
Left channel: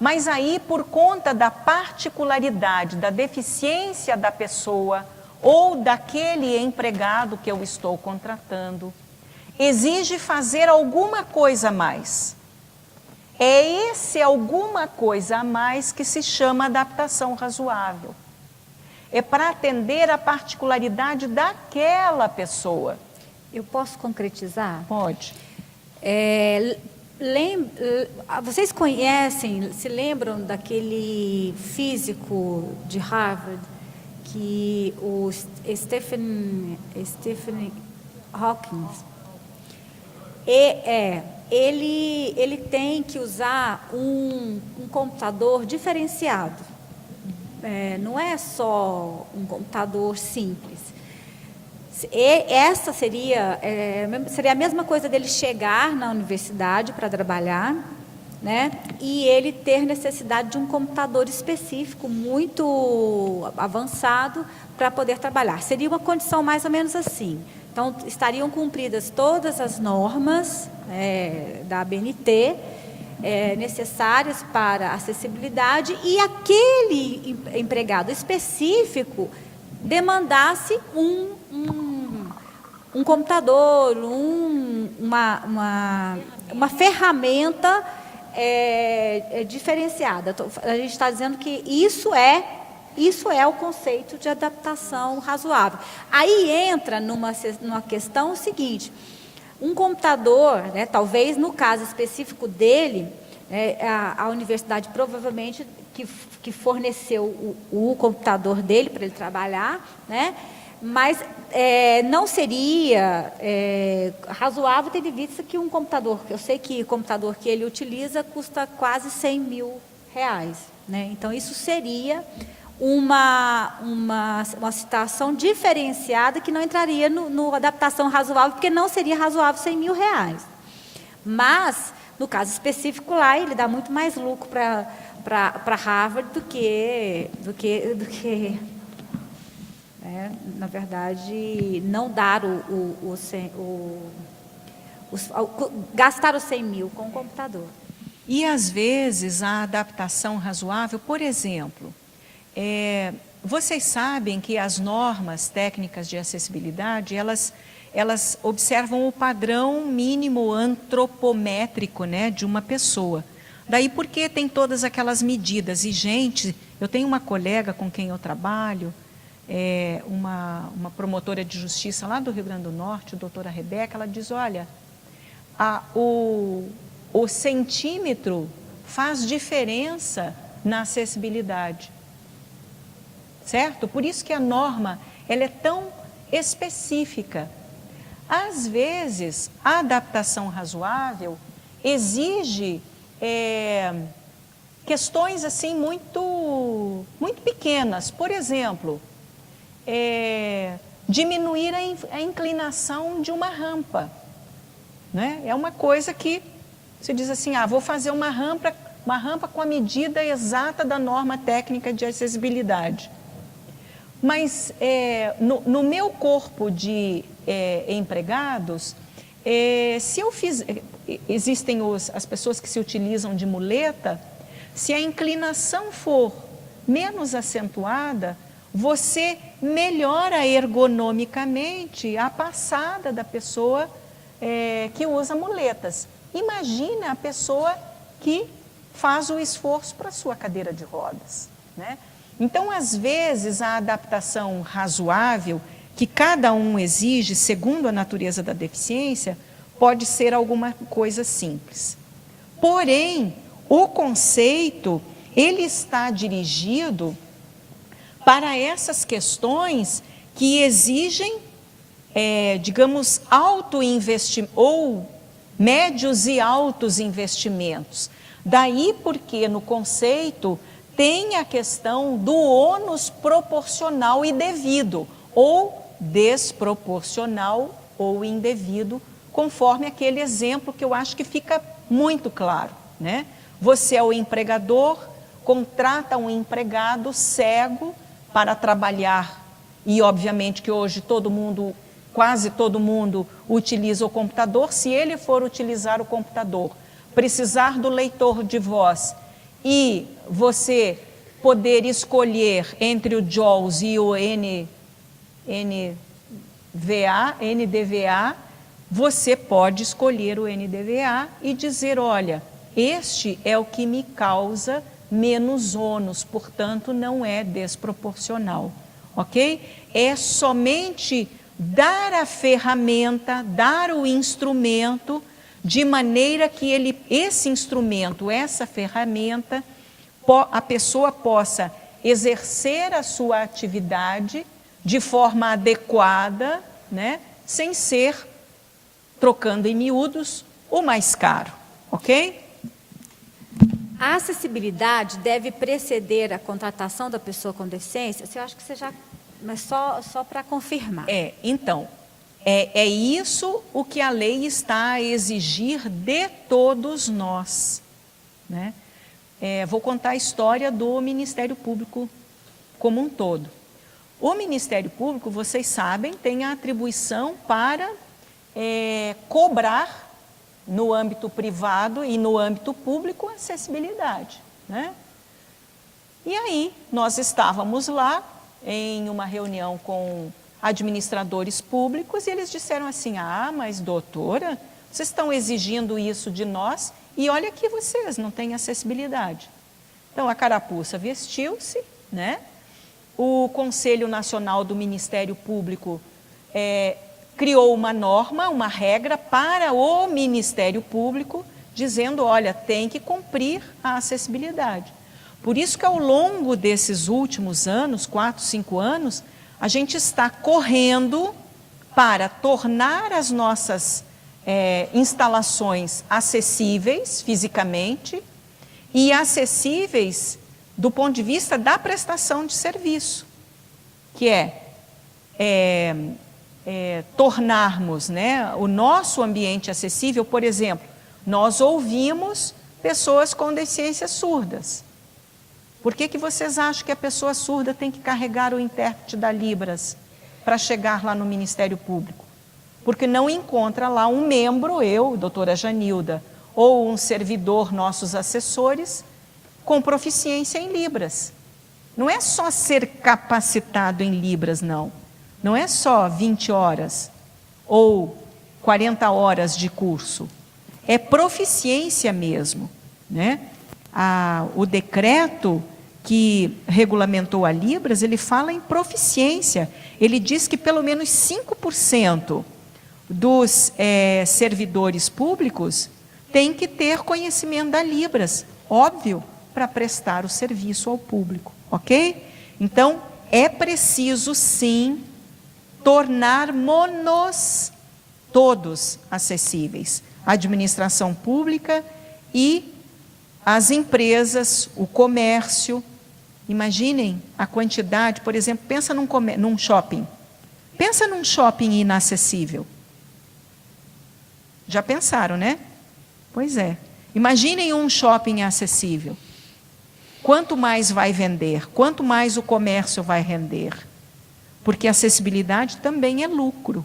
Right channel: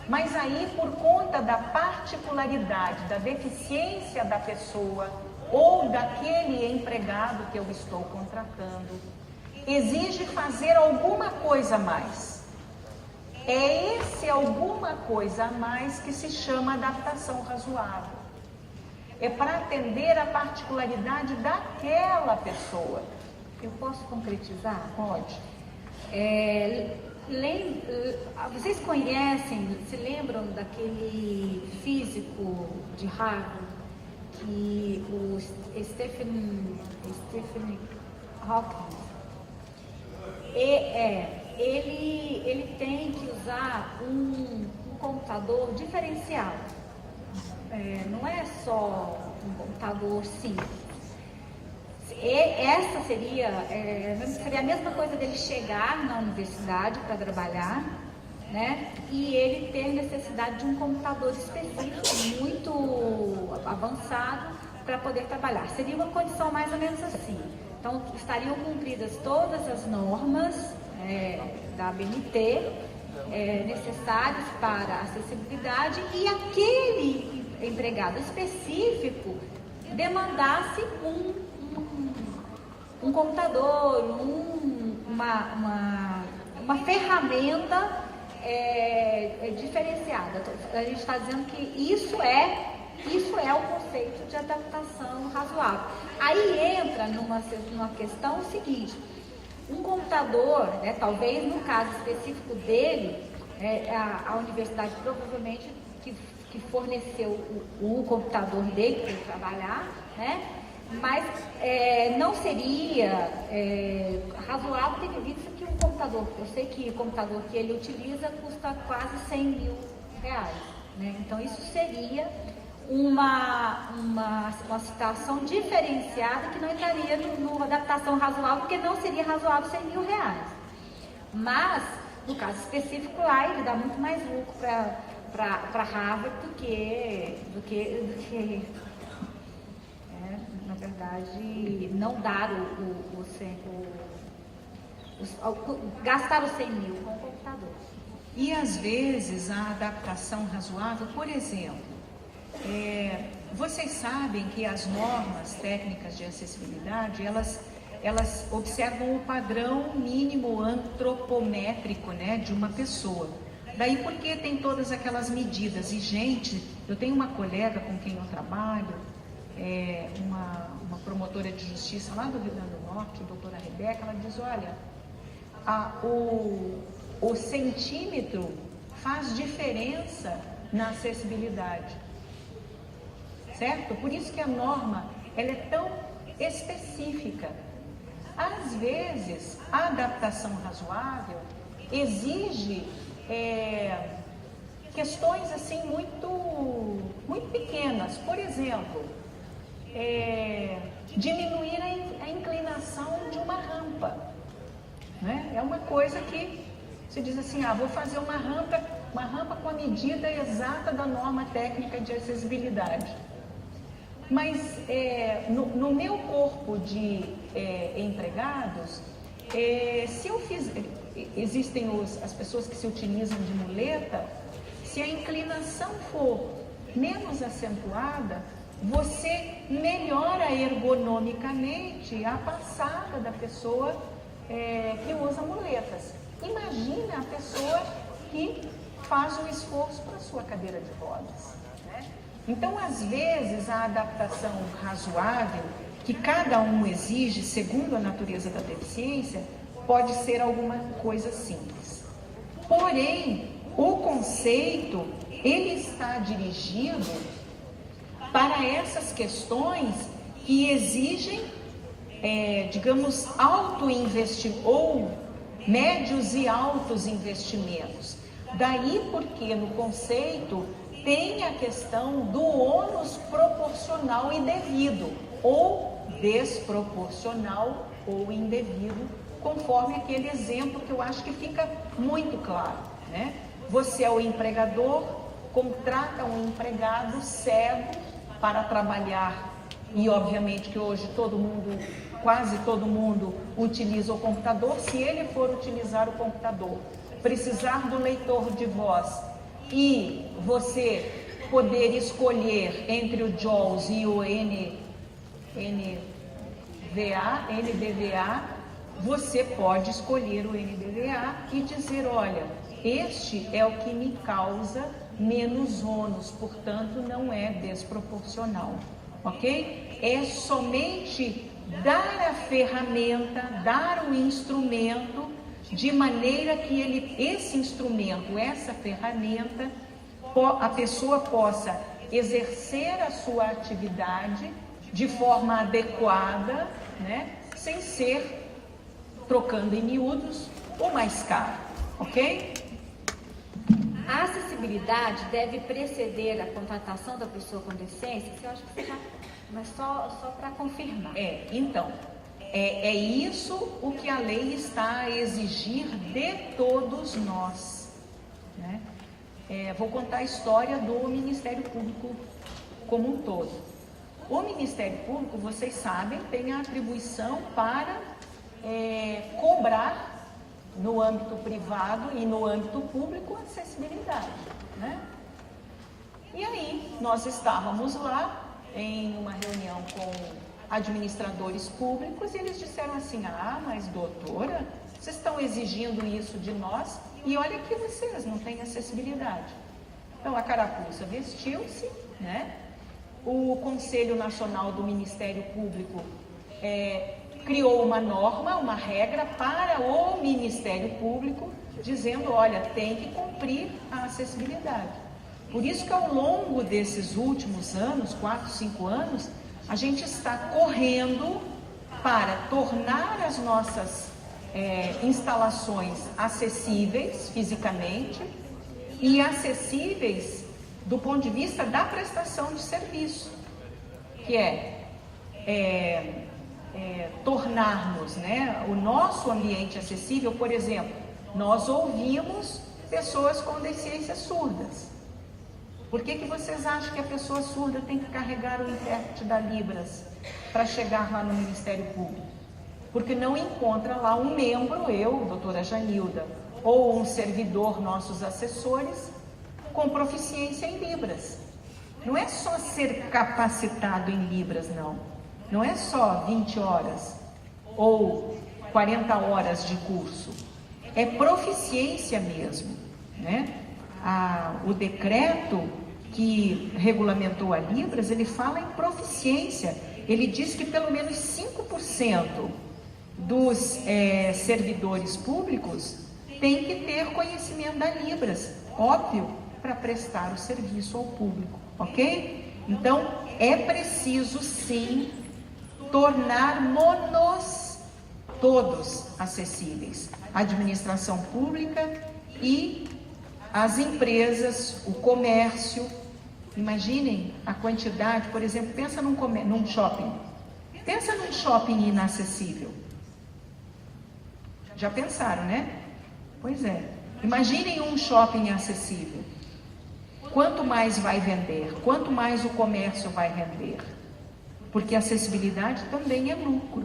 Mas aí, por conta da particularidade, da deficiência da pessoa ou daquele empregado que eu estou contratando, exige fazer alguma coisa a mais. É esse alguma coisa a mais que se chama adaptação razoável. É para atender a particularidade daquela pessoa. Eu posso concretizar? Pode. Vocês conhecem, se lembram daquele físico de Harvard, que o Stephen Hawking, ele tem que usar um computador diferenciado. Não é só um computador simples. Essa seria a mesma coisa dele chegar na universidade para trabalhar, né? E ele ter necessidade de um computador específico, muito avançado, para poder trabalhar. Seria uma condição mais ou menos assim. Então, estariam cumpridas todas as normas da ABNT necessárias para acessibilidade, e aquele empregado específico demandasse um computador, uma ferramenta diferenciada. A gente está dizendo que isso é o conceito de adaptação razoável. Aí entra numa questão seguinte: um computador, talvez no caso específico dele, a universidade provavelmente que forneceu o computador dele para ele trabalhar, né? Mas não seria razoável, tendo em vista que um computador, eu sei que o computador que ele utiliza custa quase R$100.000, né? Então, isso seria uma situação diferenciada que não entraria no adaptação razoável, porque não seria razoável R$100.000. Mas, no caso específico lá, ele dá muito mais lucro para Harvard do que na verdade, não dar gastar os 100 mil com o computador. E, às vezes, a adaptação razoável, por exemplo, vocês sabem que as normas técnicas de acessibilidade, elas observam o padrão mínimo antropométrico, né, de uma pessoa. Daí porque tem todas aquelas medidas. E, gente, eu tenho uma colega com quem eu trabalho, uma promotora de justiça lá do Rio Grande do Norte, a doutora Rebeca, ela diz: olha, o centímetro faz diferença na acessibilidade. certo? Por isso que a norma, ela é tão específica. Às vezes, a adaptação razoável exige questões assim muito pequenas. Por exemplo, diminuir a inclinação de uma rampa, né? É uma coisa que você diz assim, vou fazer uma rampa com a medida exata da norma técnica de acessibilidade. Mas no meu corpo de empregados, se eu existem as pessoas que se utilizam de muleta, se a inclinação for menos acentuada, você melhora ergonomicamente a passada da pessoa que usa muletas. Imagina a pessoa que faz o esforço para a sua cadeira de rodas, né? Então, às vezes, a adaptação razoável, que cada um exige segundo a natureza da deficiência, pode ser alguma coisa simples. Porém, o conceito, ele está dirigido para essas questões que exigem, digamos, alto investimento ou médios e altos investimentos. Daí porque no conceito tem a questão do ônus proporcional e devido, ou desproporcional ou indevido, conforme aquele exemplo que eu acho que fica muito claro, né? Você é o empregador, contrata um empregado cego para trabalhar, e obviamente que hoje quase todo mundo utiliza o computador. Se ele for utilizar o computador, precisar do leitor de voz e você poder escolher entre o JAWS e o NDVA, você pode escolher o NDVA e dizer, olha, este é o que me causa menos ônus, portanto não é desproporcional, ok? É somente dar a ferramenta, dar o instrumento, de maneira que esse instrumento, essa ferramenta, a pessoa possa exercer a sua atividade de forma adequada, né? Sem ser, trocando em miúdos, o mais caro, ok? A acessibilidade deve preceder a contratação da pessoa com deficiência? Eu acho que você já... Mas só para confirmar. Então, é isso o que a lei está a exigir de todos nós, né? Vou contar a história do Ministério Público como um todo. O Ministério Público, vocês sabem, tem a atribuição para cobrar no âmbito privado e no âmbito público acessibilidade, né? E aí, nós estávamos lá em uma reunião com administradores públicos e eles disseram assim, mas doutora, vocês estão exigindo isso de nós e olha que vocês não têm acessibilidade. Então, a carapuça vestiu-se, né? O Conselho Nacional do Ministério Público criou uma norma, uma regra para o Ministério Público, dizendo, olha, tem que cumprir a acessibilidade. Por isso que ao longo desses últimos anos, 4, 5 anos, a gente está correndo para tornar as nossas instalações acessíveis fisicamente e acessíveis do ponto de vista da prestação de serviço, que tornarmos, né, o nosso ambiente acessível. Por exemplo, nós ouvimos pessoas com deficiências surdas. Por que vocês acham que a pessoa surda tem que carregar o intérprete da Libras para chegar lá no Ministério Público? Porque não encontra lá um membro, eu, doutora Janilda, ou um servidor, nossos assessores, com proficiência em Libras. Não é só ser capacitado em Libras, não. Não é só 20 horas ou 40 horas de curso. É proficiência mesmo, né? O decreto que regulamentou a Libras, ele fala em proficiência. Ele diz que pelo menos 5% dos servidores públicos têm que ter conhecimento da Libras, óbvio, para prestar o serviço ao público, ok? Então, é preciso sim tornarmos todos acessíveis, a administração pública e as empresas, o comércio. Imaginem a quantidade, por exemplo, pensa num shopping. Pensa num shopping inacessível. Já pensaram, né? Pois é. Imaginem um shopping acessível. Quanto mais vai vender? Quanto mais o comércio vai render? Porque acessibilidade também é lucro,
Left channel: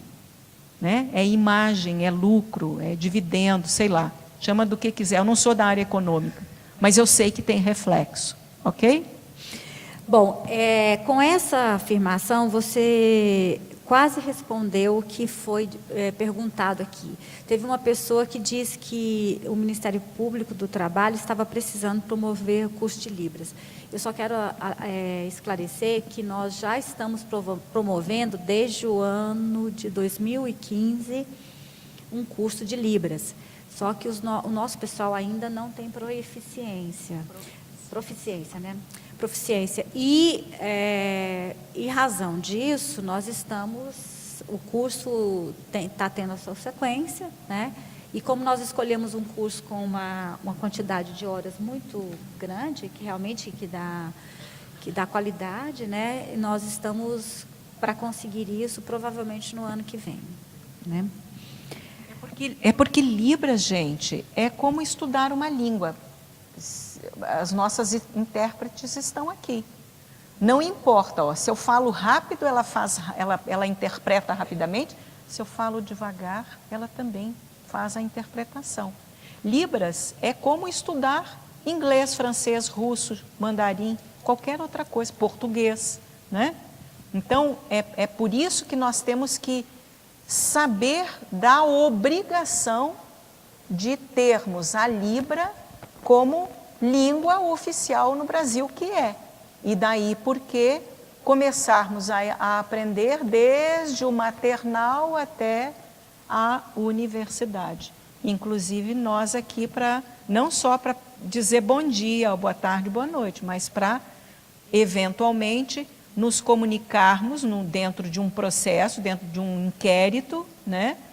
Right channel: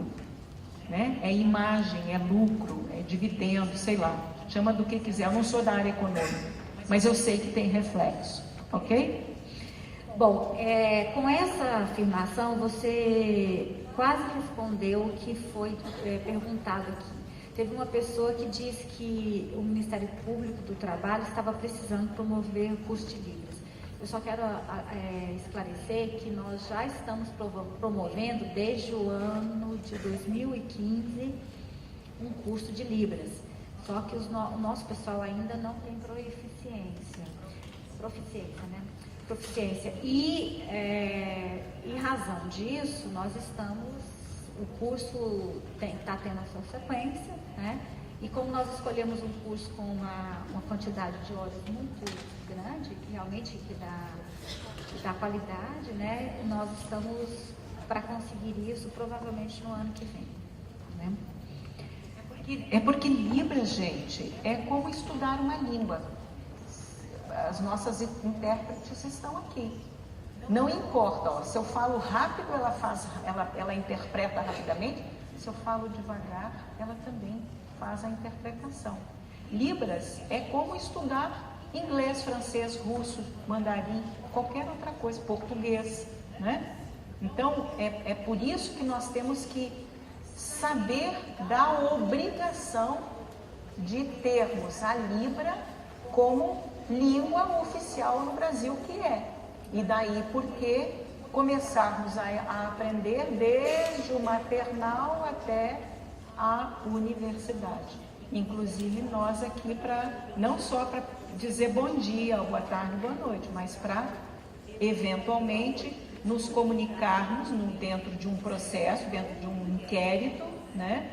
né? É imagem, é lucro, é dividendo, sei lá. Chama do que quiser. Eu não sou da área econômica, mas eu sei que tem reflexo, ok? Bom, com essa afirmação, você quase respondeu o que foi perguntado aqui. Teve uma pessoa que disse que o Ministério Público do Trabalho estava precisando promover o curso de Libras. Eu só quero esclarecer que nós já estamos promovendo, desde o ano de 2015, um curso de Libras. Só que o nosso pessoal ainda não tem proficiência, né? Proficiência. E razão disso, nós estamos... O curso está tendo a sua sequência, né? E como nós escolhemos um curso com uma quantidade de horas muito grande, que realmente que dá qualidade, né? Nós estamos para conseguir isso provavelmente no ano que vem, né? É porque Libras, gente, é como estudar uma língua. As nossas intérpretes estão aqui. Não importa, ó, se eu falo rápido, ela interpreta rapidamente. Se eu falo devagar, ela também faz a interpretação. Libras é como estudar inglês, francês, russo, mandarim, qualquer outra coisa, português, né? Então, é por isso que nós temos que saber da obrigação de termos a Libra como língua oficial no Brasil, que é. E daí porque começarmos a aprender desde o maternal até a universidade. Inclusive nós aqui não só para dizer bom dia, boa tarde, boa noite, mas para eventualmente nos comunicarmos dentro de um processo, dentro de um inquérito, né?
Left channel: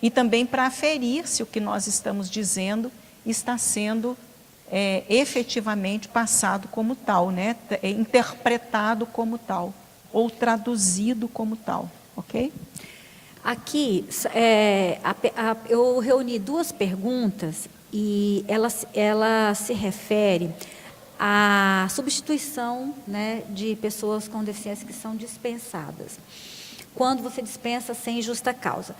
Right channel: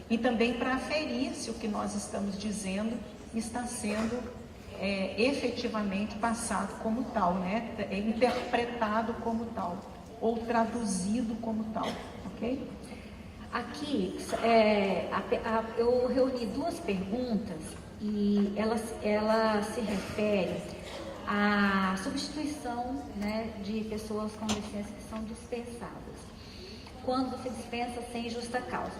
E também para aferir se o que nós estamos dizendo está sendo efetivamente passado como tal, né? Interpretado como tal, ou traduzido como tal, ok? Aqui, eu reuni duas perguntas e ela se refere à substituição, né, de pessoas com deficiência que são dispensadas. Quando você dispensa sem justa causa.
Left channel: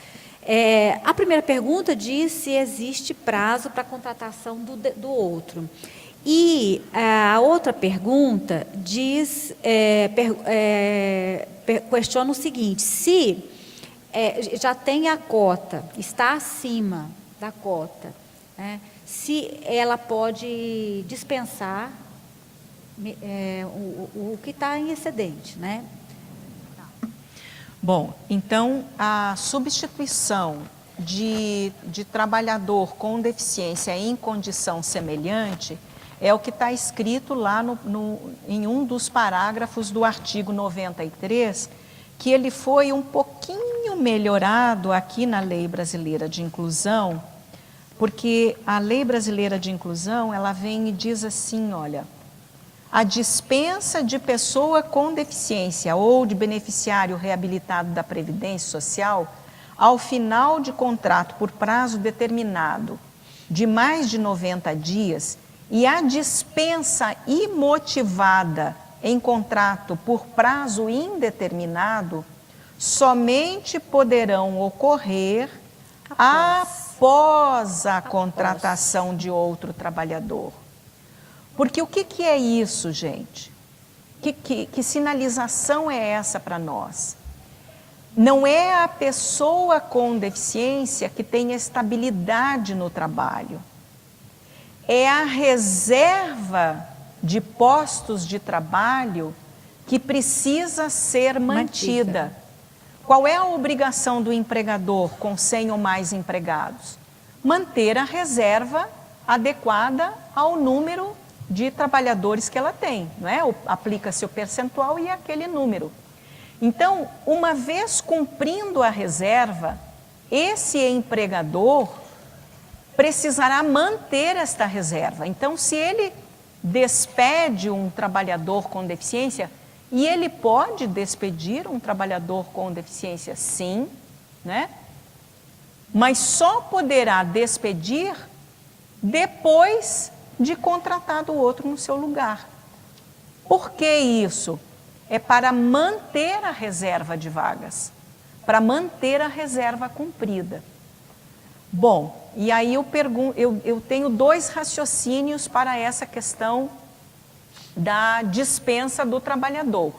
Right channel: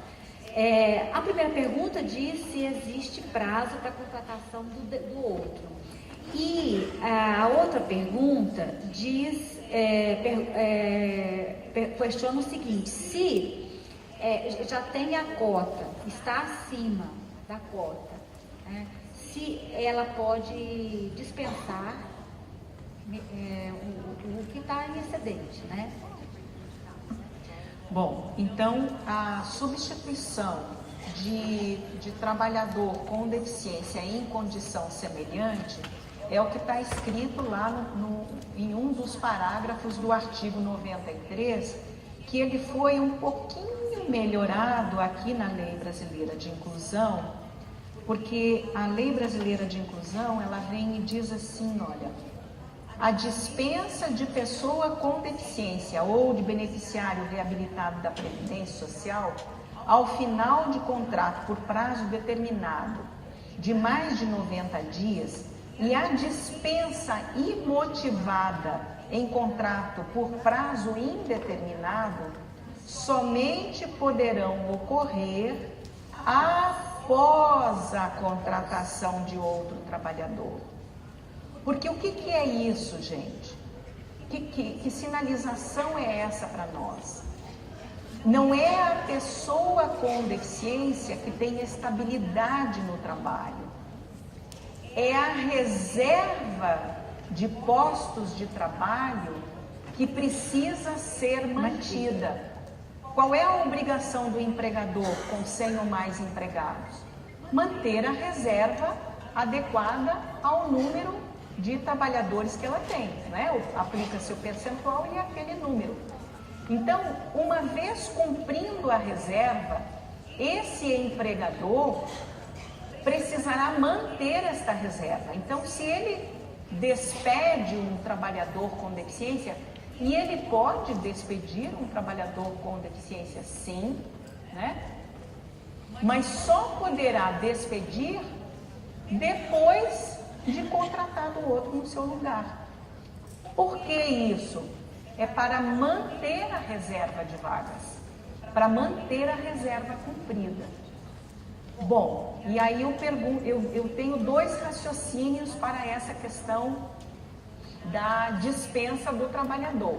A primeira pergunta diz se existe prazo para a contratação do outro. E a outra pergunta diz, questiona o seguinte: se já tem a cota, está acima da cota, né, se ela pode dispensar o que está em excedente, né? Bom, então a substituição de trabalhador com deficiência em condição semelhante é o que está escrito lá em um dos parágrafos do artigo 93, que ele foi um pouquinho melhorado aqui na Lei Brasileira de Inclusão, porque a Lei Brasileira de Inclusão, ela vem e diz assim, olha, a dispensa de pessoa com deficiência ou de beneficiário reabilitado da Previdência Social, ao final de contrato por prazo determinado de mais de 90 dias e a dispensa imotivada em contrato por prazo indeterminado, somente poderão ocorrer após a contratação de outro trabalhador. Porque o que é isso, gente? Que sinalização é essa para nós? Não é a pessoa com deficiência que tem estabilidade no trabalho. É a reserva de postos de trabalho que precisa ser mantida. Qual é a obrigação do empregador com 100 ou mais empregados? Manter a reserva adequada ao número de trabalhadores que ela tem, não é? Aplica-se o percentual e aquele número. Então, uma vez cumprindo a reserva, esse empregador precisará manter esta reserva. Então, se ele despede um trabalhador com deficiência, e ele pode despedir um trabalhador com deficiência, sim, né? Mas só poderá despedir depois de contratado outro no seu lugar. Por que isso? É para manter a reserva de vagas, para manter a reserva cumprida. Bom, e aí eu tenho 2 raciocínios para essa questão da dispensa do trabalhador.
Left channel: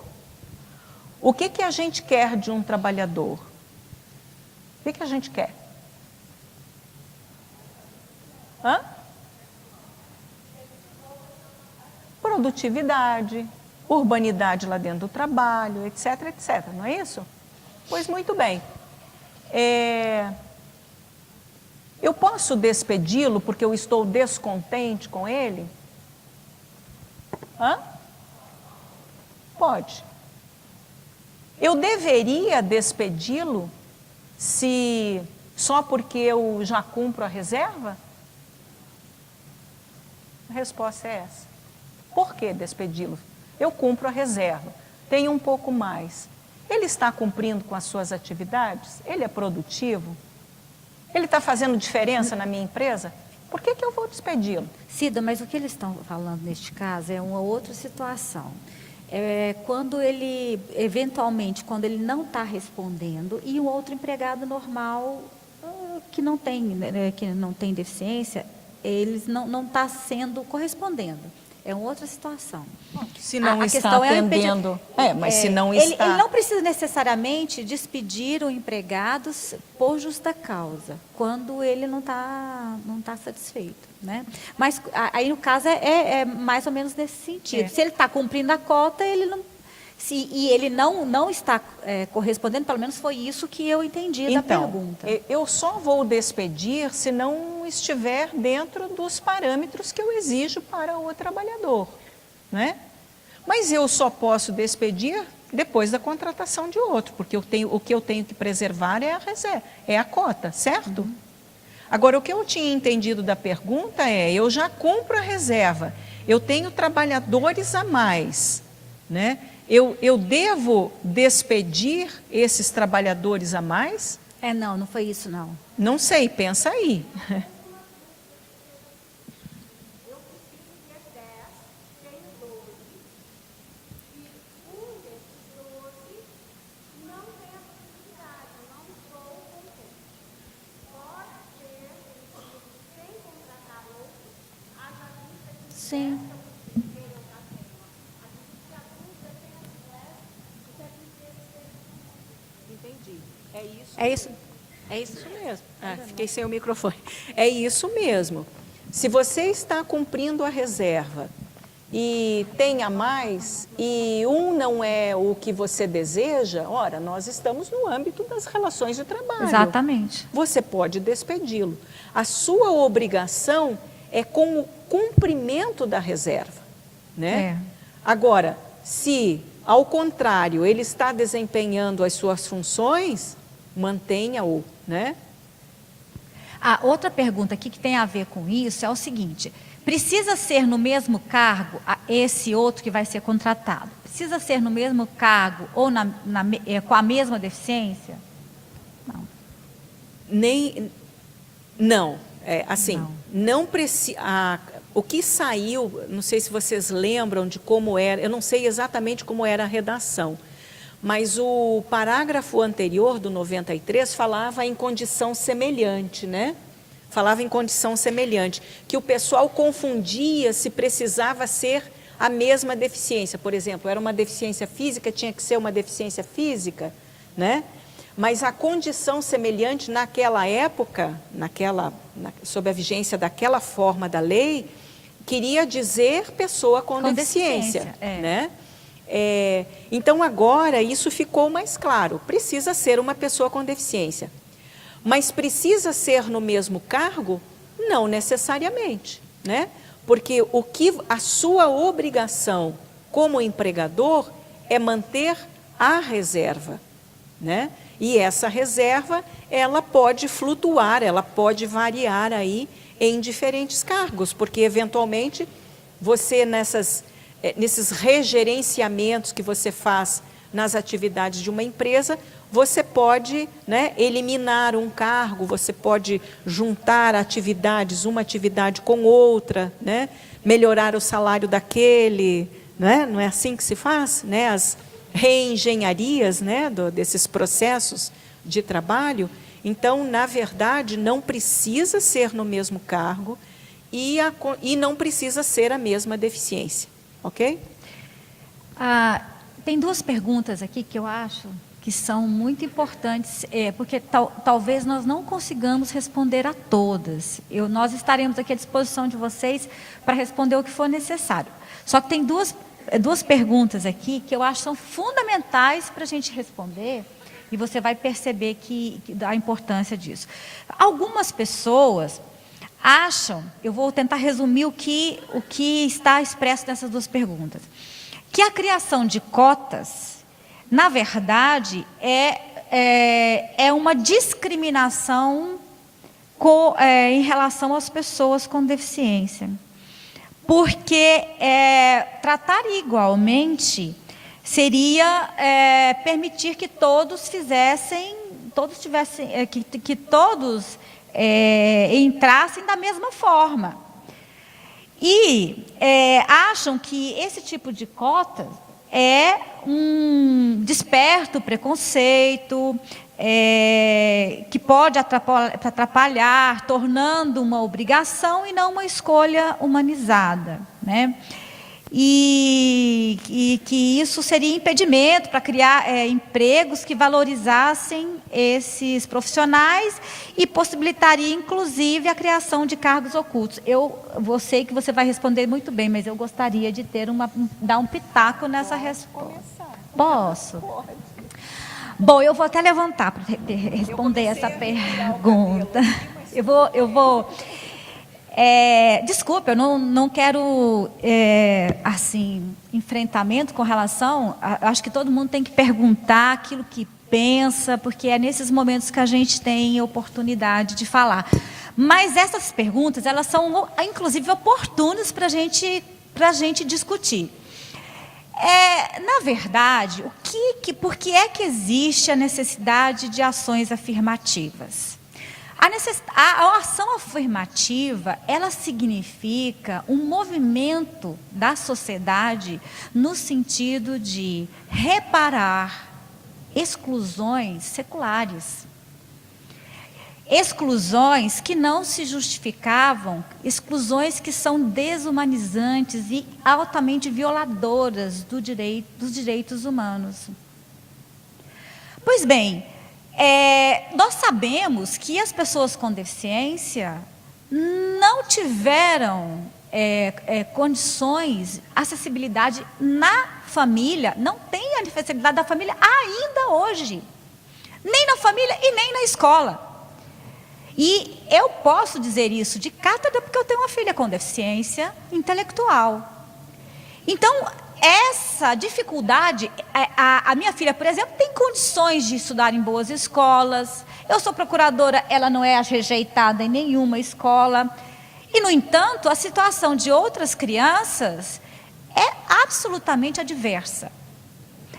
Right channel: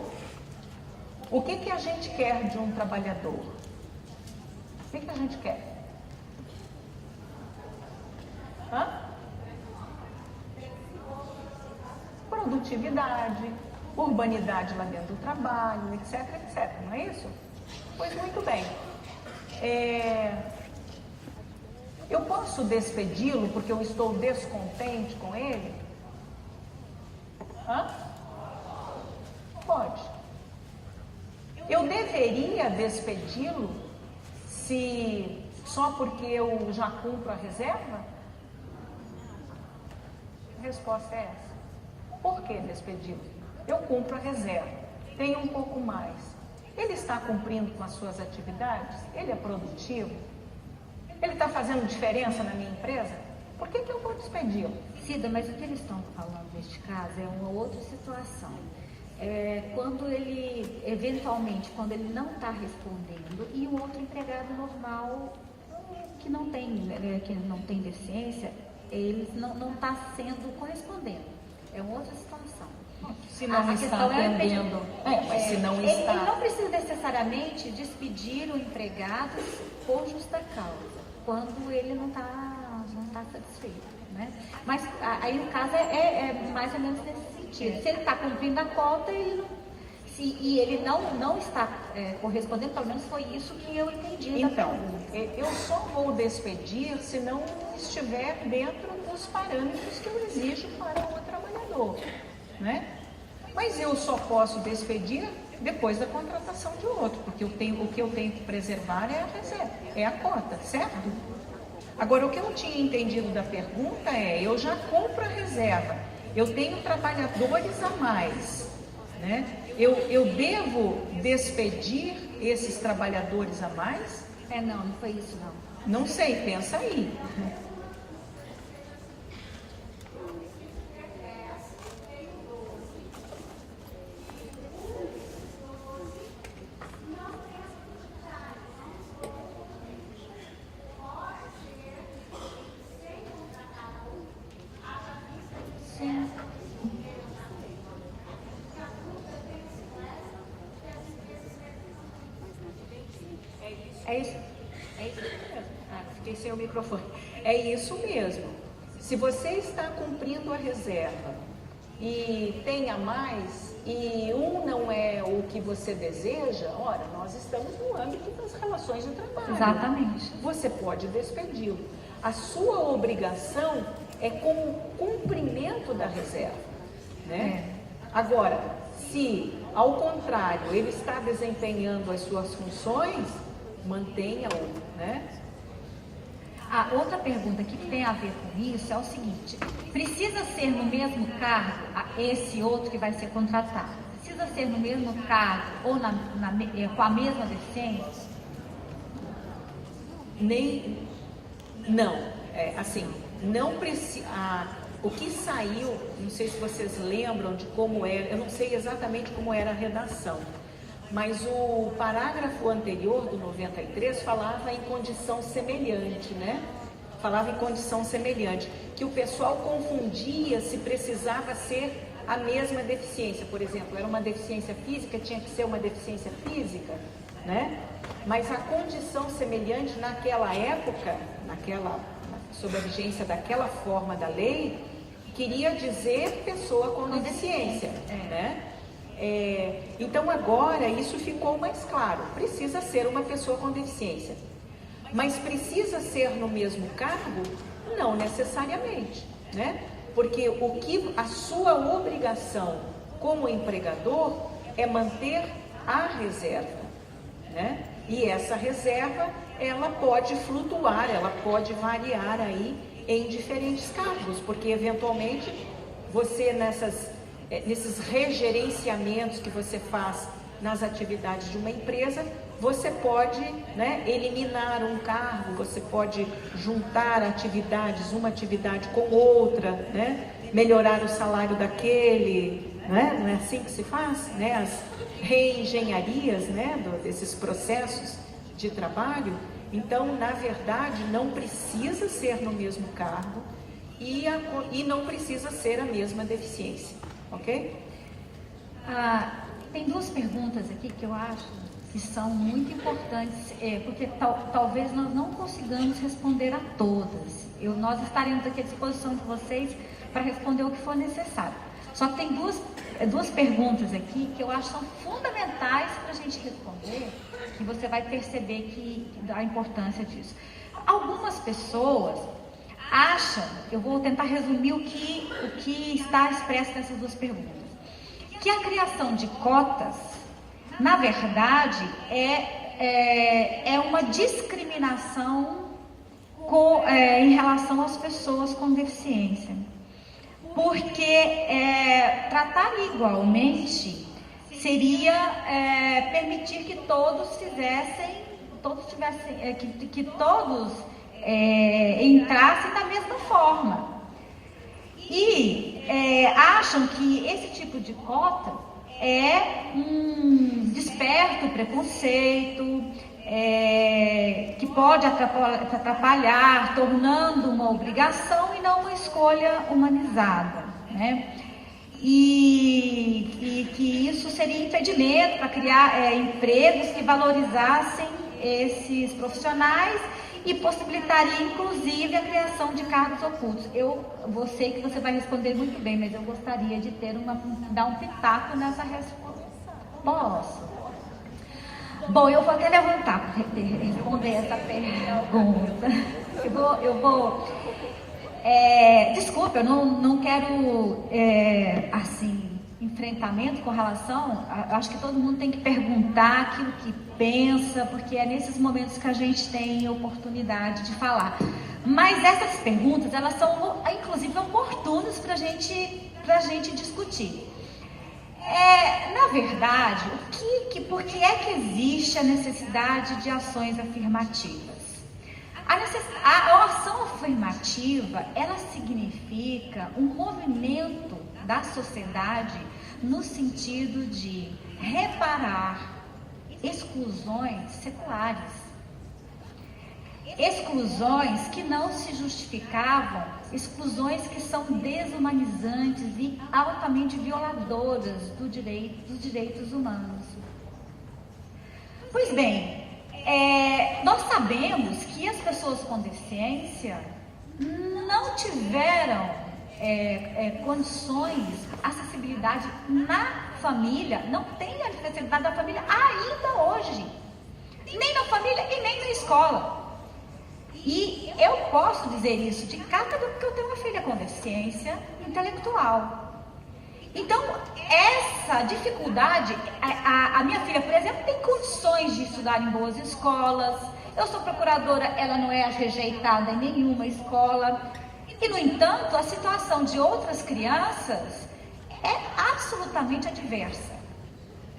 O que a gente quer de um trabalhador? O que a gente quer? Produtividade, urbanidade lá dentro do trabalho, etc, etc, não é isso? Pois muito bem. Eu posso despedi-lo porque eu estou descontente com ele? Pode. Eu deveria despedi-lo só porque eu já cumpro a reserva? A resposta é essa. Por que despedi-lo? Eu cumpro a reserva, tenho um pouco mais. Ele está cumprindo com as suas atividades? Ele é produtivo? Ele está fazendo diferença na minha empresa? Por que eu vou despedi-lo? Cida, mas o que eles estão falando neste caso é uma outra situação. Quando ele, eventualmente, quando ele não está respondendo e um outro empregado normal que não tem deficiência, eles não está sendo correspondendo. É uma outra situação. Se não está atendendo, mas se não está... Ele não precisa necessariamente despedir o empregado por justa causa, quando ele não está satisfeito, né? Mas aí o caso é mais ou menos nesse sentido. Se ele está cumprindo a cota, e ele não está correspondendo, pelo menos foi isso que eu entendi da pergunta. Eu só vou despedir se não estiver dentro dos parâmetros que eu exijo para o trabalhador, né? Mas eu só posso despedir depois da contratação de outro, porque o que eu tenho que preservar é a reserva, é a cota, certo? Agora, o que eu tinha entendido da pergunta eu já cumpro a reserva, eu tenho trabalhadores a mais, né? Eu devo despedir esses trabalhadores a mais? Não foi isso, não. Não sei, pensa aí. Sim. É isso mesmo. Fiquei sem o microfone. É isso mesmo. Se você está cumprindo a reserva e tem a mais, e não é o que você deseja, ora, nós estamos no âmbito das relações de trabalho. Exatamente. Você pode despedi-lo. A sua obrigação é com o cumprimento da reserva, né? Agora, se, ao contrário, ele está desempenhando as suas funções, mantenha-o, né? Outra pergunta aqui que tem a ver com isso é o seguinte: precisa ser no mesmo cargo esse outro que vai ser contratado? Precisa ser no mesmo cargo ou com a mesma deficiência? Não precisa. O que saiu, não sei se vocês lembram de como era, eu não sei exatamente como era a redação, mas o parágrafo anterior do 93 falava em condição semelhante, né? Falava em condição semelhante, que o pessoal confundia se precisava ser a mesma deficiência. Por exemplo, era uma deficiência física, tinha que ser uma deficiência física, né? Mas a condição semelhante naquela época, sob a vigência daquela forma da lei, queria dizer pessoa com deficiência, né? Então agora isso ficou mais claro, precisa ser uma pessoa com deficiência, mas precisa ser no mesmo cargo? Não necessariamente, né? Porque a sua obrigação como empregador é manter a reserva, né? E essa reserva, ela pode flutuar, ela pode variar aí em diferentes cargos, porque eventualmente você nesses regerenciamentos que você faz nas atividades de uma empresa, você pode, né, eliminar um cargo, você pode juntar atividades, uma atividade com outra, né, melhorar o salário daquele, né, não é assim que se faz, né, as reengenharias, né, desses processos de trabalho. Então, na verdade, não precisa ser no mesmo cargo e não precisa ser a mesma deficiência, ok? Tem duas perguntas aqui que eu acho que são muito importantes, porque talvez nós não consigamos responder a todas. Nós estaremos aqui à disposição de vocês para responder o que for necessário. Só que tem duas perguntas aqui que eu acho que são fundamentais para a gente responder, e você vai perceber a importância disso. Algumas pessoas acham, eu vou tentar resumir o que está expresso nessas duas perguntas, que a criação de cotas, na verdade, é uma discriminação em relação às pessoas com deficiência. Porque tratar igualmente seria permitir que todos entrassem da mesma forma. E acham que esse tipo de cota desperta o preconceito, que pode atrapalhar, tornando uma obrigação e não uma escolha humanizada, né? E que isso seria impedimento para criar empregos que valorizassem esses profissionais e possibilitaria, inclusive, a criação de cargos ocultos. Eu sei que você vai responder muito bem, mas eu gostaria de dar um pitaco nessa resposta. Posso? Bom, eu vou até levantar para responder essa pergunta. Eu vou desculpa, eu não quero, enfrentamento com relação. Acho que todo mundo tem que perguntar aquilo que pensa, porque é nesses momentos que a gente tem oportunidade de falar. Mas essas perguntas, elas são, inclusive, oportunas para a gente discutir. Na verdade, por que é que existe a necessidade de ações afirmativas? A ação afirmativa, ela significa um movimento da sociedade no sentido de reparar exclusões seculares. Exclusões que não se justificavam, exclusões que são desumanizantes e altamente violadoras dos direitos humanos. Pois bem, nós sabemos que as pessoas com deficiência não tiveram condições, acessibilidade na família, não tem a acessibilidade da família ainda hoje, nem na família e nem na escola. E eu posso dizer isso de cátedra porque eu tenho uma filha com deficiência intelectual. Então, essa dificuldade, a minha filha, por exemplo, tem condições de estudar em boas escolas. Eu sou procuradora, ela não é rejeitada em nenhuma escola. E, no entanto, a situação de outras crianças é absolutamente adversa.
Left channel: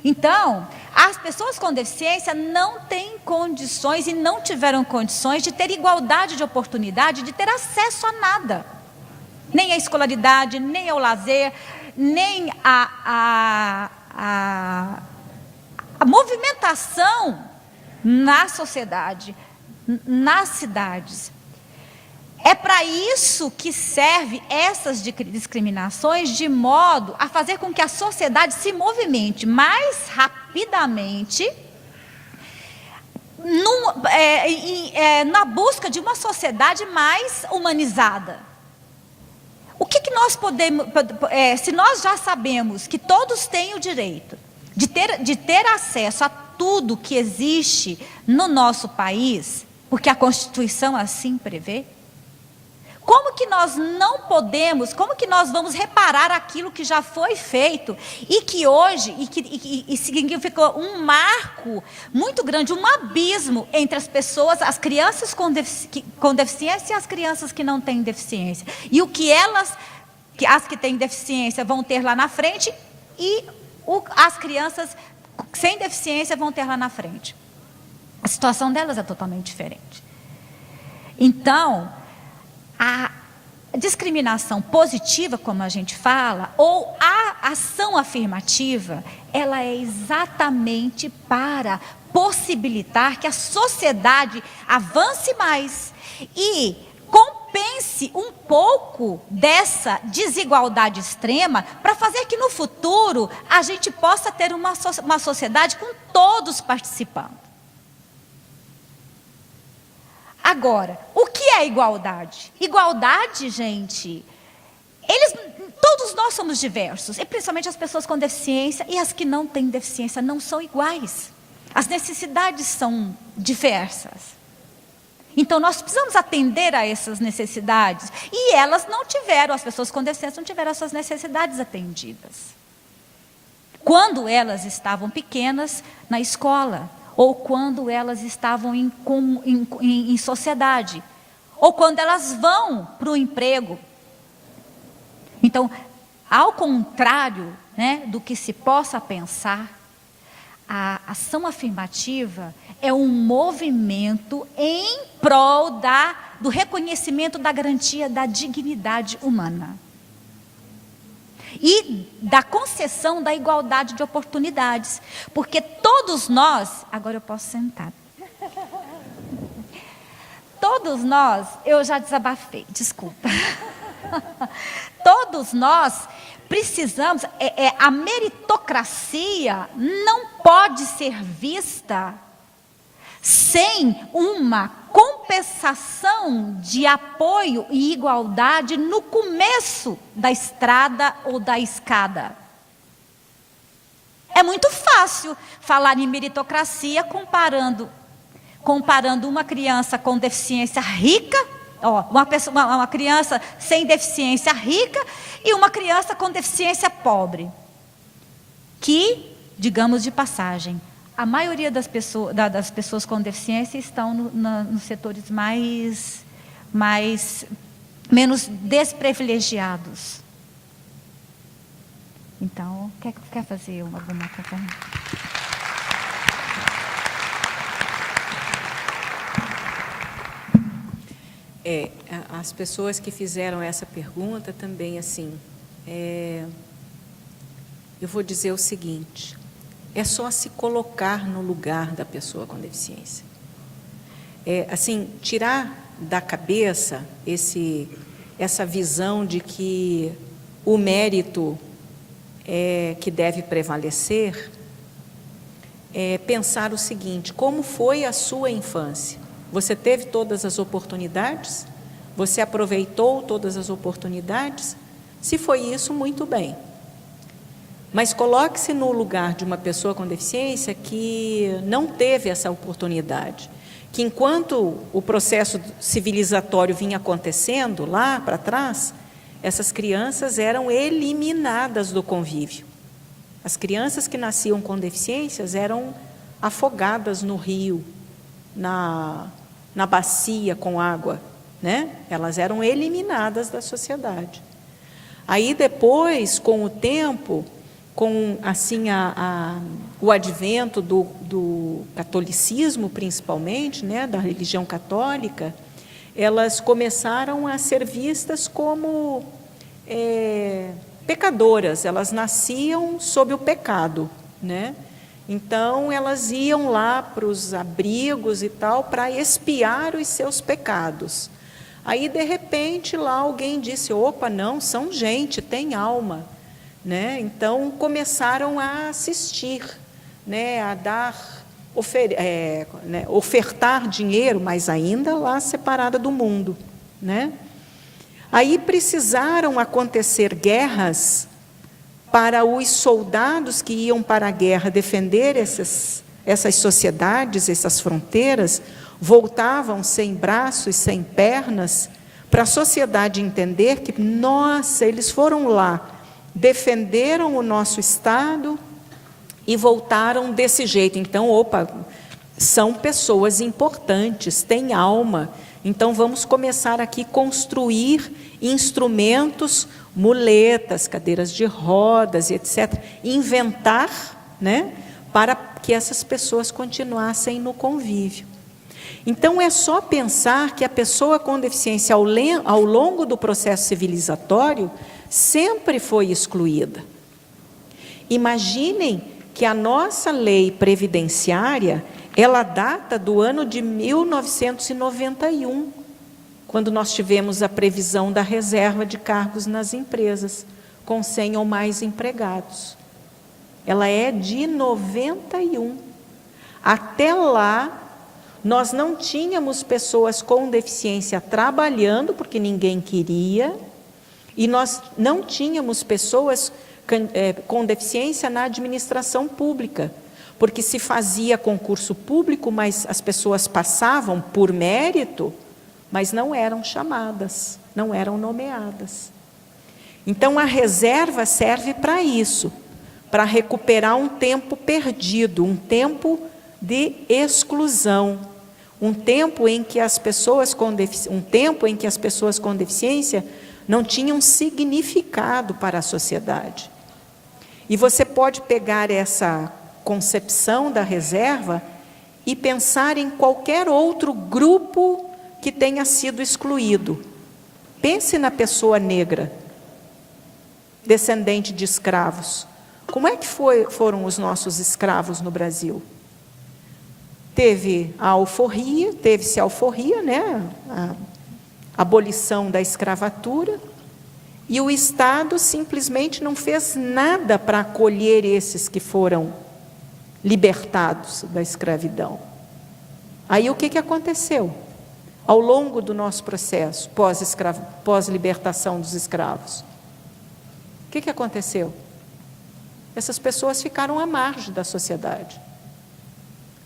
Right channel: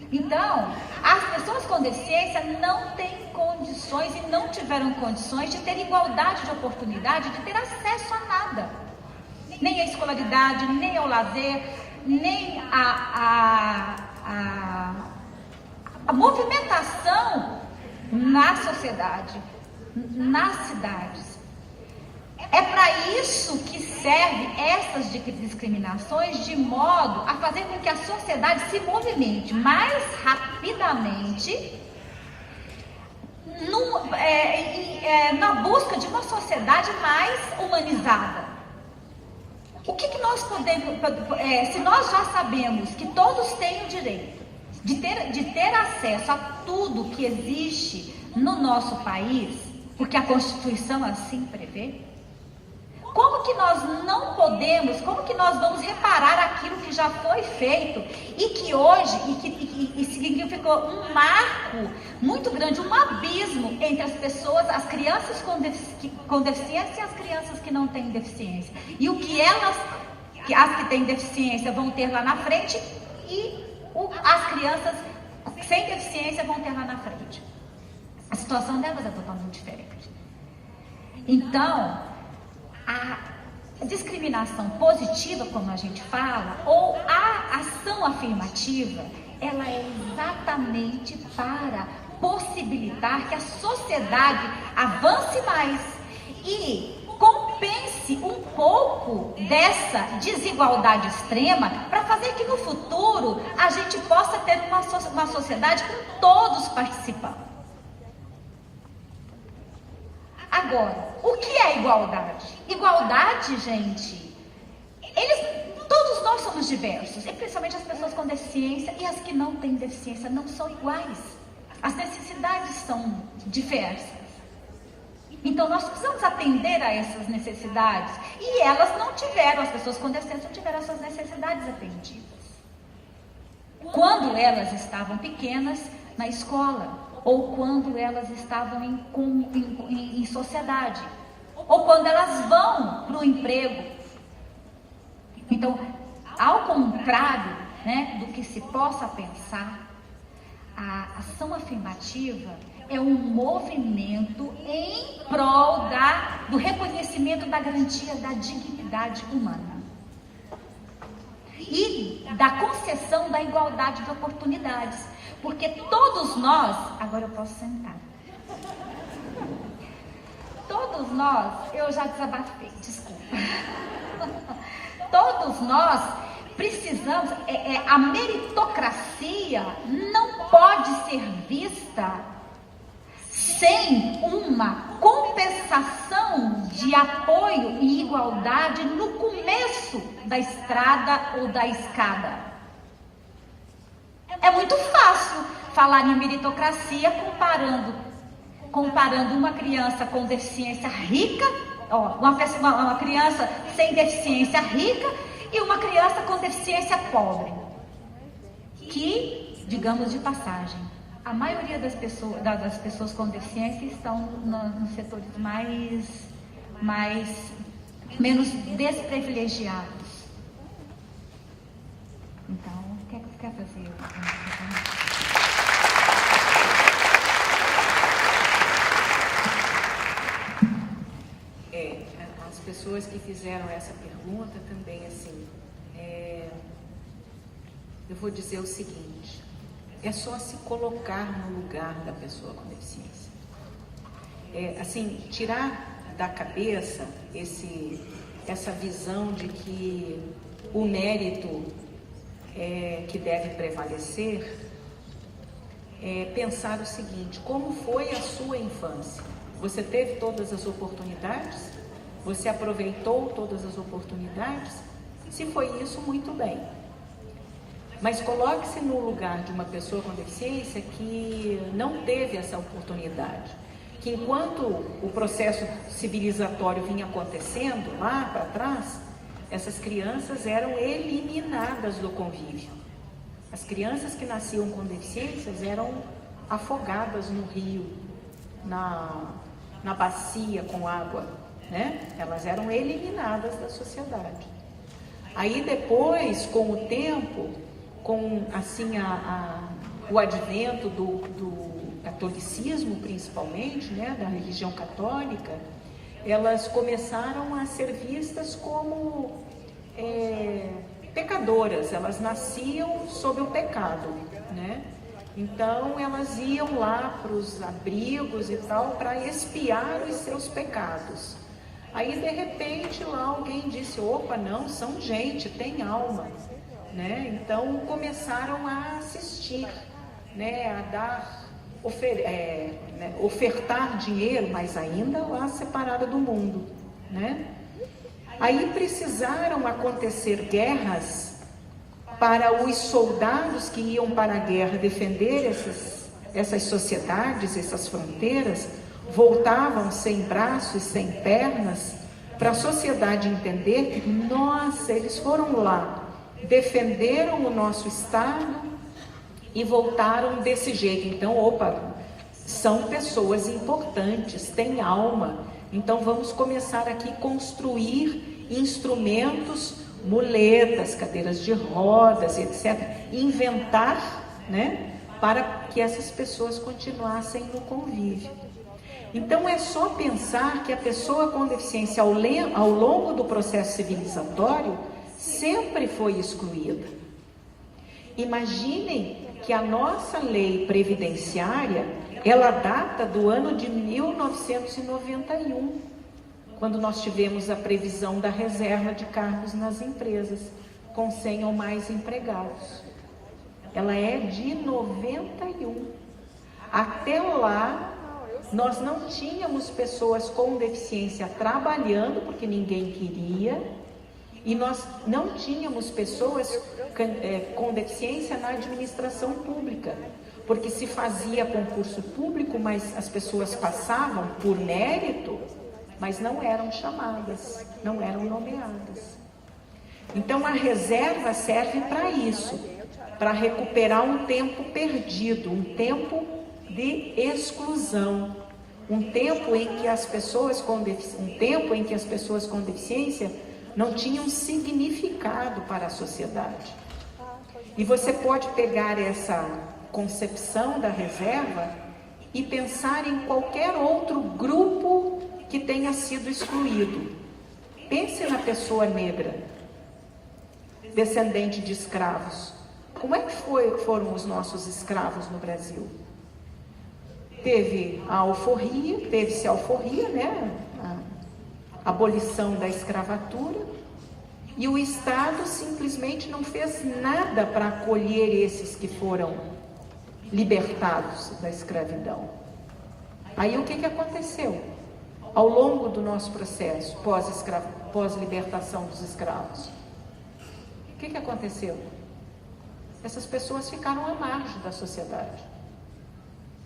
Então, as pessoas com deficiência não têm condições e não tiveram condições de ter igualdade de oportunidade, de ter acesso a nada. Nem à escolaridade, nem ao lazer, nem a movimentação na sociedade, nas cidades. É para isso que servem essas discriminações, de modo a fazer com que a sociedade se movimente mais rapidamente na busca de uma sociedade mais humanizada. O que nós podemos, se nós já sabemos que todos têm o direito de ter acesso a tudo que existe no nosso país, porque a Constituição assim prevê, Como que nós não podemos, como que nós vamos reparar aquilo que já foi feito e que hoje, e significou um marco muito grande, um abismo entre as pessoas, as crianças com deficiência e as crianças que não têm deficiência. E o que as que têm deficiência vão ter lá na frente e as crianças sem deficiência vão ter lá na frente. A situação delas é totalmente diferente. Então, a discriminação positiva, como a gente fala, ou a ação afirmativa, ela é exatamente para possibilitar que a sociedade avance mais e compense um pouco dessa desigualdade extrema para fazer que no futuro a gente possa ter uma sociedade com todos participando. Agora, o que é igualdade? Igualdade, gente, todos nós somos diversos, e principalmente as pessoas com deficiência e as que não têm deficiência não são iguais. As necessidades são diversas. Então, nós precisamos atender a essas necessidades. E elas não tiveram, as pessoas com deficiência não tiveram as suas necessidades atendidas. Quando elas estavam pequenas na escola, ou quando elas estavam em sociedade, ou quando elas vão para o emprego. Então, ao contrário, né, do que se possa pensar, a ação afirmativa é um movimento em prol do reconhecimento da garantia da dignidade humana e da concessão da igualdade de oportunidades, porque todos nós, agora eu posso sentar, todos nós, eu já desabafei, desculpa, todos nós precisamos, a meritocracia não pode ser vista sem uma compensação de apoio e igualdade no começo da estrada ou da escada. É muito fácil falar em meritocracia comparando uma criança com deficiência rica, uma criança sem deficiência rica e uma criança com deficiência pobre, que, digamos de passagem, a maioria das pessoas com deficiência estão nos setores menos desprivilegiados. Então, quer fazer uma pergunta? As pessoas que fizeram essa pergunta também, assim, eu vou dizer o seguinte: é só se colocar no lugar da pessoa com deficiência. Assim, tirar da cabeça essa visão de que o mérito é que deve prevalecer, pensar o seguinte: como foi a sua infância? Você teve todas as oportunidades? Você aproveitou todas as oportunidades? Se foi isso, muito bem. Mas coloque-se no lugar de uma pessoa com deficiência que não teve essa oportunidade, que enquanto o processo civilizatório vinha acontecendo lá para trás, essas crianças eram eliminadas do convívio. As crianças que nasciam com deficiências eram afogadas no rio, na bacia com água, né? Elas eram eliminadas da sociedade. Aí depois, com o tempo, com assim o advento do catolicismo, principalmente, né, da religião católica, elas começaram a ser vistas como pecadoras. Elas nasciam sob o pecado, né? Então elas iam lá para os abrigos e tal para expiar os seus pecados. Aí de repente lá alguém disse: opa, não, são gente, tem alma, né? Então começaram a assistir, né, a dar, ofertar dinheiro, mas ainda lá separada do mundo, né? Aí precisaram acontecer guerras para os soldados que iam para a guerra defender essas sociedades, essas fronteiras, voltavam sem braços, sem pernas, para a sociedade entender que, nossa, eles foram lá, defenderam o nosso Estado e voltaram desse jeito. Então, opa, são pessoas importantes, têm alma. Então, vamos começar aqui a construir instrumentos, muletas, cadeiras de rodas, etc. Inventar, né, para que essas pessoas continuassem no convívio. Então, é só pensar que a pessoa com deficiência, ao longo do processo civilizatório, sempre foi excluída. Imaginem que a nossa lei previdenciária, ela data do ano de 1991, quando nós tivemos a previsão da reserva de cargos nas empresas, com 100 ou mais empregados. Ela é de 91. Até lá, nós não tínhamos pessoas com deficiência trabalhando, porque ninguém queria, e nós não tínhamos pessoas com deficiência na administração pública, porque se fazia concurso público, mas as pessoas passavam por mérito, mas não eram chamadas, não eram nomeadas. Então, a reserva serve para isso, para recuperar um tempo perdido, um tempo de exclusão, um tempo em que as pessoas com deficiência não tinham significado para a sociedade. E você pode pegar essa concepção da reserva e pensar em qualquer outro grupo que tenha sido excluído. Pense na pessoa negra, descendente de escravos. Como é que foram os nossos escravos no Brasil? Teve-se a alforria, né? A abolição da escravatura, e o Estado simplesmente não fez nada para acolher esses que foram libertados da escravidão. Aí o que aconteceu? Ao longo do nosso processo, pós-libertação dos escravos, o que aconteceu? Essas pessoas ficaram à margem da sociedade.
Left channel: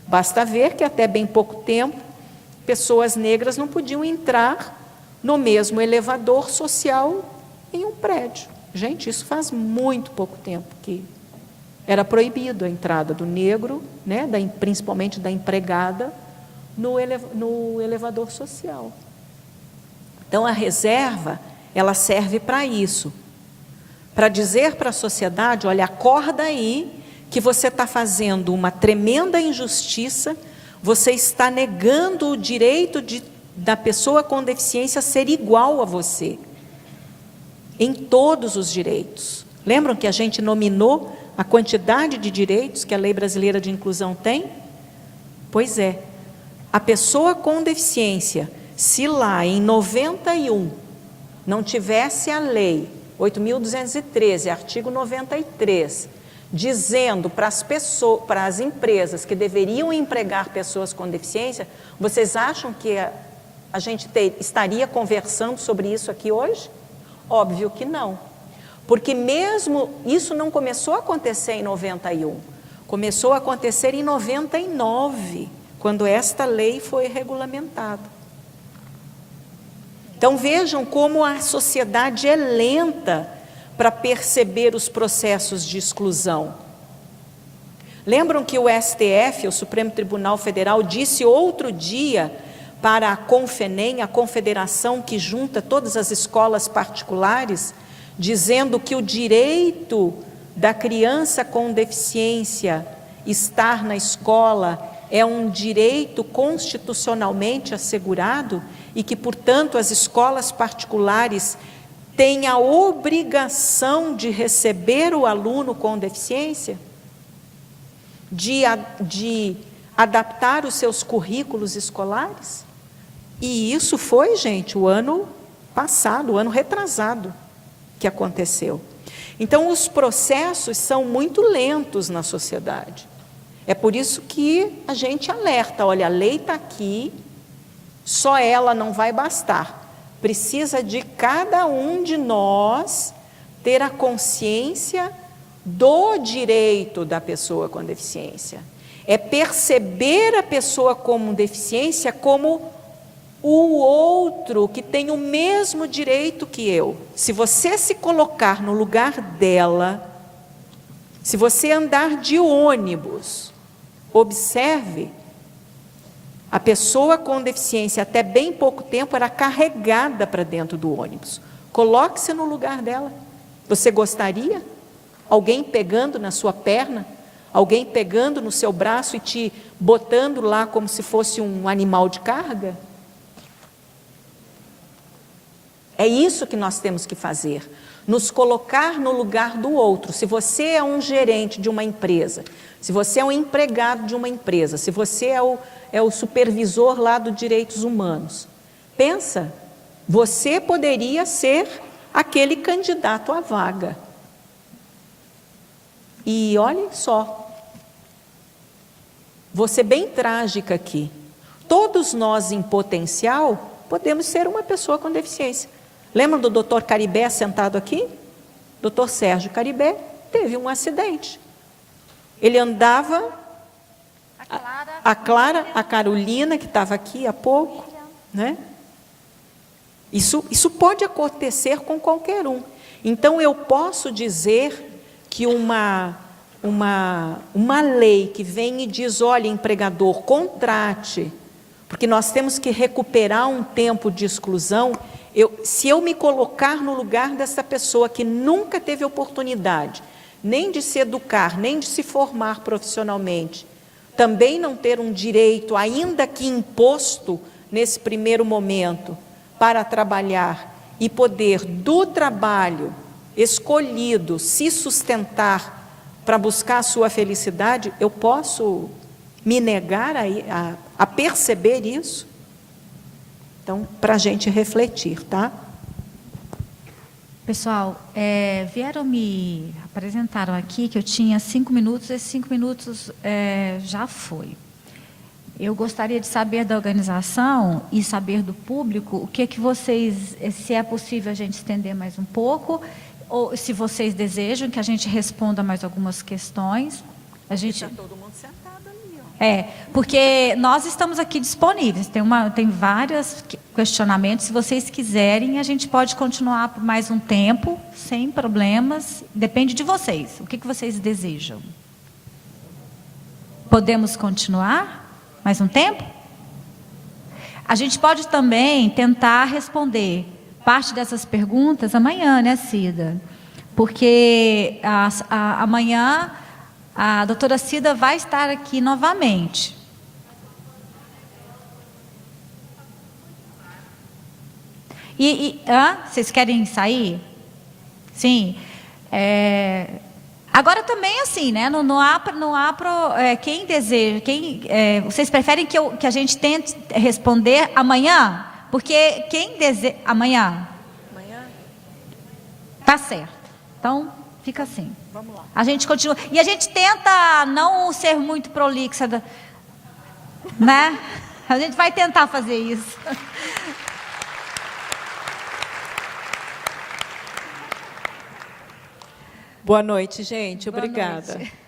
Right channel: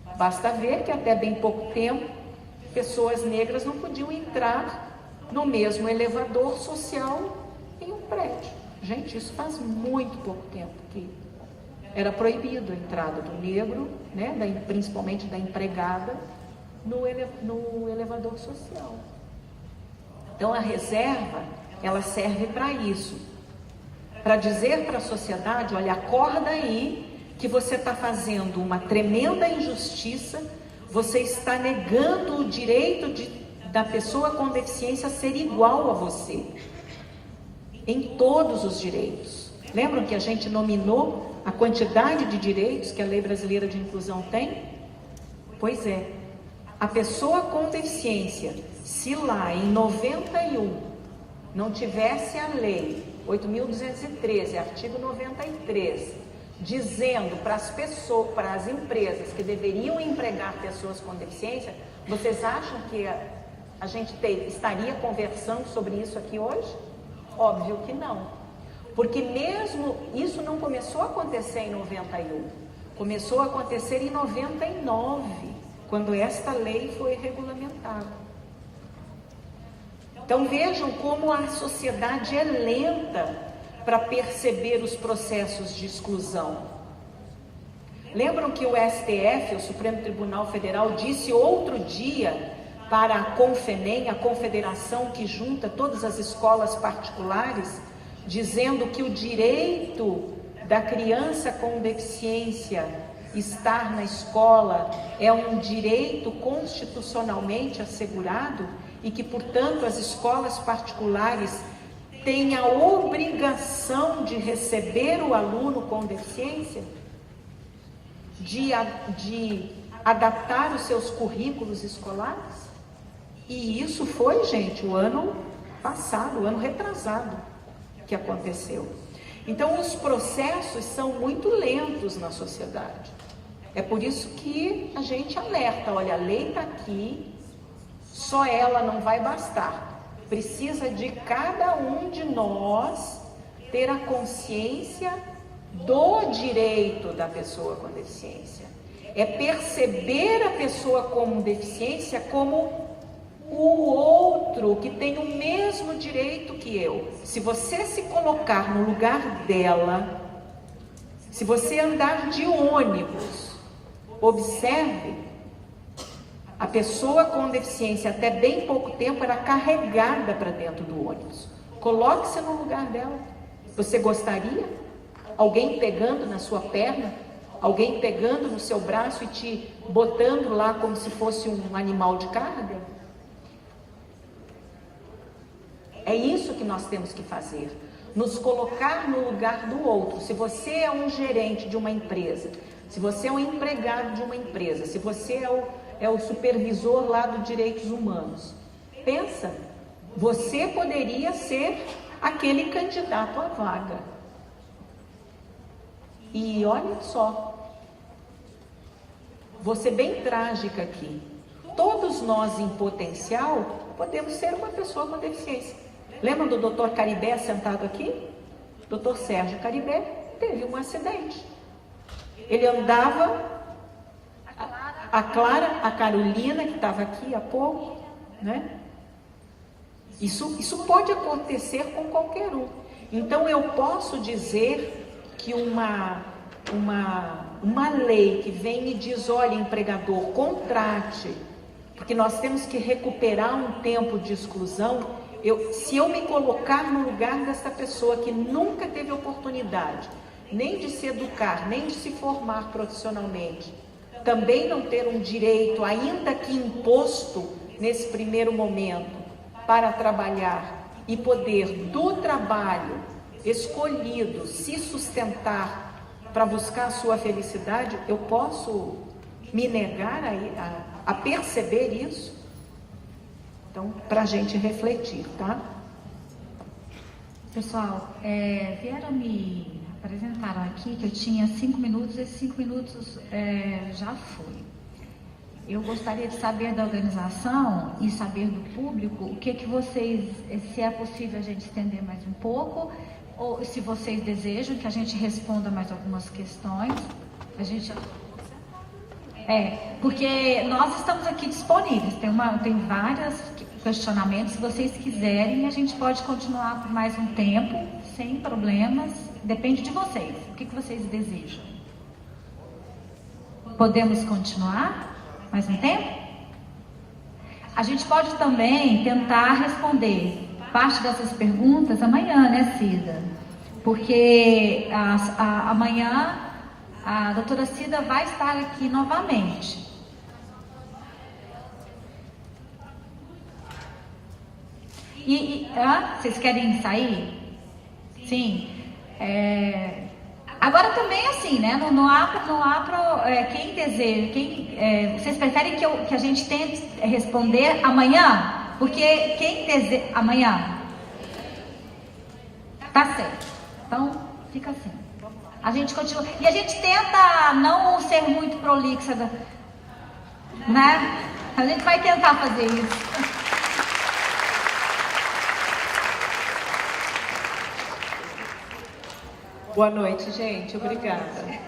Basta ver que até bem pouco tempo, pessoas negras não podiam entrar no mesmo elevador social em um prédio. Gente, isso faz muito pouco tempo que era proibido a entrada do negro, né, principalmente da empregada, no elevador social. Então, a reserva, ela serve para isso, para dizer para a sociedade, olha, acorda aí, que você está fazendo uma tremenda injustiça, você está negando o direito da pessoa com deficiência ser igual a você, em todos os direitos. Lembram que a gente nominou a quantidade de direitos que a Lei Brasileira de Inclusão tem? Pois é, a pessoa com deficiência, se lá em 91 não tivesse a Lei 8.213, artigo 93, dizendo para as empresas que deveriam empregar pessoas com deficiência, vocês acham que a gente estaria conversando sobre isso aqui hoje? Óbvio que não. Porque mesmo isso não começou a acontecer em 91, começou a acontecer em 99, quando esta lei foi regulamentada. Então vejam como a sociedade é lenta para perceber os processos de exclusão. Lembram que o STF, o Supremo Tribunal Federal, disse outro dia para a Confenem, a confederação que junta todas as escolas particulares, dizendo que o direito da criança com deficiência estar na escola é um direito constitucionalmente assegurado e que, portanto, as escolas particulares têm a obrigação de receber o aluno com deficiência, de adaptar os seus currículos escolares. E isso foi, gente, o ano passado, o ano retrasado que aconteceu. Então, os processos são muito lentos na sociedade. É por isso que a gente alerta, olha, a lei está aqui, só ela não vai bastar. Precisa de cada um de nós ter a consciência do direito da pessoa com deficiência. É perceber a pessoa com deficiência como o outro que tem o mesmo direito que eu. Se você se colocar no lugar dela, se você andar de ônibus, observe, a pessoa com deficiência até bem pouco tempo era carregada para dentro do ônibus. Coloque-se no lugar dela. Você gostaria? Alguém pegando na sua perna? Alguém pegando no seu braço e te botando lá como se fosse um animal de carga? É isso que nós temos que fazer. Nos colocar no lugar do outro. Se você é um gerente de uma empresa, se você é um empregado de uma empresa, se você é o supervisor lá do direitos humanos, pensa, você poderia ser aquele candidato à vaga. E olhem só, vou ser bem trágica aqui, todos nós em potencial podemos ser uma pessoa com deficiência. Lembra do doutor Caribé sentado aqui? Doutor Sérgio Caribé teve um acidente. Ele andava, a Clara, a Carolina, que estava aqui há pouco, né? Isso pode acontecer com qualquer um. Então, eu posso dizer que uma lei que vem e diz, olha, empregador, contrate, porque nós temos que recuperar um tempo de exclusão. Se eu me colocar no lugar dessa pessoa que nunca teve oportunidade, nem de se educar, nem de se formar profissionalmente, também não ter um direito, ainda que imposto nesse primeiro momento, para trabalhar e poder do trabalho escolhido se sustentar para buscar a sua felicidade, eu posso me negar a perceber isso? Então, para a gente refletir, tá? Pessoal, apresentaram aqui que eu tinha 5 minutos, esses 5 minutos já foi. Eu gostaria de saber da organização e saber do público o que vocês, se é possível a gente estender mais um pouco, ou se vocês desejam que a gente responda mais algumas questões. A gente... porque nós estamos aqui disponíveis, tem vários questionamentos, se vocês quiserem, a gente pode continuar por mais um tempo, sem problemas, depende de vocês, o que vocês desejam? Podemos continuar mais um tempo? A gente pode também tentar responder parte dessas perguntas amanhã, né, Cida? Porque amanhã a doutora Cida vai estar aqui novamente. Vocês querem sair? Sim. Agora também assim, né? Quem deseja, vocês preferem que a gente tente responder amanhã? Porque quem deseja amanhã? Tá certo. Então fica assim. A gente continua. E a gente tenta não ser muito prolixa, né? A gente vai tentar fazer isso. Boa noite, gente. Obrigada.